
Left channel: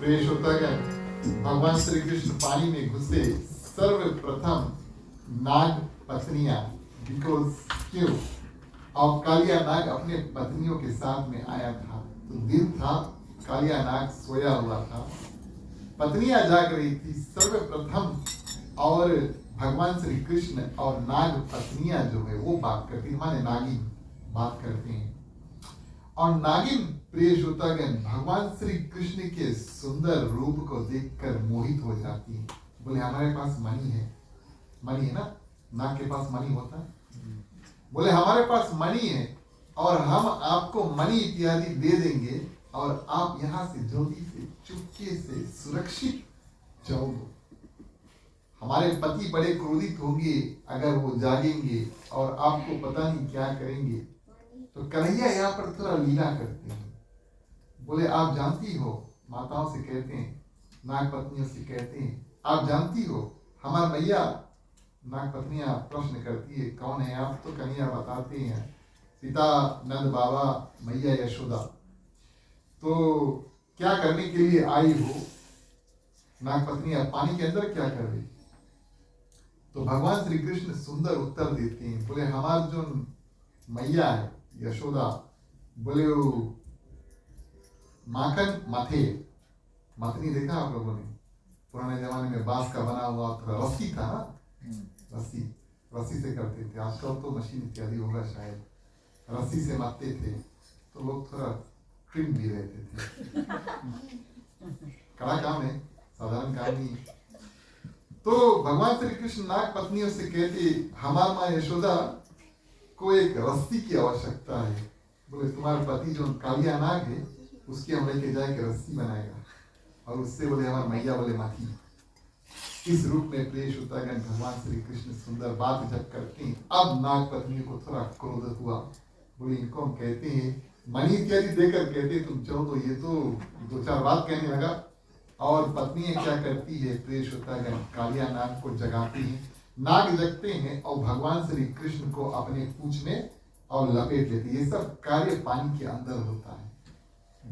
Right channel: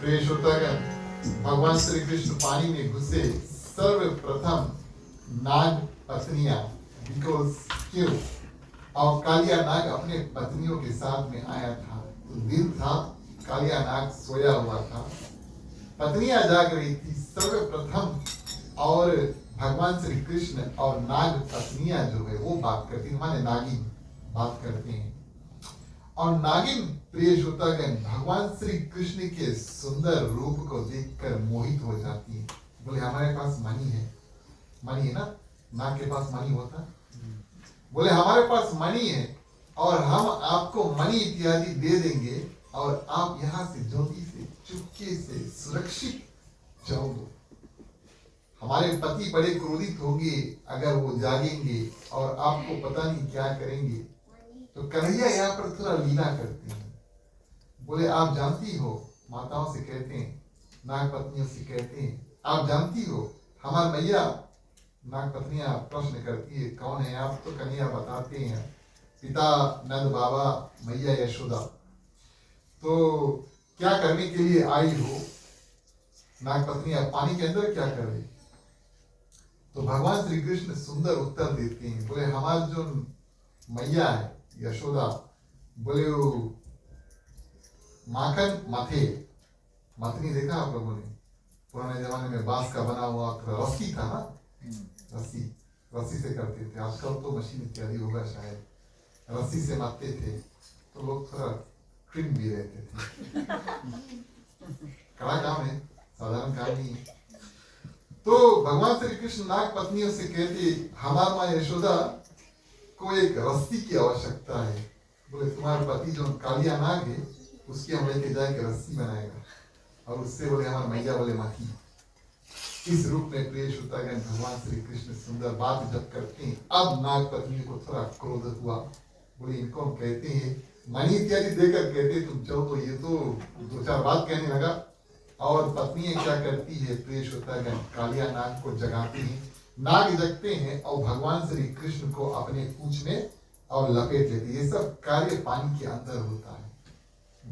प्रिय श्रोतागण, भगवान श्री कृष्ण पानी में घुसे सर्वप्रथम नाग पत्नियां बिकॉज क्यों और कालिया नाग अपने पत्नियों के साथ में आया था। तो दिन था, कालिया नाग सोया हुआ था, पत्नियां जाग रही थी सर्वप्रथम। और भगवान श्री कृष्ण और नाग पत्नियां जो है वो बात करती, माने नागिन बात करते हैं। और नागिन प्रिय श्रोतागण भगवान श्री कृष्ण के सुंदर रूप को देखकर मोहित हो जाती है। बोले हमारे पास मनी है ना, नाग के पास मनी होता है। बोले हमारे पास मनी है और हम आपको मनी इत्यादि दे देंगे और आप यहाँ से जल्दी से चुपके से सुरक्षित जाओ। हमारे पति बड़े क्रोधित होंगे अगर वो जागेंगे और आपको पता नहीं क्या करेंगे। तो कन्हैया यहाँ पर थोड़ा लीला करते हैं। बोले आप जानती हो, माताओं से कहते हैं, नाग पत्नियों से कहते हैं, आप जानती हो हमार मैया। नाग पत्नियां प्रश्न करती है कौन है आप? तो कन्हैया बताते हैं पिता नंद बाबा, मैया यशोदा। तो क्या करने के लिए आई हो? नाग पत्नियां पानी के अंदर क्या कर रही? तो भगवान श्री कृष्ण सुंदर उत्तर देते हैं। बोले हमार जो मैया है यशोदा, बोले वो माखन मथे, मथनी देखा आप लोगों ने? पुराने जमाने में बांस का बना हुआ रस्सी था ना, रस्सी से करते थे। आजकल तो मशीन इत्यादि होगा शायद। रस्सी से मारते थे तो लोग थोड़ा ट्रिम भी रहते थे। कड़ा काम है, साधारण काम नहीं है। तो भगवान श्री कृष्ण नाग पत्नियों से कहते हमार माँ यशोदा को एक रस्सी की आवश्यकता है। बोले तुम्हारा पति जो कालिया नाग है उसकी हम लेके जाके रस्सी बनाएगा। और उससे बोले हमारे मैया बोले माथी। इस रूप में प्रिय श्रोतागण भगवान श्री कृष्ण सुंदर बात जब करते हैं। अब नाग पत्नी को थोड़ा क्रोध हुआ। बोले इनको हम कहते हैं मणि इत्यादि देकर कहते तुम चलो। तो ये तो दो चार बात कहने लगा। और पत्नी क्या करती है प्रिय श्रोतागण, कालिया नाग को जगाती है। नाग जगते हैं और भगवान श्री कृष्ण को अपने पूंछ में और लपेट लेते। ये सब कार्य पानी के अंदर होता है।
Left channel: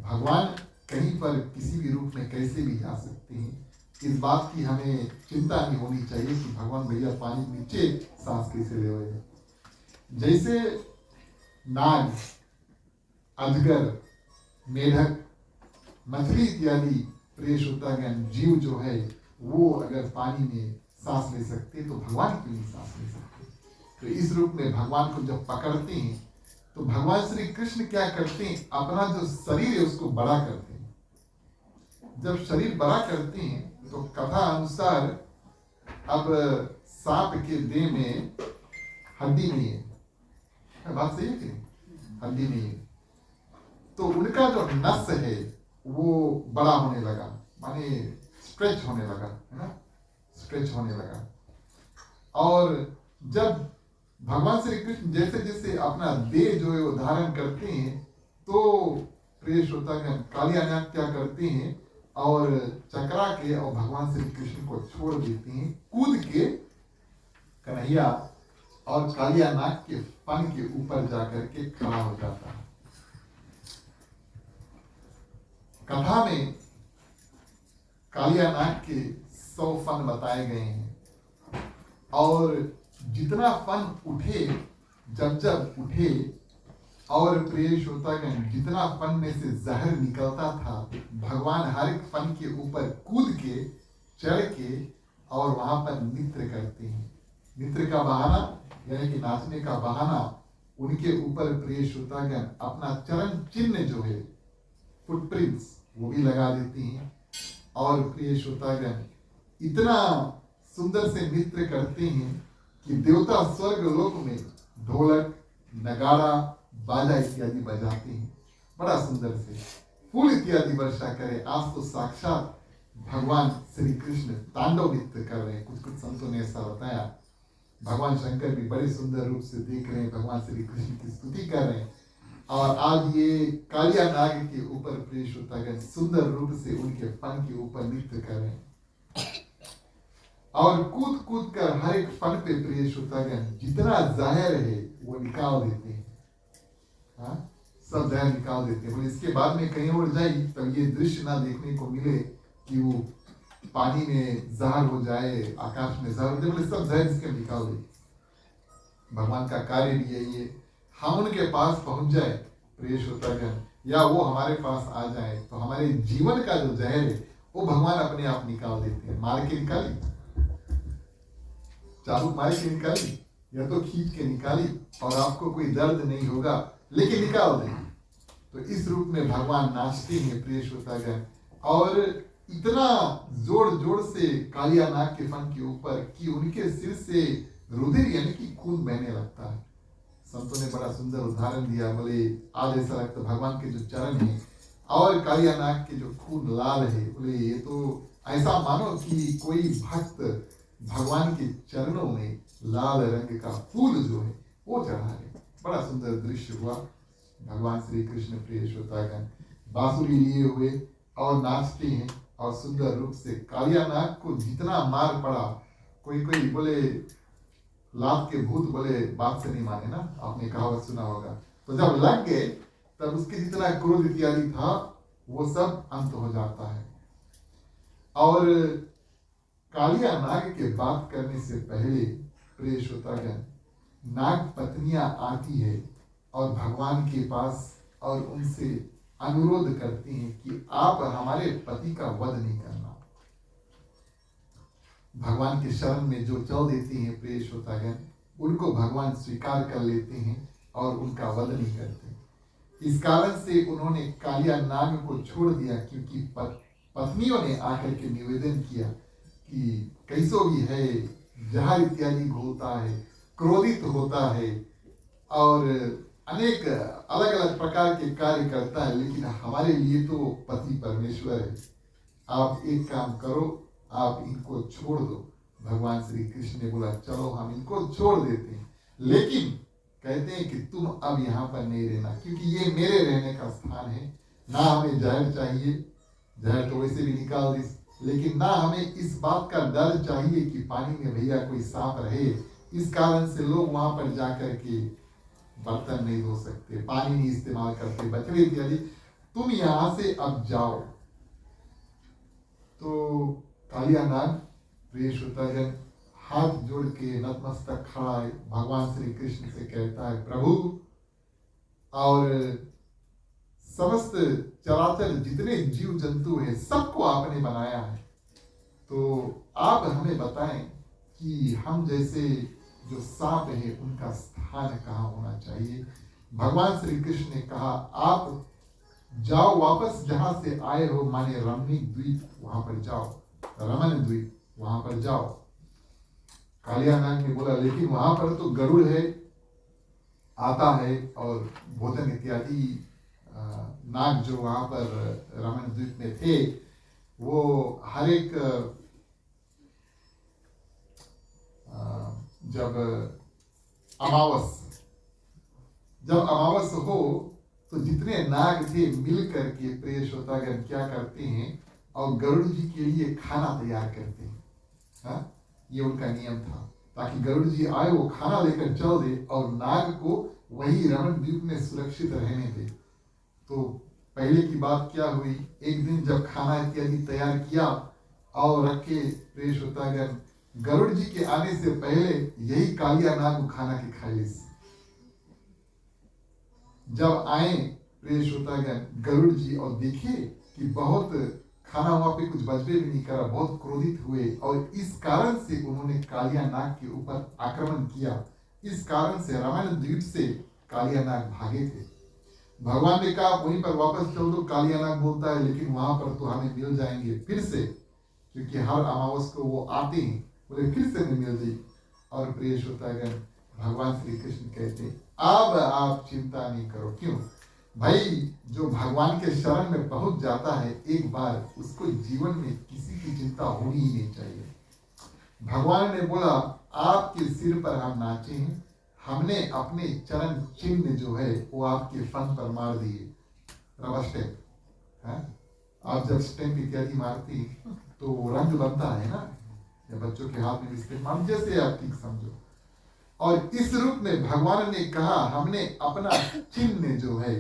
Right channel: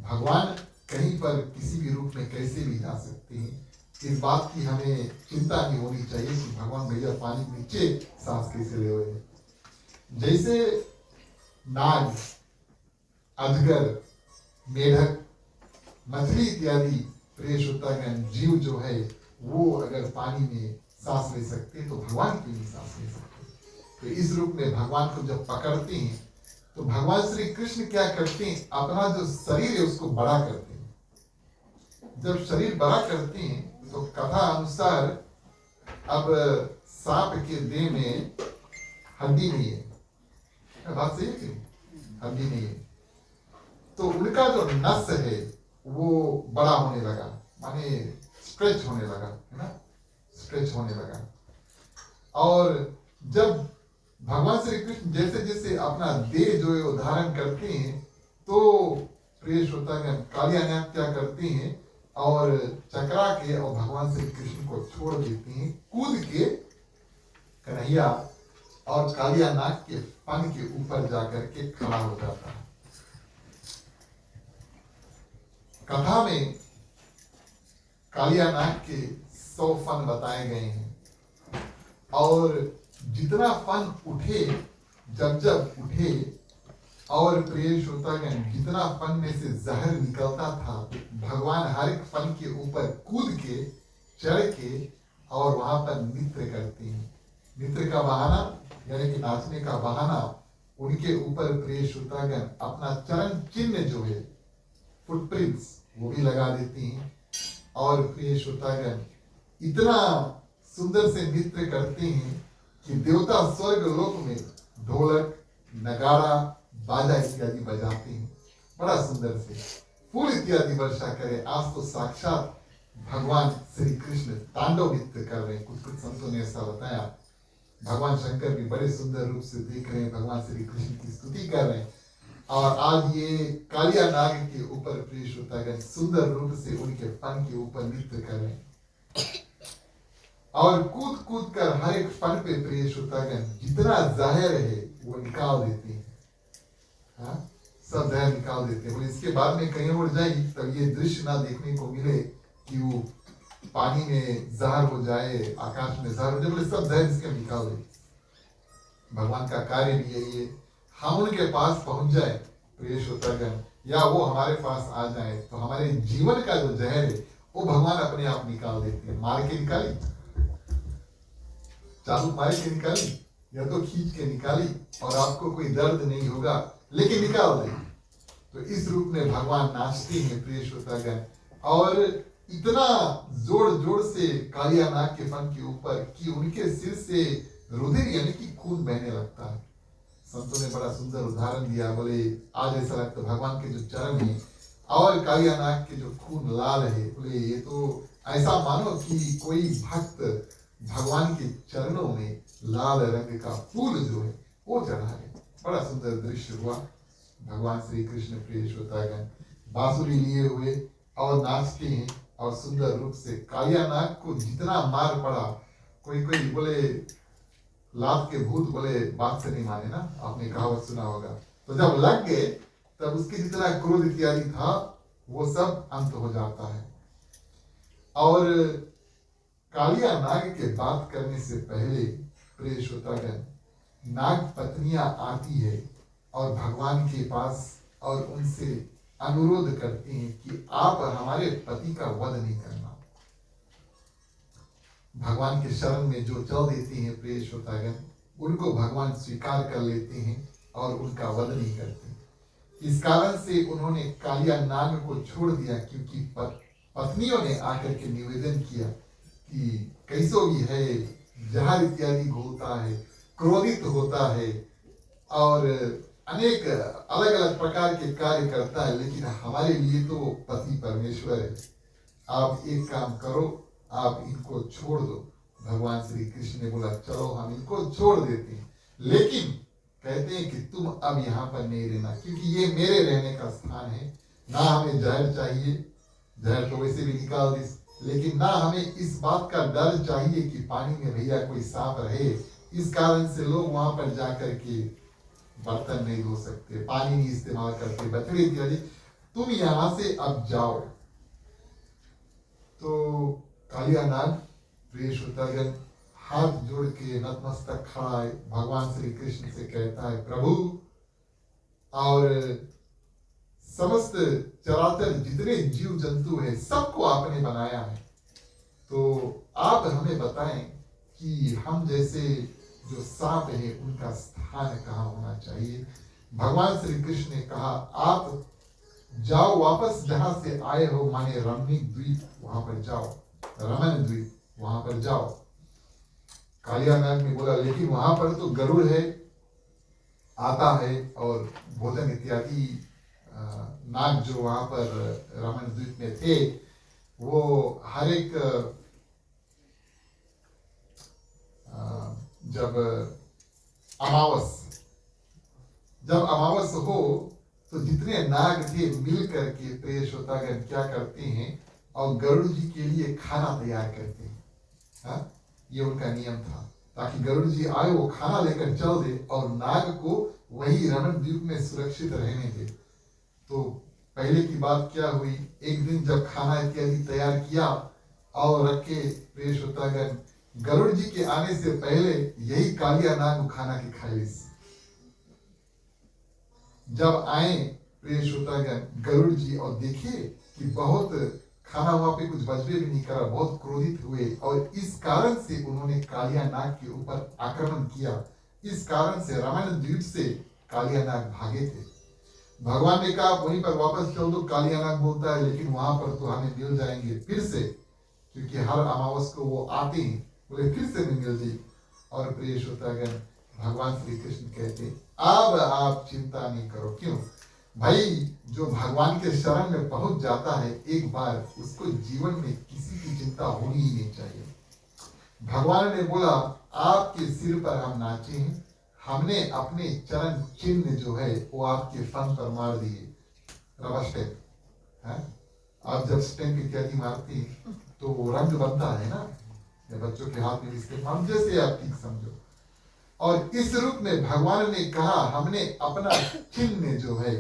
भगवान कहीं पर किसी भी रूप में कैसे भी जा सकते हैं। इस बात की हमें चिंता नहीं होनी चाहिए कि भगवान भैया पानी के नीचे सांस कैसे ले हुए हैं। जैसे नाग, अजगर, मेढक, मछली इत्यादि प्रिय श्रोतागण जीव जो है वो अगर पानी में सांस ले सकते तो भगवान के लिए सांस ले सकते। तो इस रूप में भगवान को जब पकड़ते हैं तो भगवान श्री कृष्ण क्या करते हैं, अपना जो शरीर है उसको बड़ा करते हैं। जब शरीर बड़ा करते हैं तो कथा अनुसार अब सांप के देह में हड्डी नहीं है। बात सही है कि हड्डी नहीं है। तो उनका जो नस है वो बड़ा होने लगा, माने स्ट्रेच होने लगा, है ना, स्ट्रेच होने लगा। और जब भगवान श्री कृष्ण जैसे जैसे अपना देह जो है वो धारण करते हैं, तो प्रिय श्रोतागण कालियानाथ क्या करते हैं और चकरा के और भगवान श्री कृष्ण को छोड़ देते हैं, कूद के कन्हैया और कालियानाथ के फन के ऊपर जाकर के खड़ा हो जाता है। कथा में कालियानाग के 100 फन बताए गए हैं और जितना फन उठे, जब जब उठे और प्रिय श्रोतागण जितना फन में से जहर निकलता था, भगवान हर एक फन के ऊपर कूद के चढ़ के और वहां पर नृत्य करते हैं। नृत्य का बहाना यानी कि नाचने का बहाना, उनके ऊपर प्रिय श्रोतागण अपना चरण चिन्ह जो है, फुटप्रिंट्स, वो भी लगा देती हैं। और प्रिय श्रोतागण इतना सुंदर से नृत्य करते हैं कि देवता स्वर्ग लोक में ढोलक, नगाड़ा, बाजा इत्यादि बजाते हैं, बड़ा सुंदर से फूल इत्यादि वर्षा करे। आज तो साक्षात भगवान श्री कृष्ण तांडव नृत्य कर रहे हैं। कुछ कुछ संतों ने ऐसा बताया, भगवान शंकर भी बड़े सुंदर रूप से देख रहे हैं, भगवान श्री कृष्ण की स्तुति कर रहे हैं। और आज ये कालिया नाग के ऊपर प्रिय श्रोतागण सुंदर रूप से उनके फन के ऊपर नृत्य कर रहे हैं और कूद कूद कर हर एक फन पे प्रिय श्रोतागण जितना जहर है वो निकाल देते हैं। हाँ, सब जहर निकाल देते हैं। बोले इसके बाद में कहीं और जाए तब ये दृश्य ना देखने को मिले कि वो पानी में जहर हो जाए, आकाश में जहर हो जाए, बोले सब जहर इसके निकाल देते। भगवान का कार्य भी यही है, हम उनके पास पहुंच जाए प्रिय श्रोतागण, या वो हमारे पास आ जाए तो हमारे जीवन का जो जहर है वो भगवान अपने आप निकाल देते हैं। मार के निकाली, चाबुक मार के निकाली या तो खींच के निकाली और आपको कोई दर्द नहीं होगा, लेकिन निकाल दें। तो इस रूप में भगवान नाचते हैं प्रिय श्रोतागण, और इतना जोर जोर से कालिया नाग के फन के ऊपर कि उनके सिर से रुधिर यानी कि खून बहने लगता है। संतों ने बड़ा सुंदर उदाहरण दिया, बोले आज ऐसा लगता भगवान के जो चरण है और कालिया नाग के जो खून लाल है, बोले ये तो ऐसा मानो कि कोई भक्त भगवान के चरणों में लाल रंग का फूल जो है वो चढ़ा है। बड़ा सुंदर दृश्य हुआ। भगवान श्री कृष्ण प्रिय श्रोतागण बांसुरी लिए हुए और नाचते हैं और सुंदर रूप से कालिया नाग को जितना मार पड़ा, कोई कोई बोले लात के भूत बोले बात से नहीं माने ना, आपने कहावत सुना होगा। तो जब लग गए तब उसके जितना क्रोध इत्यादि था वो सब अंत हो जाता है। और कालिया नाग के बात करने से पहले प्रिय श्रोतागण नाग पत्नियां आती है और भगवान के पास और उनसे अनुरोध करते हैं कि आप हमारे पति का वध नहीं करना। भगवान के शरण में जो चल देती हैं प्रिय श्रोतागण, उनको भगवान स्वीकार कर लेते हैं और उनका वध नहीं करते। इस कारण से उन्होंने कालिया नाग को छोड़ दिया, क्योंकि पत्नियों ने आकर के निवेदन किया कि कैसो भी है, जहर इत्यादि घोलता है, क्रोधित होता है और अनेक अलग अलग प्रकार के कार्य करता है, लेकिन हमारे लिए तो पति परमेश्वर है। आप एक काम करो, आप इनको छोड़ दो। भगवान श्री कृष्ण ने बोला चलो हम इनको छोड़ देते हैं, लेकिन कहते हैं कि तुम अब यहाँ पर नहीं रहना, क्योंकि ये मेरे रहने का स्थान है। ना हमें जहर चाहिए, जहर तो वैसे भी निकाल दी, लेकिन ना हमें इस बात का डर चाहिए कि पानी में भैया कोई सांप रहे। इस कारण से लोग वहां पर जाकर के बर्तन नहीं धो सकते, पानी नहीं इस्तेमाल करते, बछड़े इत्यादि। तुम यहां से अब जाओ। तो कालिया नाग प्रिय श्रोतागण हाथ जोड़ के नतमस्तक खड़ा है, भगवान श्री कृष्ण से कहता है प्रभु, और समस्त चराचर जितने जीव जंतु हैं सबको आपने बनाया है, तो आप हमें बताएं कि हम जैसे जो सांप है उनका स्थान कहाँ होना चाहिए। भगवान श्री कृष्ण ने कहा आप जाओ वापस जहां से आए हो, माने रमणीक द्वीप वहां पर जाओ, रमन द्वीप वहां पर जाओ। कालिया नाग ने बोला लेकिन वहां पर तो गरुड़ है, आता है और भोजन इत्यादि नाग जो वहां पर रमण द्वीप में थे, वो हर एक जब अमावस हो तो जितने नाग थे मिल करके प्रिय श्रोतागण क्या करते हैं, और गरुड़ जी के लिए खाना तैयार करते हैं। हाँ, ये उनका नियम था, ताकि गरुड़ जी आए, वो खाना लेकर चल दे और नाग को वही रमण द्वीप में सुरक्षित रहने दे। तो पहले की बात क्या हुई, एक दिन जब खाना इत्यादि तैयार किया और रखे, प्रिय श्रोतागण गरुड़ जी के आने से पहले यही कालिया नाग खाना के खाए। जब आए प्रिय श्रोतागण गरुड़ जी और देखे कि बहुत खाना वहां पे कुछ बचबे भी नहीं करा, बहुत क्रोधित हुए और इस कारण से उन्होंने कालिया नाग के ऊपर आक्रमण किया। इस कारण से रमण द्वीप से कालिया नाग भागे थे। भगवान ने कहा वहीं पर वापस चल दो, कालिया नाग बोलता है लेकिन वहां पर तो हमें मिल जाएंगे फिर से, क्योंकि हर अमावस को वो आते हैं, बोले फिर से नहीं मिल जाए। और प्रिय श्रोतागण भगवान श्री कृष्ण कहते अब आप चिंता नहीं करो। क्यों भाई, जो भगवान के शरण में पहुंच जाता है एक बार, उसको जीवन में किसी की चिंता होनी ही नहीं चाहिए। भगवान ने बोला आपके सिर पर हम नाचे हैं, हमने अपने चरण चिन्ह जो है वो आपके फन पर मार दिए, रबर स्टैम्प है। आप जब स्टैम्प इत्यादि मारते हैं तो वो रंग बनता है ना, या बच्चों के हाथ में भी स्टैम्प, हम जैसे आप ठीक समझो। और इस रूप में भगवान ने कहा हमने अपना चिन्ह जो है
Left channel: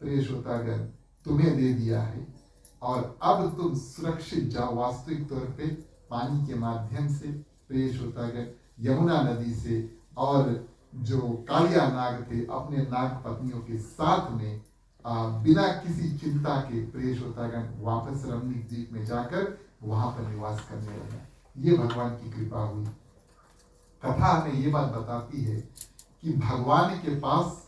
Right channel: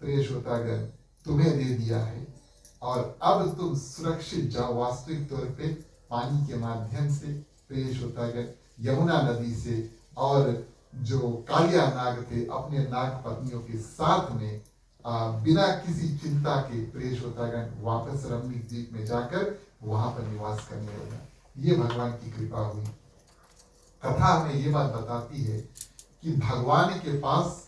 प्रिय श्रोतागण तुम्हें दे दिया है, और अब तुम सुरक्षित जाओ वास्तविक तौर पे पानी के माध्यम से, प्रिय श्रोतागण यमुना नदी से। और जो कालिया नाग थे अपने नाग पत्नियों के साथ में बिना किसी चिंता के प्रिय श्रोतागण वापस रमणी द्वीप में जाकर वहां पर निवास करने लगा। ये भगवान की कृपा हुई। कथा हमें ये बात बताती है कि भगवान के पास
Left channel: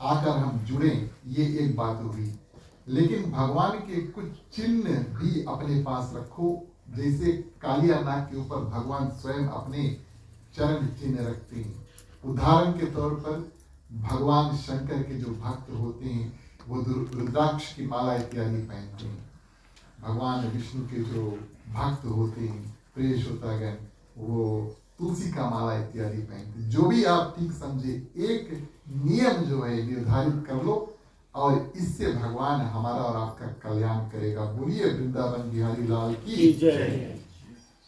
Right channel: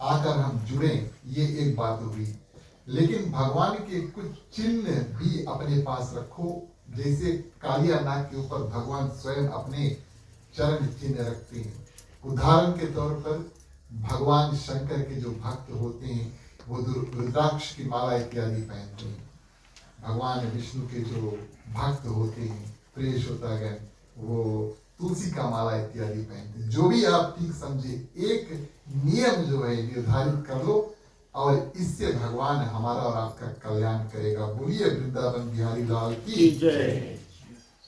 आकर हम जुड़े, ये एक बात हुई, लेकिन भगवान के कुछ चिन्ह भी अपने पास रखो। जैसे कालिया नाग के ऊपर भगवान स्वयं अपने चरण चिन्ह रखते हैं। उदाहरण के तौर पर भगवान शंकर के जो भक्त होते हैं वो रुद्राक्ष की माला इत्यादि पहनते हैं। भगवान विष्णु के जो भक्त होते हैं प्रिय श्रोतागण वो तुलसी का माला इत्यादि पहनते हैं। जो भी आप ठीक समझे, एक नियम जो है निर्धारित कर लो और इससे भगवान हमारा और आपका कल्याण करेगा। बोलिए वृंदावन बिहारी लाल की जय।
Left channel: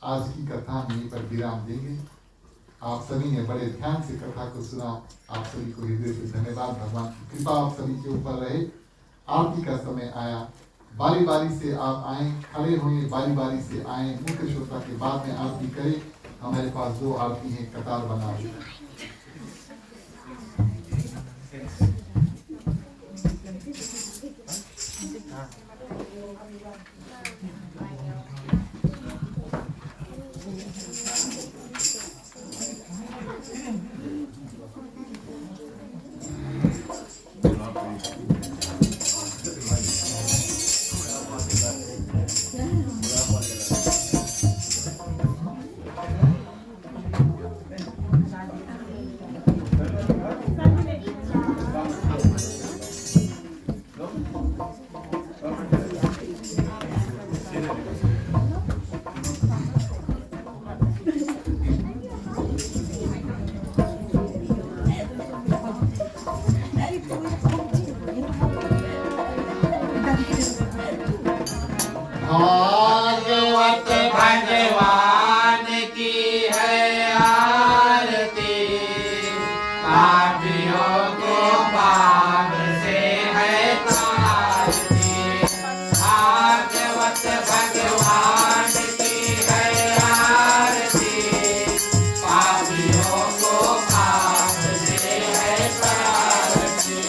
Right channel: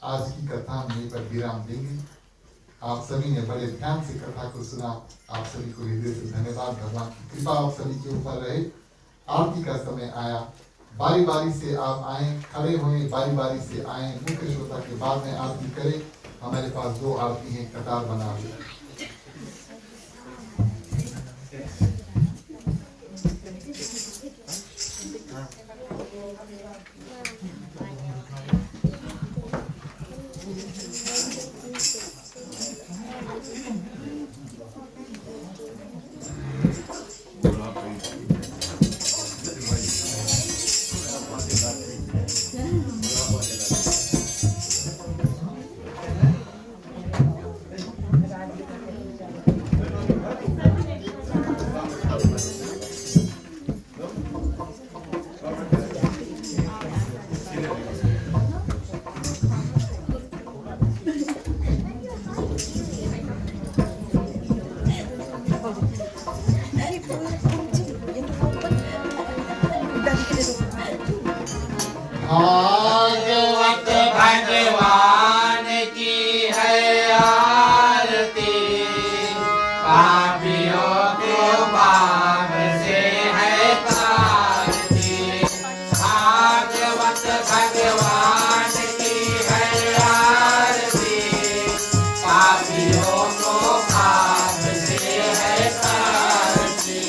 आज की कथा हम यहीं पर विराम देंगे। आप सभी ने बड़े ध्यान से कथा को सुना, आप सभी को हृदय से धन्यवाद। भगवान की कृपा आप सभी के ऊपर रहे। आरती का समय आया, बारी बारी से आप आए, खड़े हुए, बारी बारी से आए, मुख्य श्रोता के बाद में आरती करें। हमारे पास 2 आरती है, कतार बना हुई। भागवत भगवान की है आरती, पापियों को पाप से है तारती। भागवत भगवान की है आरती, पापियों को पाप से है तारती।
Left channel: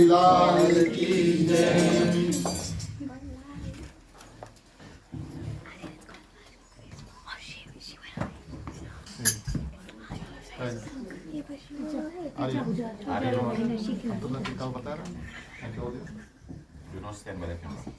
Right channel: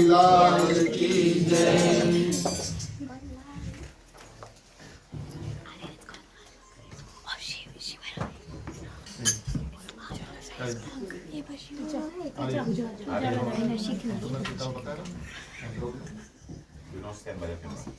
बिहारी लाल की जय। Do not stand by the camera.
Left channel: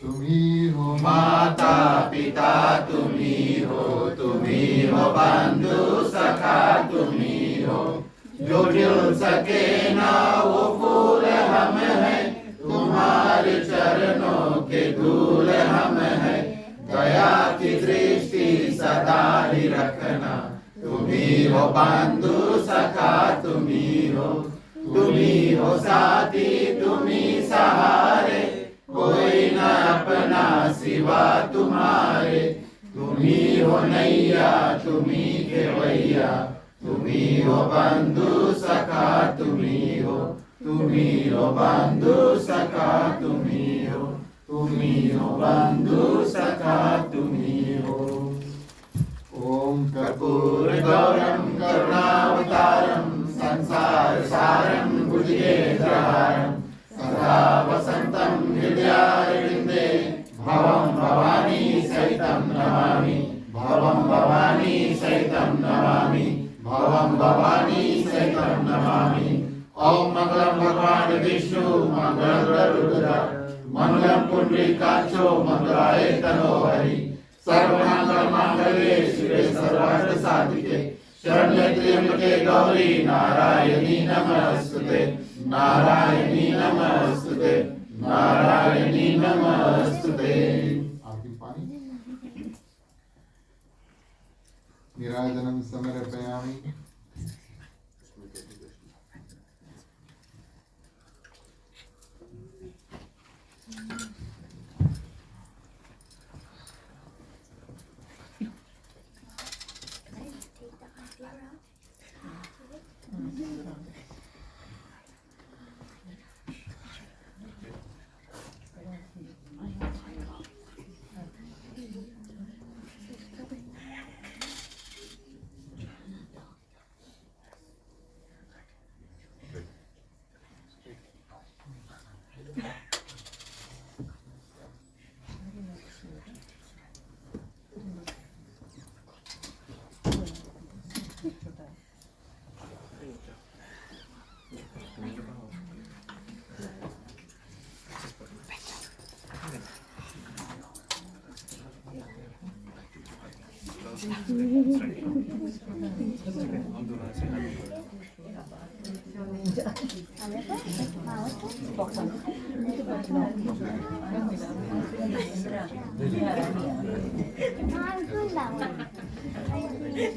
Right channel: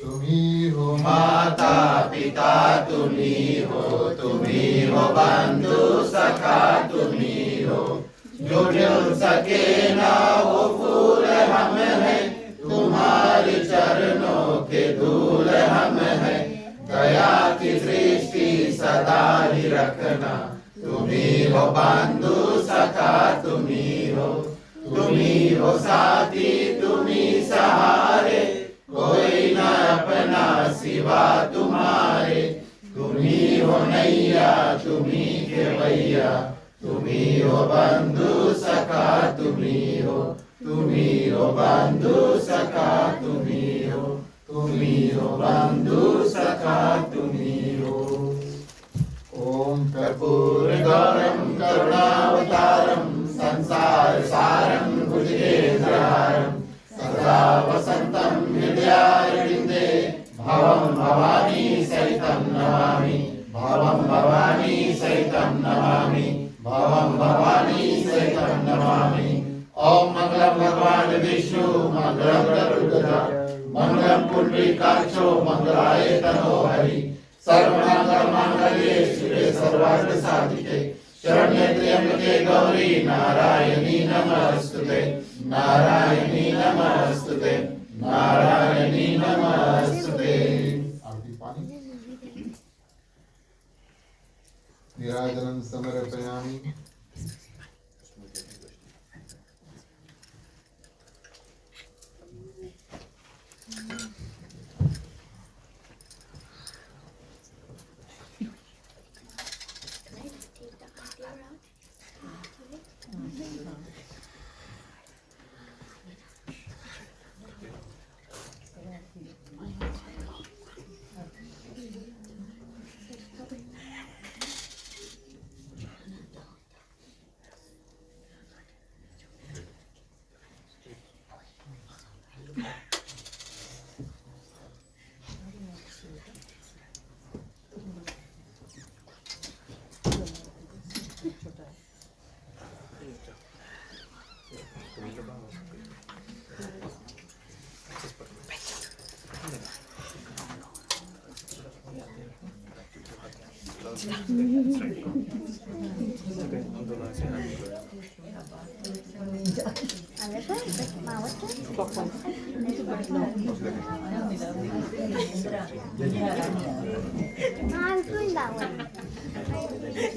तुम्ही हो माता पिता तुम्ही हो बंधु सखा तुम्ही हो, जो जो सके ना वो फूल हम हैं, तुम्हारे चरणों के धूल हम हैं, दया की दृष्टि सदा ही रखना, तुम्ही हो बंधु सखा तुम्ही हो साथी तुम्ही सहारे, कोई न अपना सिवा तुम्हारे, तुम्ही हो नैया तुम्ही खेवैया, तुम्ही हो बंधु सखा तुम्ही हो बंधु सखा तुम्ही हो बंधु सखा तुम्ही हो। ओम कर्पूर गौरम करुणावतारम संसार सारम भुजगेन्द्रहारम, सदा वसंतं हृदयारविन्दे, भवं भवानी सहितं नमामि, भवं भवानी सहितं नमामि, भवं भवानी सहितं नमामि। ओम मंगलम भगवान विष्णु मंगलम गरुड़ध्वज मंगलम पुंडरीकाक्षो मंगलाय तनोहरि, सर्वमंगल मांगल्ये शिवे सर्वार्थ साधिके, शरण्ये त्र्यंबके गौरी नारायणी नमस्तुते, नारायणी नमस्तुते, नारायणी नमस्तुते। आरती पानी निराजनं समर्पयामि।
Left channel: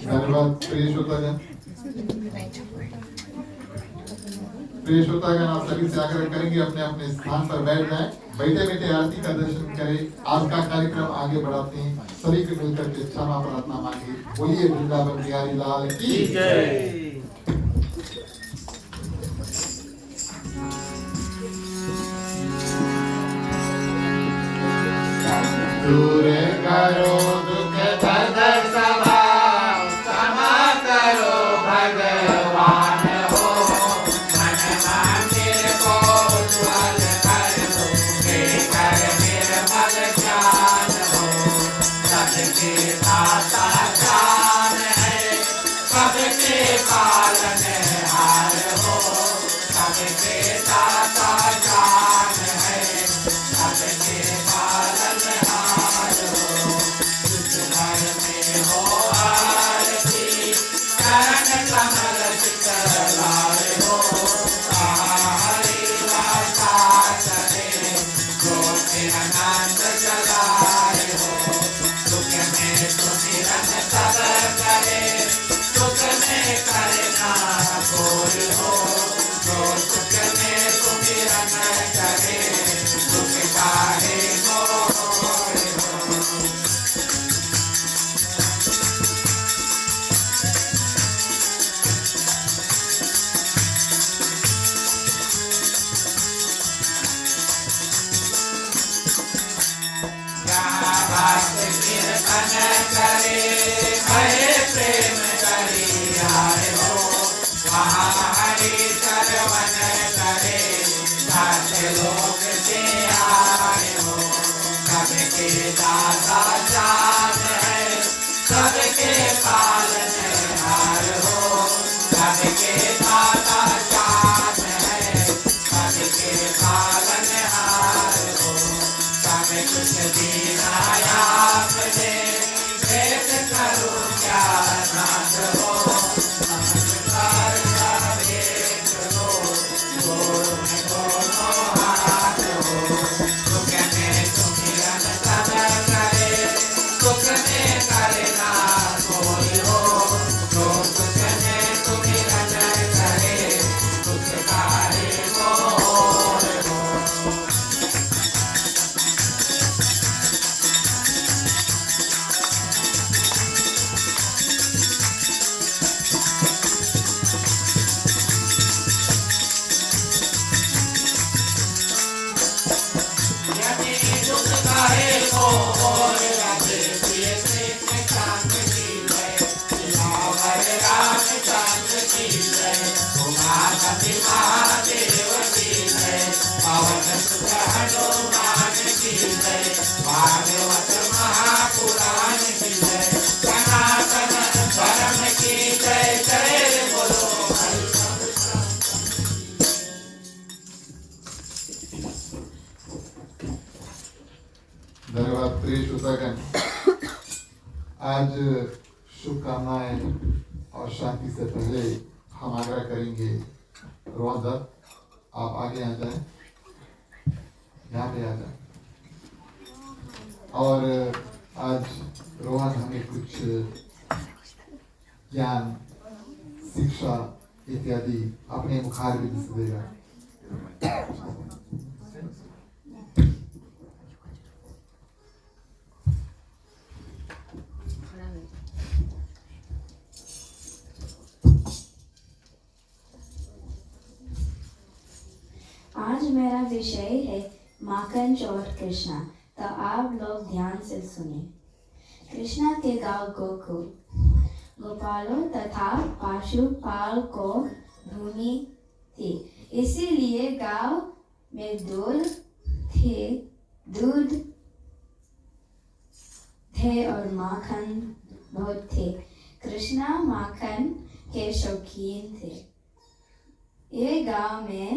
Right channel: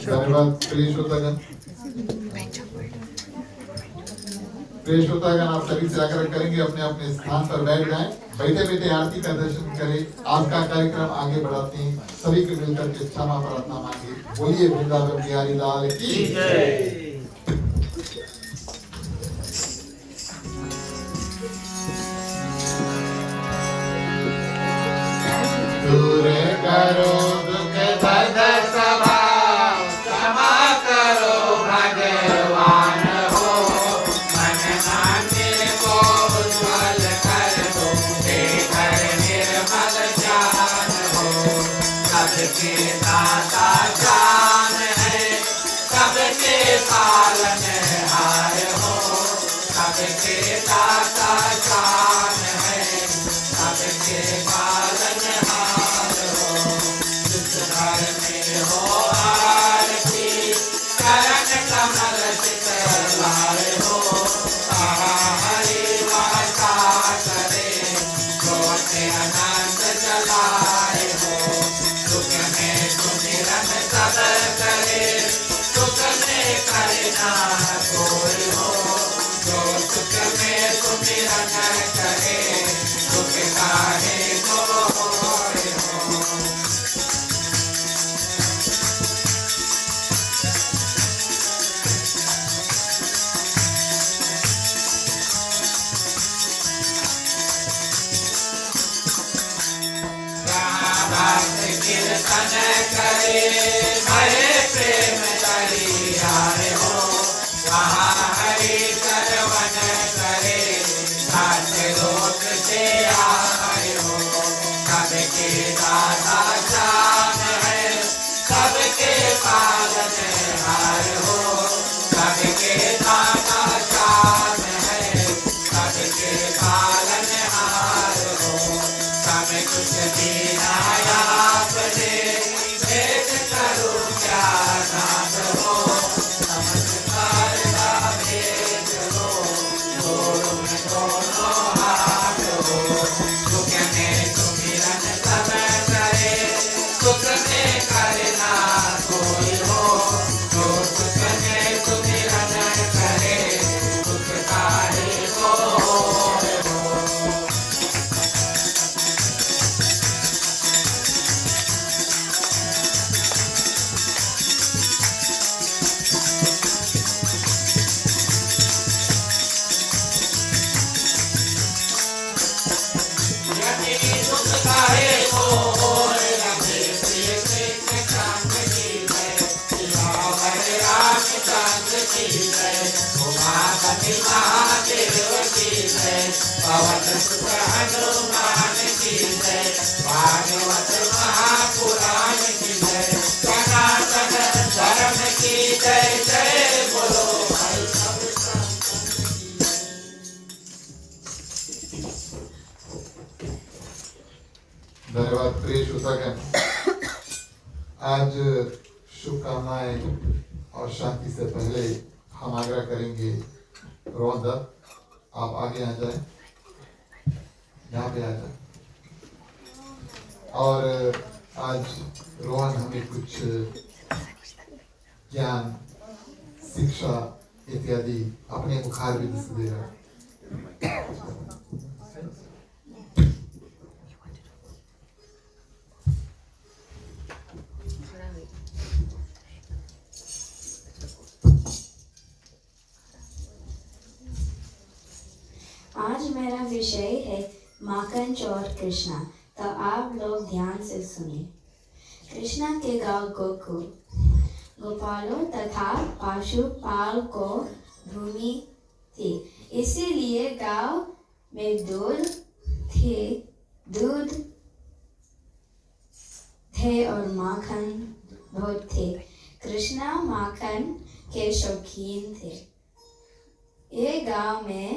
धन्यवाद प्रिय श्रोतागण। प्रिय श्रोतागण, आप सभी से आग्रह करेंगे अपने अपने स्थान पर बैठ जाएं, बैठे बैठे आरती का दर्शन करें। आज का कार्यक्रम आगे बढ़ाते हैं, सभी को मिलकर के क्षमा प्रार्थना मांगे। बोलिए वृंदावन बिहारी लाल की जय। दूर करो दुख बंध सभा, क्षमा करो भगवान हो, मन मंदिर को उज्ज्वल कर दो, देकर निर्मल ज्ञान हो, सबके दाता जान है, सबके पालनहार हो, सबके दाता जान है, सबके पालनहार हो, दुख भर में हो आरती, चरण कमल चितलाए हो, हरि वाचा करे, गोते अनंत चलाए हो, दुख में सुमिरन सब करे, सुख में करे ना कोई हो, जो सुख में सुमिरन करे श्रवण करे भय प्रेम करी आए हो वहाँ हरि श्रवण करे सात लोक से आए हो सबके दाता जान है सबके पालन हार हो सबके दाता जान है सबके पालन हार हो सब कुछ देना आपने एक करूँ क्या नाथ हो नमस्कार का भेद हो दोनों में दोनों हाथ हो सुख में सुमिरन सब करे सुख में करना कोई हो जो सुख में सुमिरन करे सुख कार्य को हो यदि दुख काहे को और राधे प्रिय कृष्ण चांद की जय सियावर रामचंद्र की जय उमापति महादेव की जय पवन सुत हनुमान की जय भागवत महापुराण की जय सनातन धर्म की जय जय बोलो भाई सब संतन की जय। धन्यवाद प्रिय श्रोतागण। आज शुभकामनाएं और शांति से पहले हम आग्रह करेंगे रोहन दत्त आप आगे आ जाएं, यहाँ पे आ जाएं। और आज रोहन हमें कुछ ज्ञान शिक्षा इत्यादि अपने मुखार विधि से दे रहा है। आज मेरा विषय है माखन चोर कृष्णा, तो आप लोग ध्यान से सुनिए। कृष्णा के गांव गोकुल गोपालों तथा पशुपाल को भूमि थी, इसीलिए गांव में दूध थे और माखन बहुत थे। कृष्णा माखन के शौकीन थे। ये गांव में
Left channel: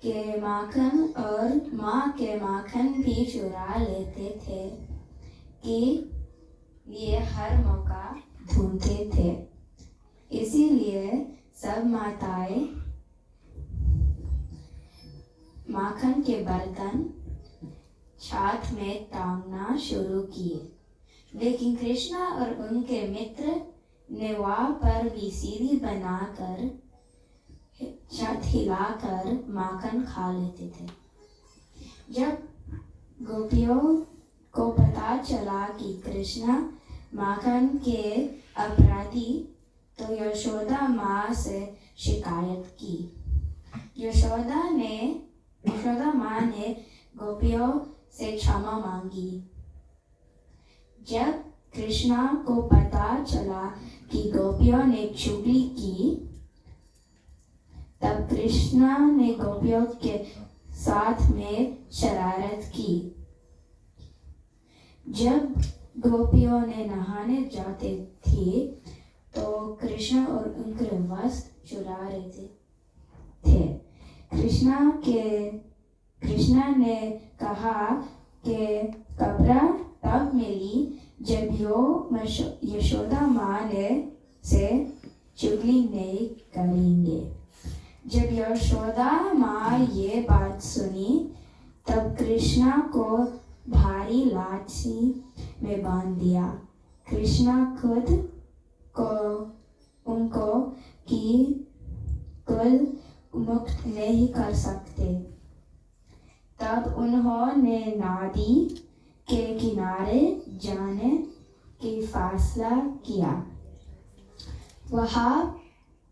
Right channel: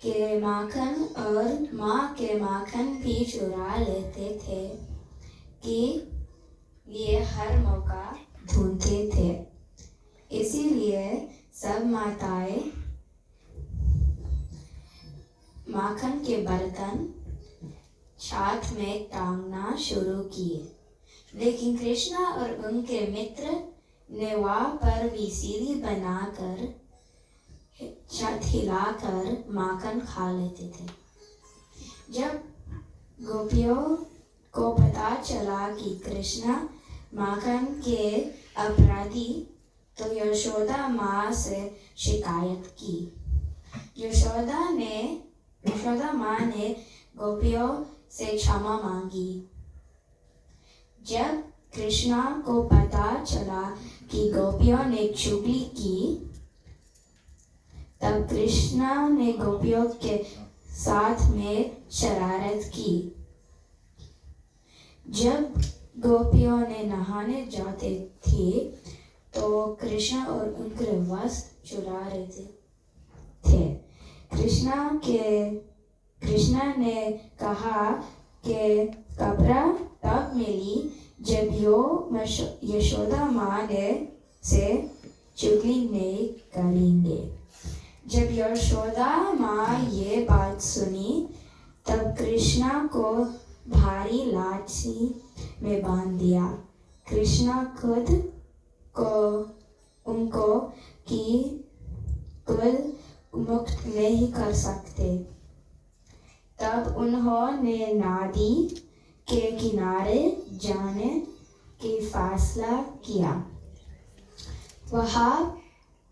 के माखन और माँ के माखन भी चुरा लेते थे कि लिए हर मौका ढूंढते थे। इसीलिए सब माताएं माखन के बर्तन छात में टांगना शुरू किए, लेकिन कृष्णा और उनके मित्र ने वहाँ पर भी सीढ़ी बनाकर छत हिलाकर माखन खा लेते थे। जब गोपियों को पता चला कि कृष्णा माखन के अपराधी, तो यशोदा माँ से शिकायत की। यशोदा माँ ने गोपियों से क्षमा मांगी। जब कृष्णा को पता चला कि गोपियों ने चुगली की, तब कृष्णा ने गोपियों के साथ में शरारत की। जब गोपियों ने नहाने जाते थे, तो कृष्णा और उनके वस्त्र चुरा रहे थे। कृष्णा ने कहा कि कपड़ा तब मिली जब यशोदा माँ ने से चुगली नहीं करेंगे। जब यशोदा माँ ये बात सुनी, तब कृष्णा को भारी लाठी में बांध दिया। कृष्णा खुद को उनको की कुल मुक्त नहीं कर सकते। तब उन्होंने नदी के किनारे जाने की फैसला किया। वहाँ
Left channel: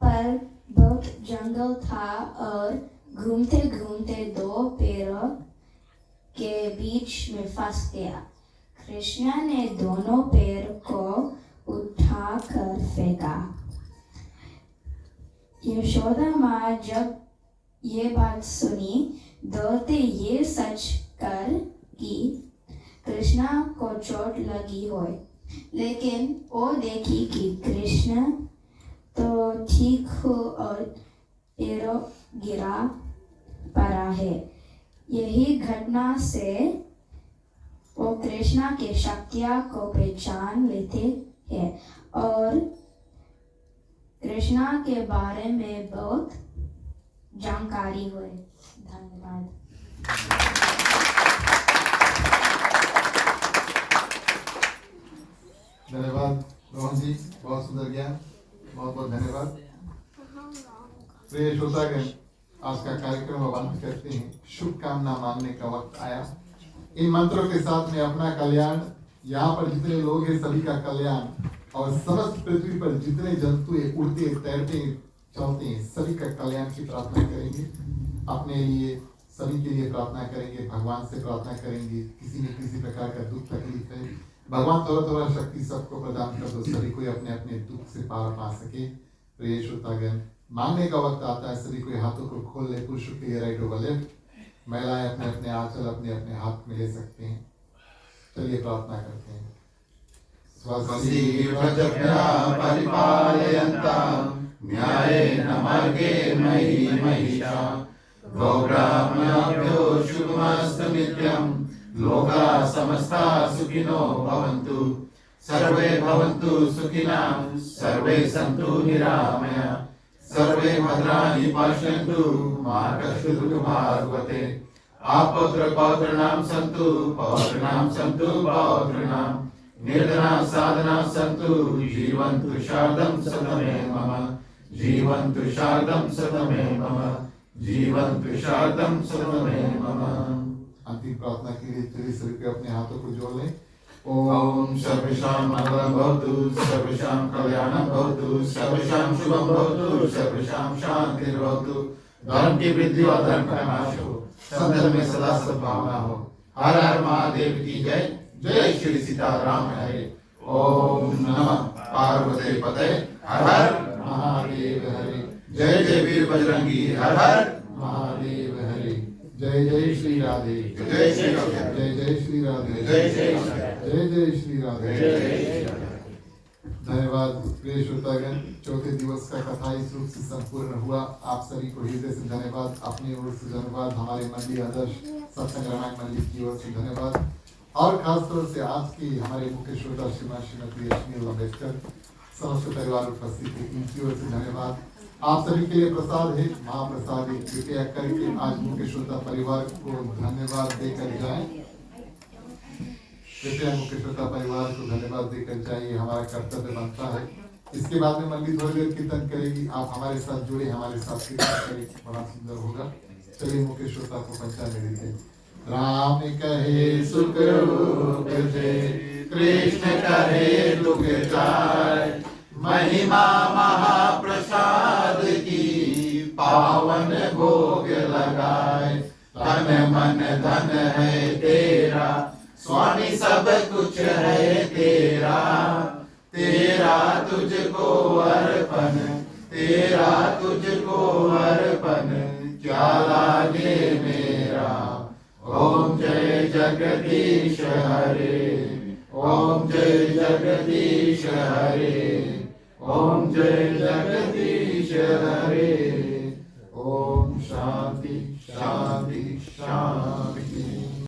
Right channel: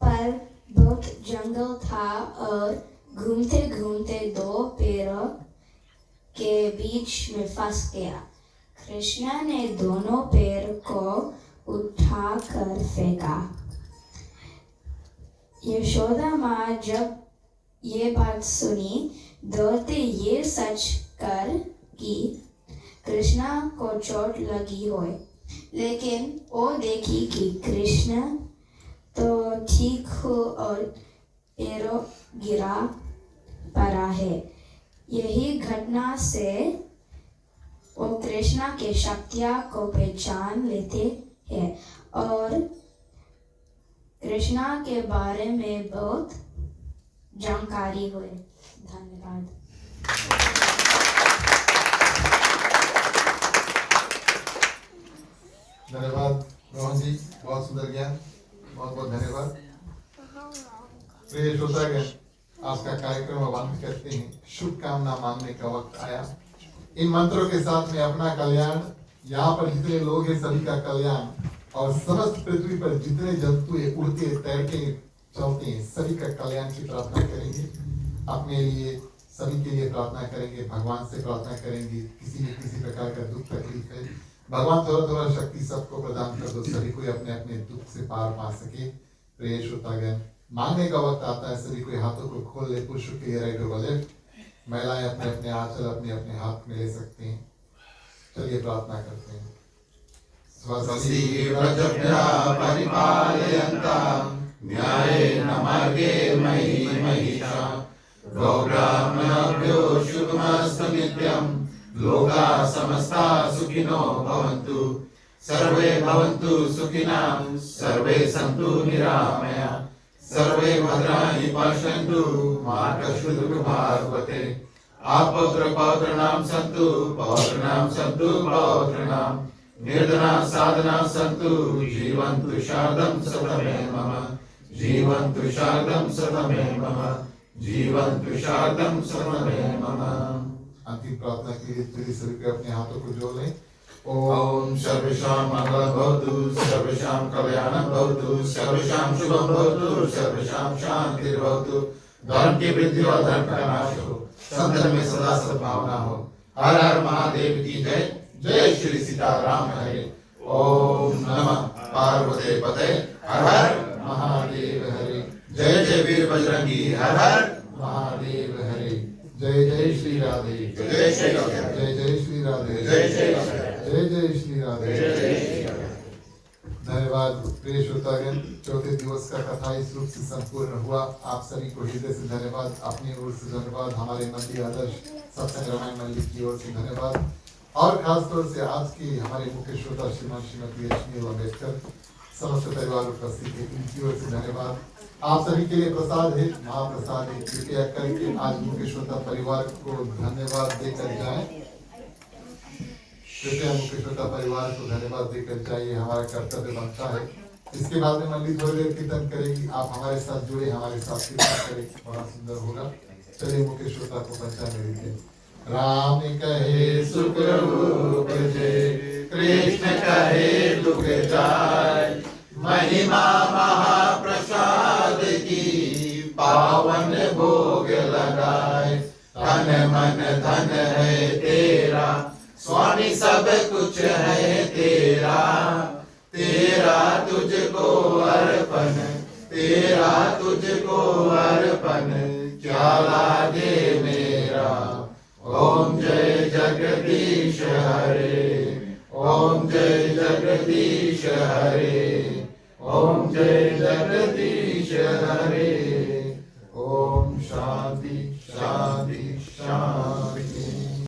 पर बहुत जंगल था और घूमते घूमते दो पेड़ों के बीच में फंस गया। कृष्ण ने दोनों पैर को उठाकर फेंका। यशोदा माँ जब ये बात सुनी दौड़ते ये सच कर कि कृष्णा को चोट लगी हो, लेकिन वो देखी कि कृष्ण तो ठीक हो और पैरों गिरा पड़ा है। यही घटना से वो कृष्णा के शक्तियाँ को पहचान लेते हैं और कृष्णा के बारे में बहुत जानकारी हुए। धन्यवाद। धन्यवाद रोहन जी, बहुत सुंदर ज्ञान, बहुत बहुत धन्यवाद। प्रिय श्रोतागण, आज का कार्यक्रम बंद करते हैं। शुभकामना मांगने का वक्त आया। इन मंत्रों के साथ में अपना कल्याण, यहाँ पर जितने लोग हैं सभी का कल्याण और समस्त पृथ्वी पर जितने जंतु हैं उड़ते तैरते चलते हैं सभी का कल्याण की प्रार्थना करेंगे। अपने लिए सभी के लिए प्रार्थना करेंगे, भगवान से प्रार्थना करेंगे। किसी न किसी प्रकार का दुख तकलीफ है, भगवान थोड़ा थोड़ा शक्ति सबको प्रदान कर दो, सभी कोई अपने अपने दुख से पार पा सके। प्रिय श्रोतागण, मांगने का वक्त आता है, सभी कोई हाथों को खोल ले। पुरुषों के लिए राइट ओवर लेफ्ट, महिलाएं अपने अपने आंचल अपने अपने हाथ में ले सकते हैं। चलिए प्रार्थना करते हैं। स्वस्ति प्रजभ्यः परिपालयन्तां न्यायेन मार्गेण महीं महिषाः गौब्राह्मणेभ्यो शुभमस्तु नित्यं। लोकाः समस्ताः सुखिनो भवन्तु, सर्वे भवन्तु सुखिनः, सर्वे सन्तु निरामयाः, सर्वे भद्राणि पश्यन्तु, मा कश्चित् दुःखभाग् भवेत्। आपौत्र पौत्राणां सन्तु, पौत्राणां सन्तु पौत्राणां, निर्धनाः साधनाः सन्तु, जीवन्तु शारदं शतमेव मम, जीवन्तु शारदं शतमेव मम, जीवन्तु शारदं शतमेव मम। अंतिम प्रार्थना के लिए चलिए सभी को अपने हाथों को जोड़ लें। ओम सर्वेषां मंगलं भवतु, सर्वेषां कल्याणं भवतु, सर्वेषां शुभं भवतु, सर्वेषां शान्तिर्भवतु। धर्म की वृद्धि और धर्म का नाश हो, संतन में सदा सद्भावना हो। हर हर महादेव की जय। जय श्री सीताराम हरे। ओम नमः पार्वती पते। हर हर महादेव हरे। जय जय वीर बजरंगी। हर हर महादेव हरे। जय जय श्री राधे। जय श्री राधे। जय जय श्री राधे। जय श्री राधे। जय जय श्री राधे। जय श्री राधे। धन्यवाद। प्रिय श्रोतागण, चौथे दिवस का कथा इस रूप से संपूर्ण हुआ। आप सभी को हृदय से धन्यवाद, अपनी ओर से धन्यवाद, हमारे मंदिर आदर्श सत्संग रामायण मंदिर की ओर से धन्यवाद और खास तौर से आज की हमारे मुख्य श्रोता श्रीमान श्रीमती रश्मि अम्बेडकर समस्त परिवार उपस्थित है, इनकी ओर से धन्यवाद। आप सभी के लिए प्रसाद है, महाप्रसाद है, कृपया करके आज मुख्य श्रोता परिवार को धन्यवाद देकर जाएं। कृपया मुख्य श्रोता परिवार को धन्यवाद देकर जाइए, हमारा कर्तव्य बनता है। इसके बाद में मंदिर थोड़ी देर कीर्तन करेगी, आप हमारे साथ जुड़े, हमारे साथ कीर्तन करें, बड़ा सुंदर होगा। चलिए मुख्य श्रोता को पंचामृत दें। राम कहे सुख रूप जय, कृष्ण कहे दुख जाय, महिमा महाप्रसाद की पावन भोग लगाए। तन मन धन है तेरा, स्वामी सब कुछ है तेरा, तेरा तुझको अर्पण, तेरा तुझको अर्पण, क्या लागे मेरा। ओम जय जगदीश हरे, ओम जय जगदीश हरे, ओम जय जगदीश हरे।